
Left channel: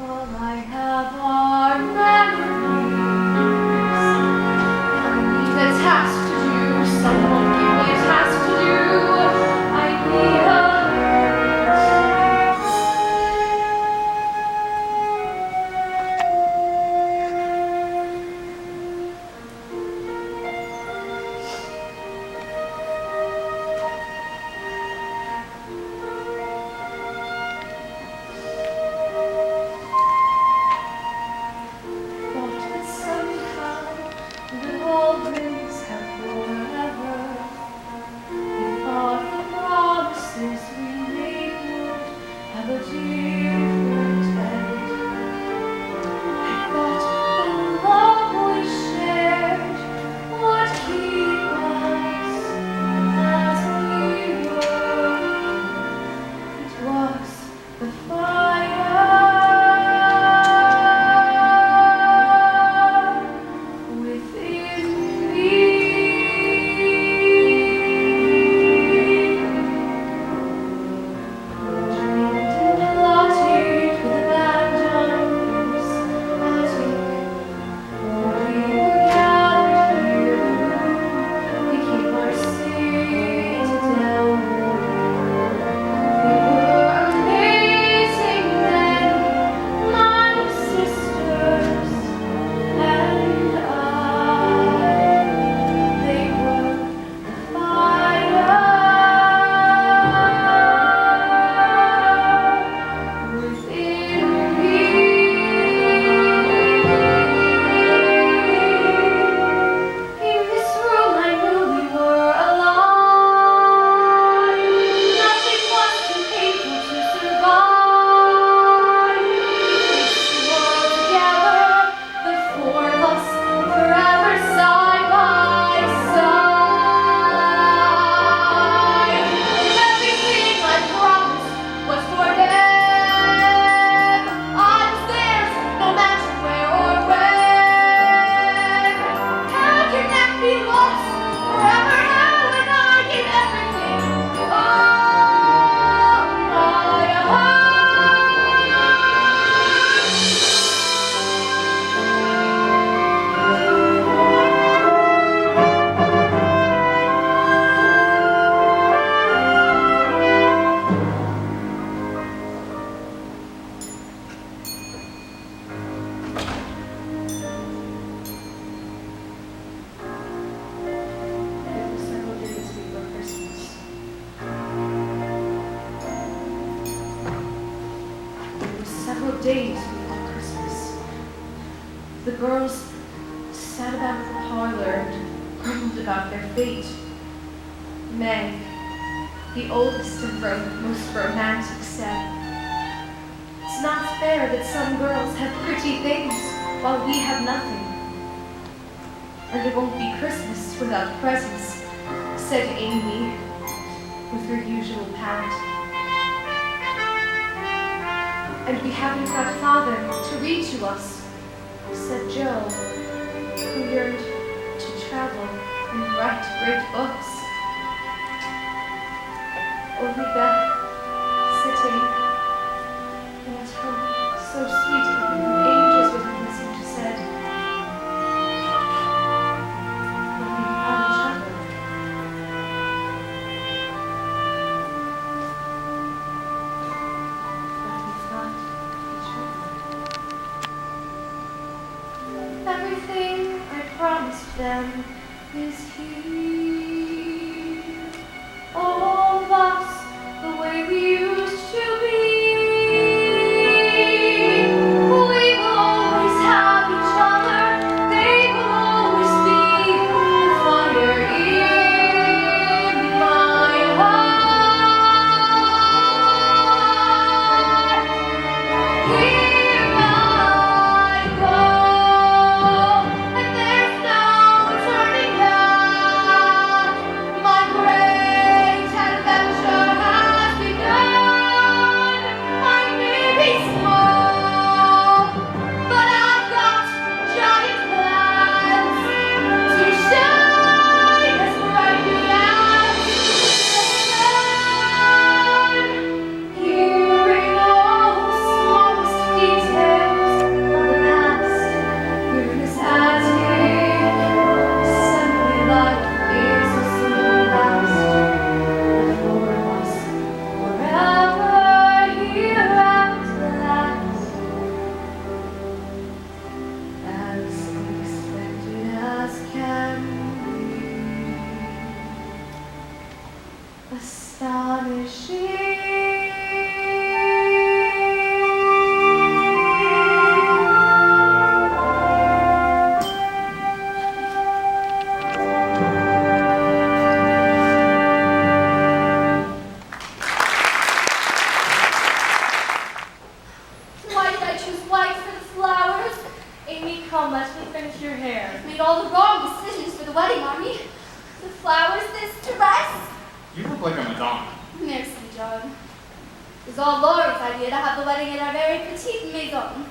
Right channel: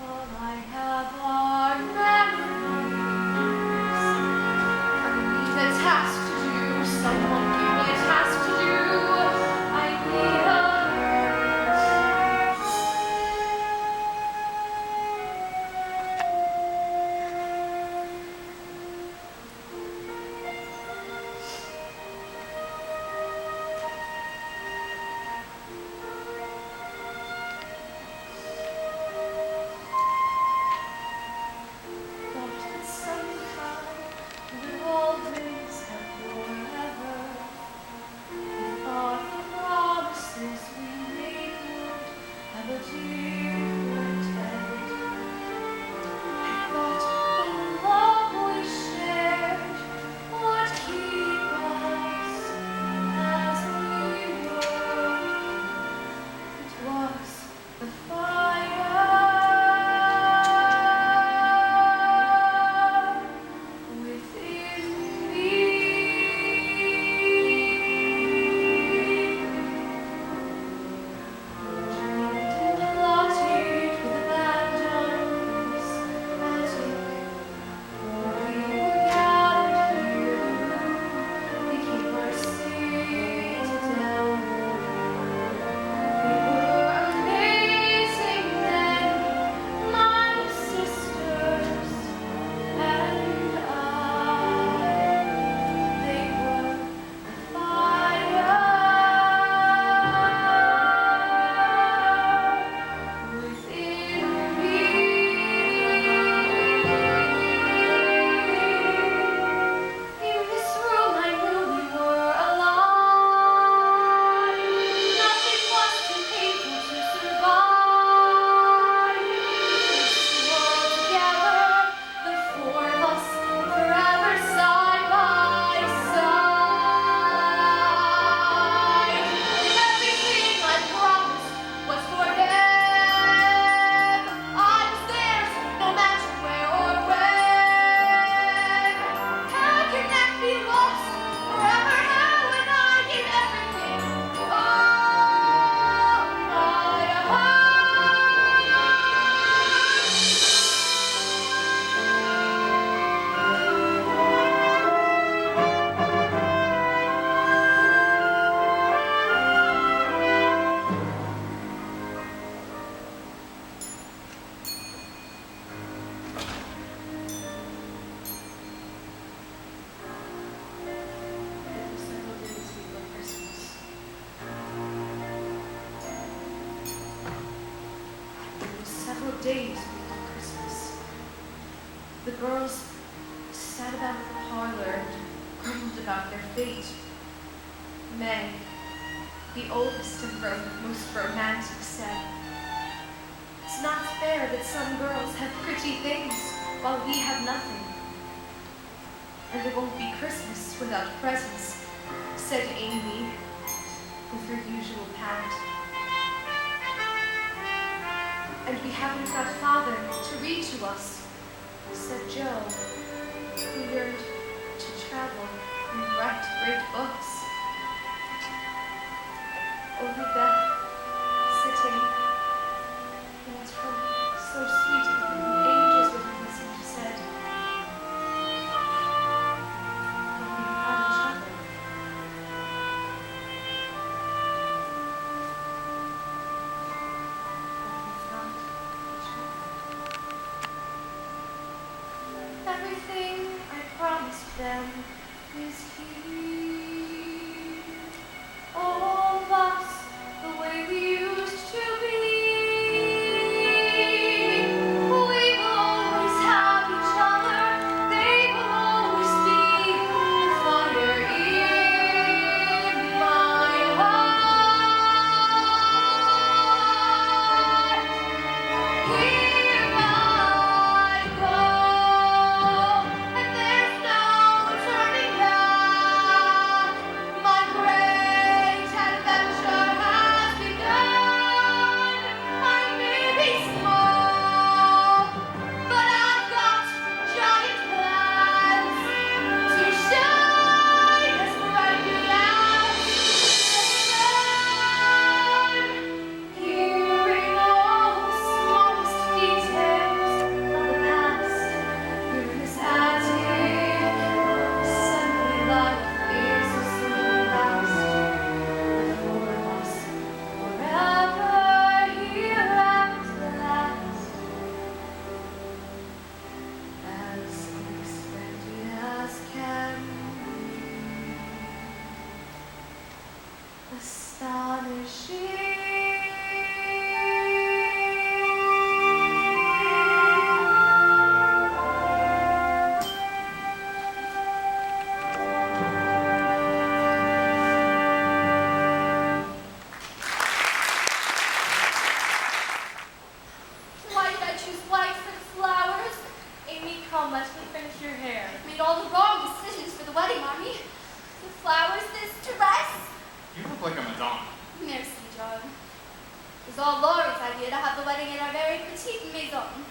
All I have are memories. I need a task to do. Someone give me a task to do. I need a thought that somehow we'll always have forever. We thought the promises we made would have a different end. I thought the love we shared would keep us as we were. It was the fire within me. Dreamed and plotted with abandons, as if when we were gathered here, we keep our citadel. We were amazing then, my sisters and I. They were the fire within me. In this room I knew we were alive. Nothing was too painful to survive. We swore together, the four of us, forever side by side. Everything I promised was for them. I was theirs, no matter where or when. How can that be lost forever now when I give everything? Oh, my It was several days before Christmas. It was several days before Christmas. The girls sat about the parlor and grumbled about their fate. Meg, the oldest and most romantic, said, "It's not fair that some girls have pretty things while we have nothing. And it won't be Christmas without presents," said Amy with her usual pout. "And we haven't got Father to read to us," said Joe, who yearned to travel and write great books. Only Beth, sitting in a tone so sweet even the angels would have listened to, said, "But we have each other." But we thought each other. Everything I promised them is here. All of us, the way we used to be. We will always have each other. They will always be the fire in my heart. Here I go, and there's no turning back. was all Laurie's idea to have the wedding in our very petite maison.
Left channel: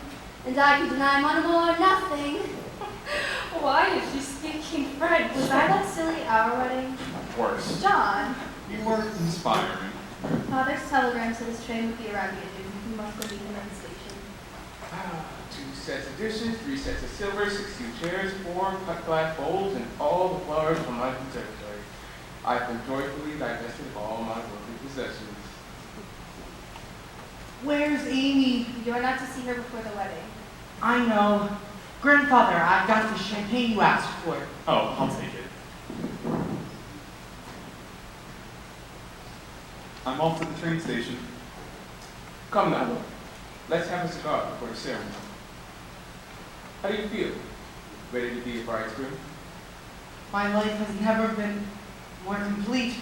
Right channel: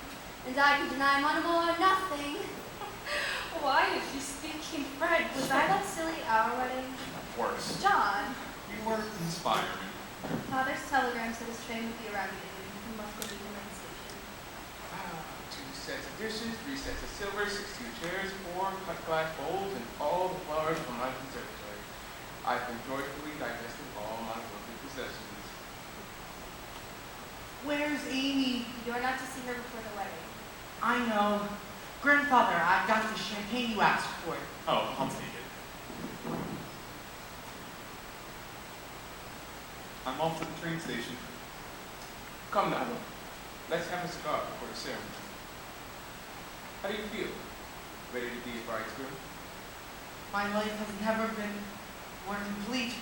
And I could deny one more nothing. Why is she speaking French? Was I that silly at our wedding? Worse. John, You were inspiring. Father's telegram said his train would be arriving at noon. We must go meet him at the station. 2 sets of dishes, 3 sets of silver, 16 chairs, 4 cut glass bowls, and all the flowers from my conservatory. I've been joyfully divested of all my worldly possessions. Where's Amy? You're not to see her before the wedding. I know. Grandfather, I've got the champagne you asked for. Oh, I'll take it. I'm off to the train station. Come now, look. Let's have a cigar before the ceremony. How do you feel? Ready to be a bridegroom? My life has never been more complete,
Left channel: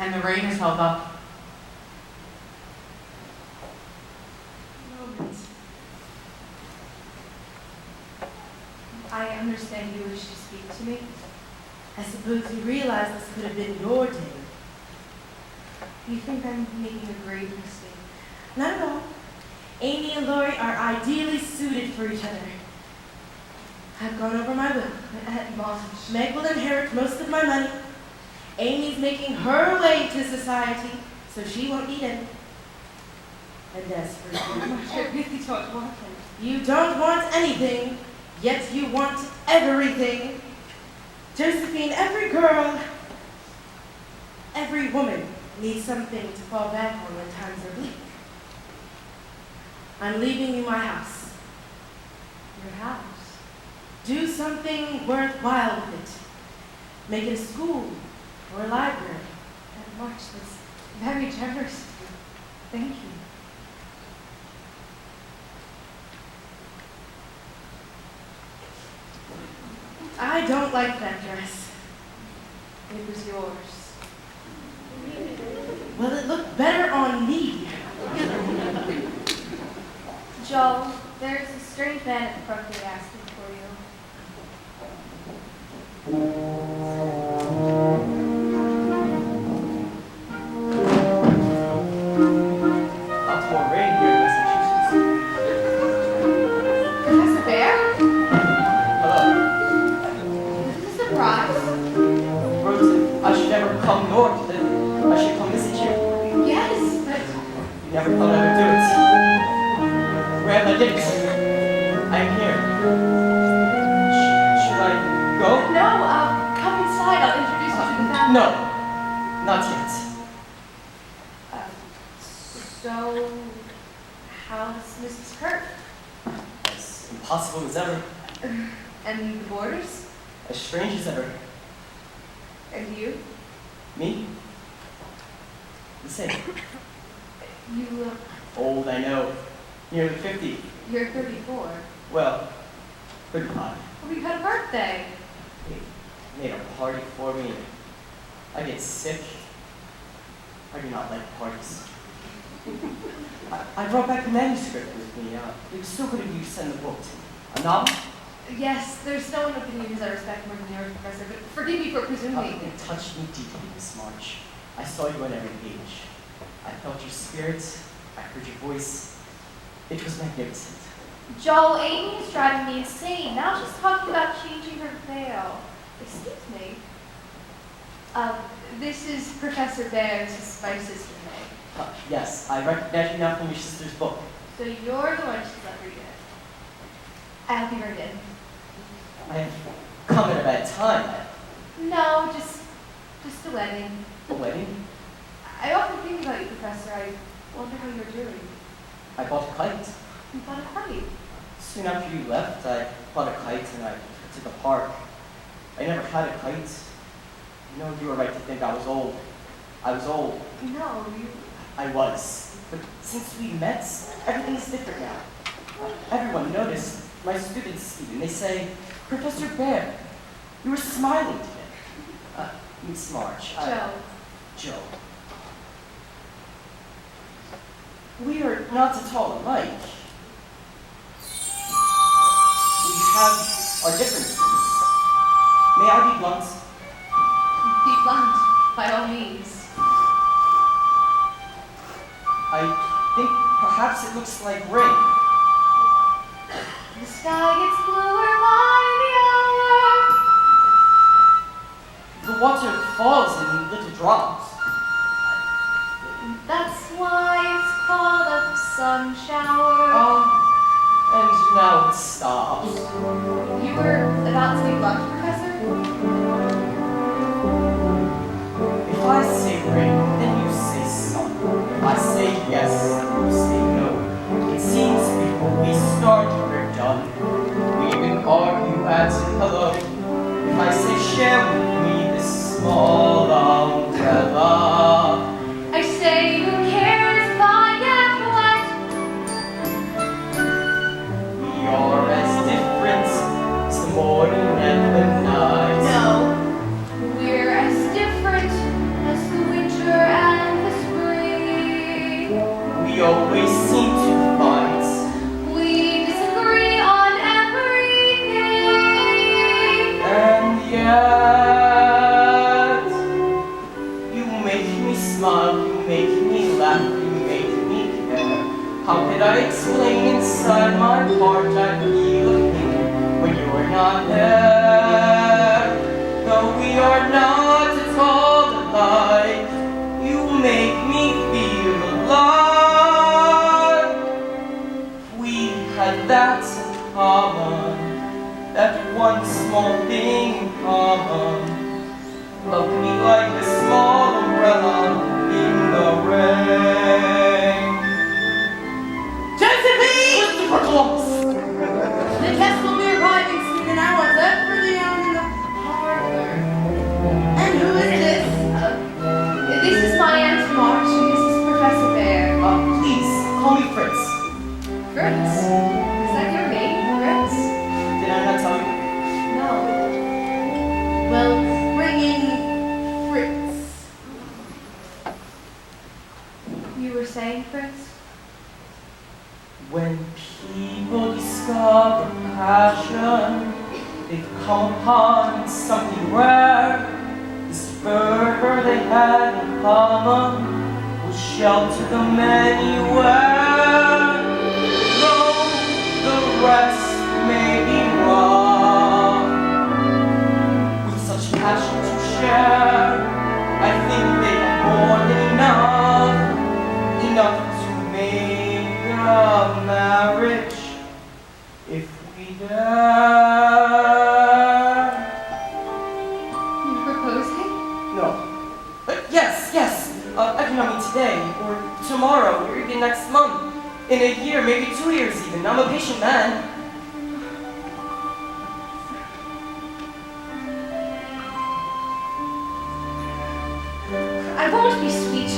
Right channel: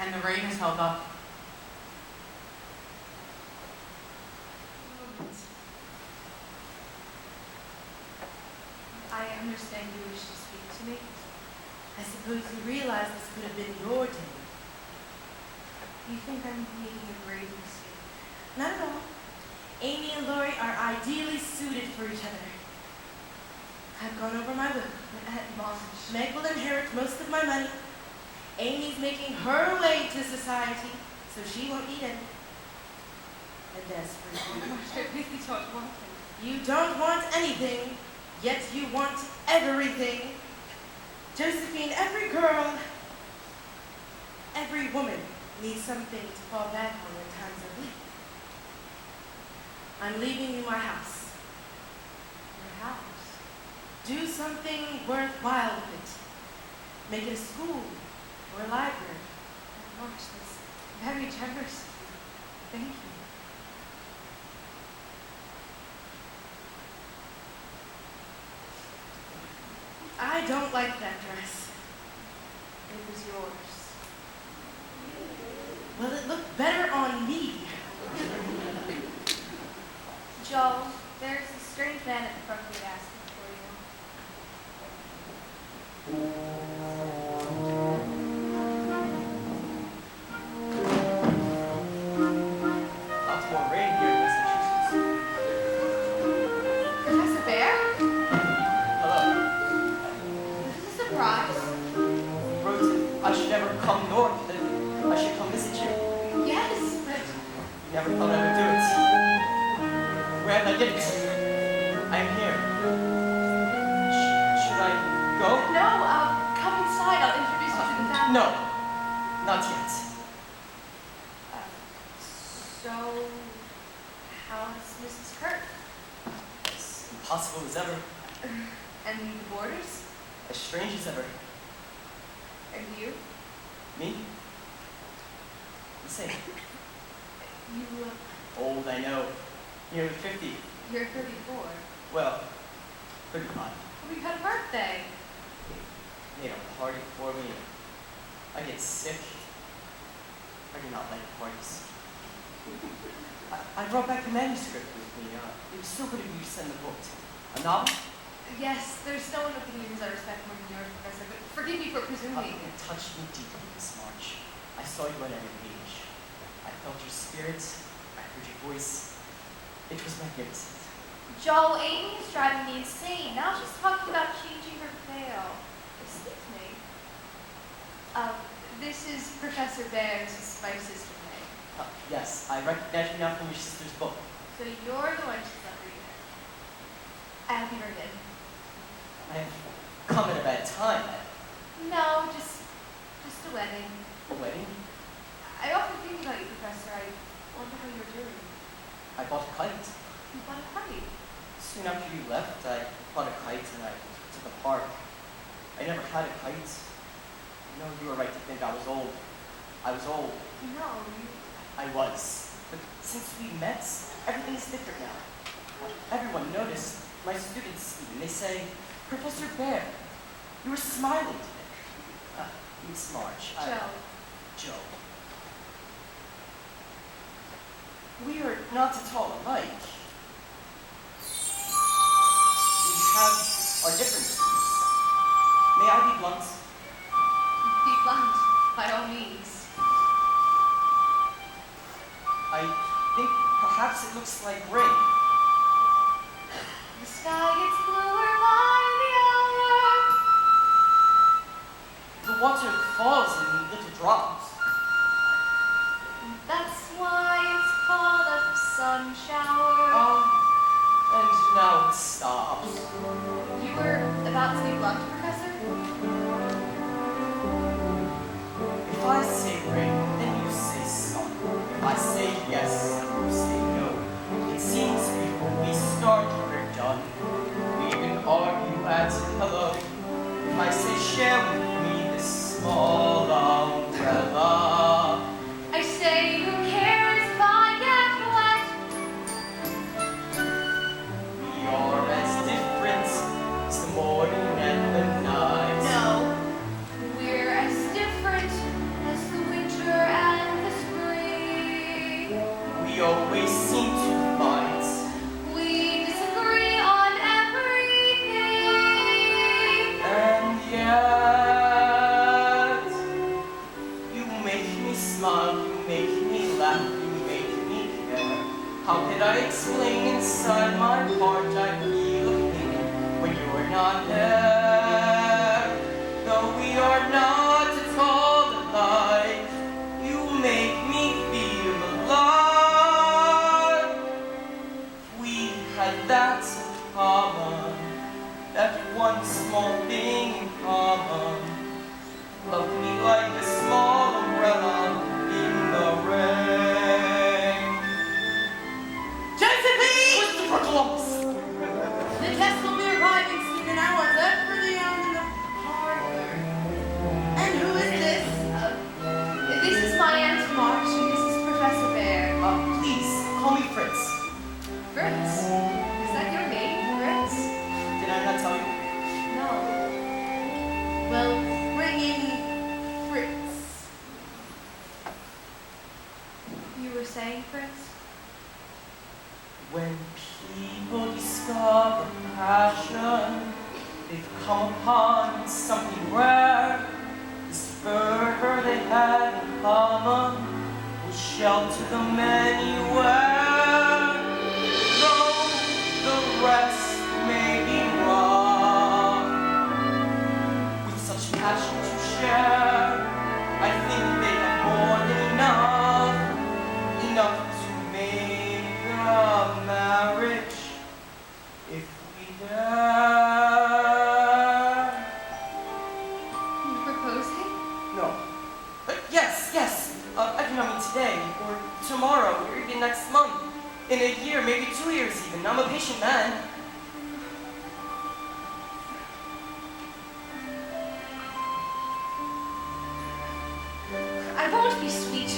and the rain has held up. I understand you wish to speak to me. I suppose you realize this could have been your day. You think I'm making a grave mistake? Not at all. Amy and Laurie are ideally suited for each other. I've gone over my will. At March, Meg will inherit most of my money. Amy's making her way to society, so she won't need it. And as for you, I really don't want it. you don't want anything, yet you want everything. Josephine, every girl, every woman needs something to fall back on when times are bleak. I'm leaving you my house. Your house? Do something worthwhile with it. Make it a school or a library. Aunt March, that's very generous of you. Thank you. I don't like that dress. It was yours. Well, it looked better on me. Joel, there's a strange man at the front gate asking for you. Lots more rain here in Massachusetts. Professor Bear? Hello. Is this a surprise? Rosen, I should never come north. I should come visit you. Yes, but You never thought I would do it. Where am I getting? I am here. Should I go? no, come inside. I'll introduce you to the family. No, not yet. So, how's Mrs. Kirk? As impossible as ever. And the Borders? As strange as ever. And you? Me? The same. You look... Old, I know. Nearly 50. You're 34. Well, 35. Oh, you had a birthday. They made a party for me. I get sick. I do not like parties. I brought back the manuscript with me. It was so good of you to send the book to me. A novel? Yes, there's no one opinions I respect more than yours, Professor, but forgive me for presuming. It touched me deeply, Miss March. I saw you on every page. I felt your spirit. I heard your voice. It was magnificent. Joel, Amy is driving me insane. Now she's talking about changing her veil. Excuse me. This is Professor Bear. This is my sister, Meg. Yes, I recognize you now from your sister's book. So you're the one she's let read it. I hope you heard it. I have come at a bad time. No, just a wedding. A wedding? I often think about you, Professor. I wonder how you're doing. I bought a kite. You bought a kite. Soon after you left, I bought a kite and I took it to the park. I never had a kite. You know, you were right to think I was old. I was old. No, you... I was. But since we met, everything's different now. Everyone noticed. My students even. They say, Professor Bear, you were smiling today. Miss March. Joe. We are not at all alike. We have our differences. May I be blunt? Be blunt, by all means. I like rain. The sky gets bluer by the hour. The water falls in little drops. That's why it's called a sun shower. And now it stops. You were about to be blunt, Professor? If I say rain, then you say sun. If I say yes, then you say no. It seems before we start, we're done. We even argue as in hello. If I say share with me this small umbrella. I say, who cares if I get wet? We are as different as the morning and the night. No, we're as different as the winter and the spring. We always seem to fight. We disagree on everything. And yet, you make me smile, you make me laugh, you make me care. How could I explain inside my heart I feel a thing when you're not there? Though we are not at all alike, you make me feel alive. We had that in common, that one small thing in common. Love me like a small umbrella in the rain. Josephine! Christopher Columbus! The guests will be arriving soon, and I want that for the in the parlor. And who is this? This is my Aunt March, and this is Professor Bear. Please, call me Fritz. Fritz? Is that your name, Fritz? Did I not tell you? No. Well, bring in Fritz. You were saying, Fritz? When people discover passion, they've come upon something rare. This fervor they had in common will shelter them anywhere. Though the rest may be wrong, with such passion to share, I think they have more than enough to make a marriage if we dare. You're proposing? No. Yes. I do not mean today, or tomorrow, or even next month. In a year, maybe 2 years even. I'm a patient man. I won't be sweet,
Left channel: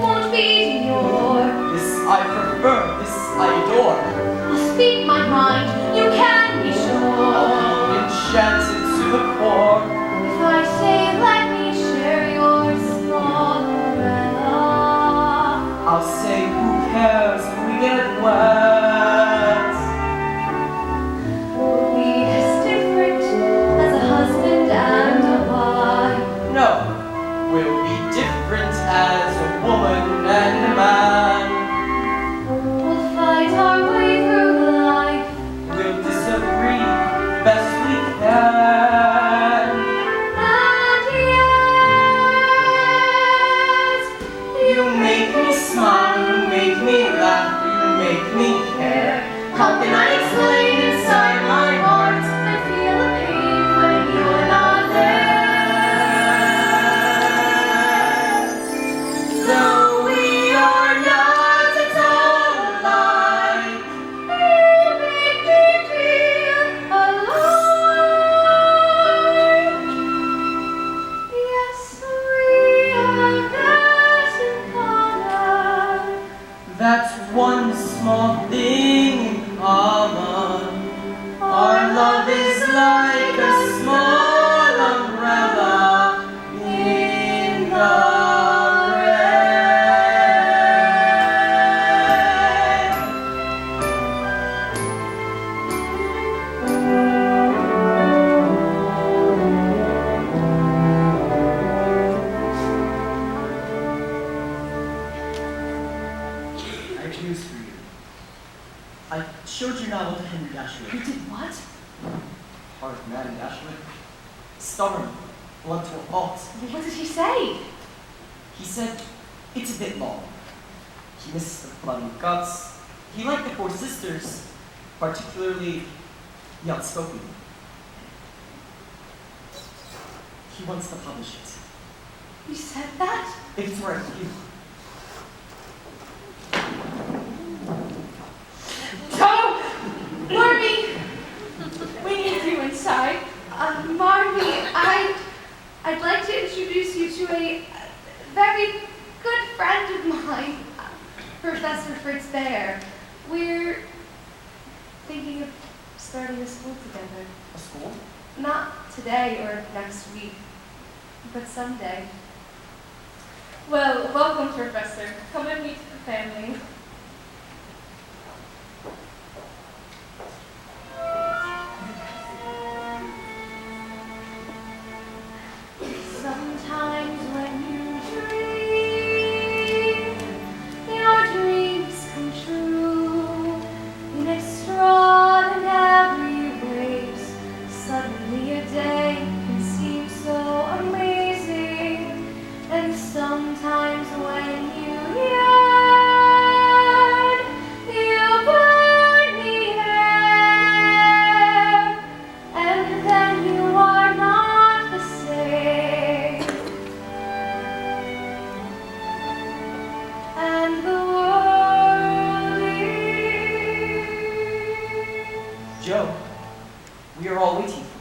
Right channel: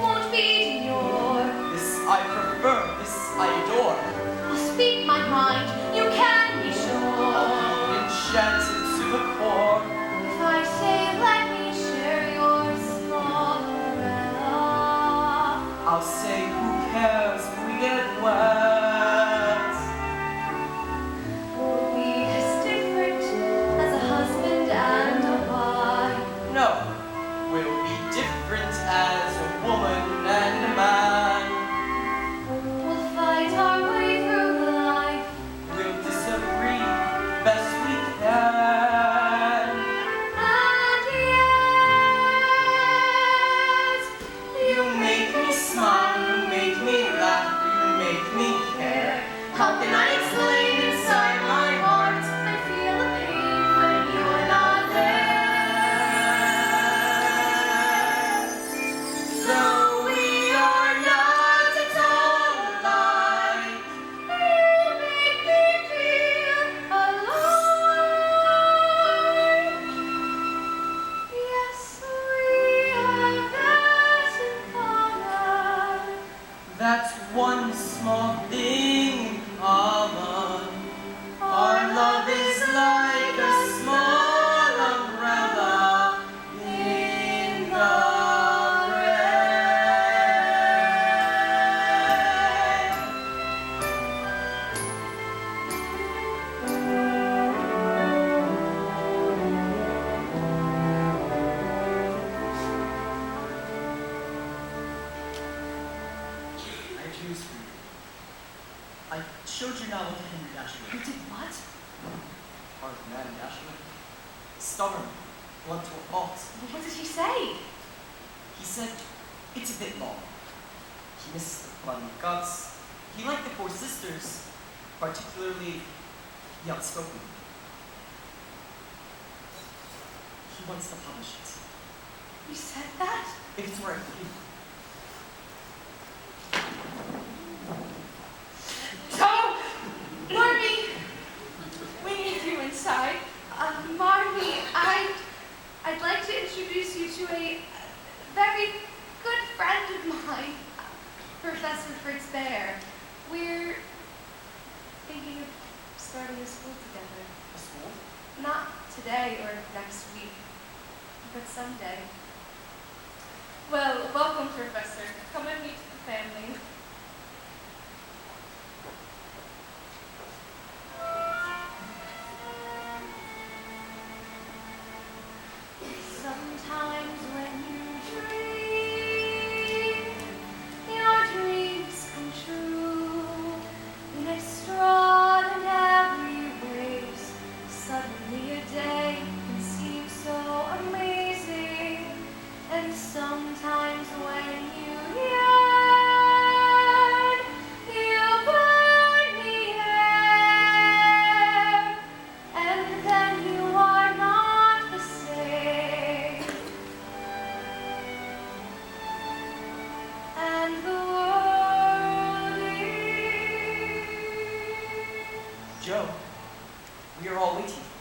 won't be demure. This I prefer, this I adore. I'll speak my mind, you can be sure. I'll be enchanted to the core. If I say, let me share your small umbrella. I'll say, who cares if we get wet? We'll be as different as a husband and a wife. No, we'll be different as a woman and a man. We'll fight our way through life. We'll disagree best we can. And yet, You make me smile, you make me laugh, you make me care. How can I explain inside my heart? I feel a pain when you're not there. Though we are not at all alike, You make me feel alive. Yes, we have that in common. that's one small thing in common. Our love is like a small umbrella in the I choose for you I showed you novel to Henry Dashwood. You did what? Hard man, Dashwood. Stubborn, blunt to a fault. What did he say? He said, it's a bit long. He missed the blood and guts. He liked the four sisters, particularly the outspoken one. He wants to publish it. He said that? It's right you. Joe! Marmy! We need you inside. Marmy, I'd like to introduce you to a very good friend of mine, Professor Fritz Bear. We're thinking of starting a school together. A school? Not today or next week, but someday. Well, welcome, Professor. Come and meet the family. Sometimes when you dream, your dreams come true in extraordinary ways. Suddenly a day can seem so amazing, and sometimes when you yearn, you burn the air, and then you are not the same. And the world is Joe, we are all waiting for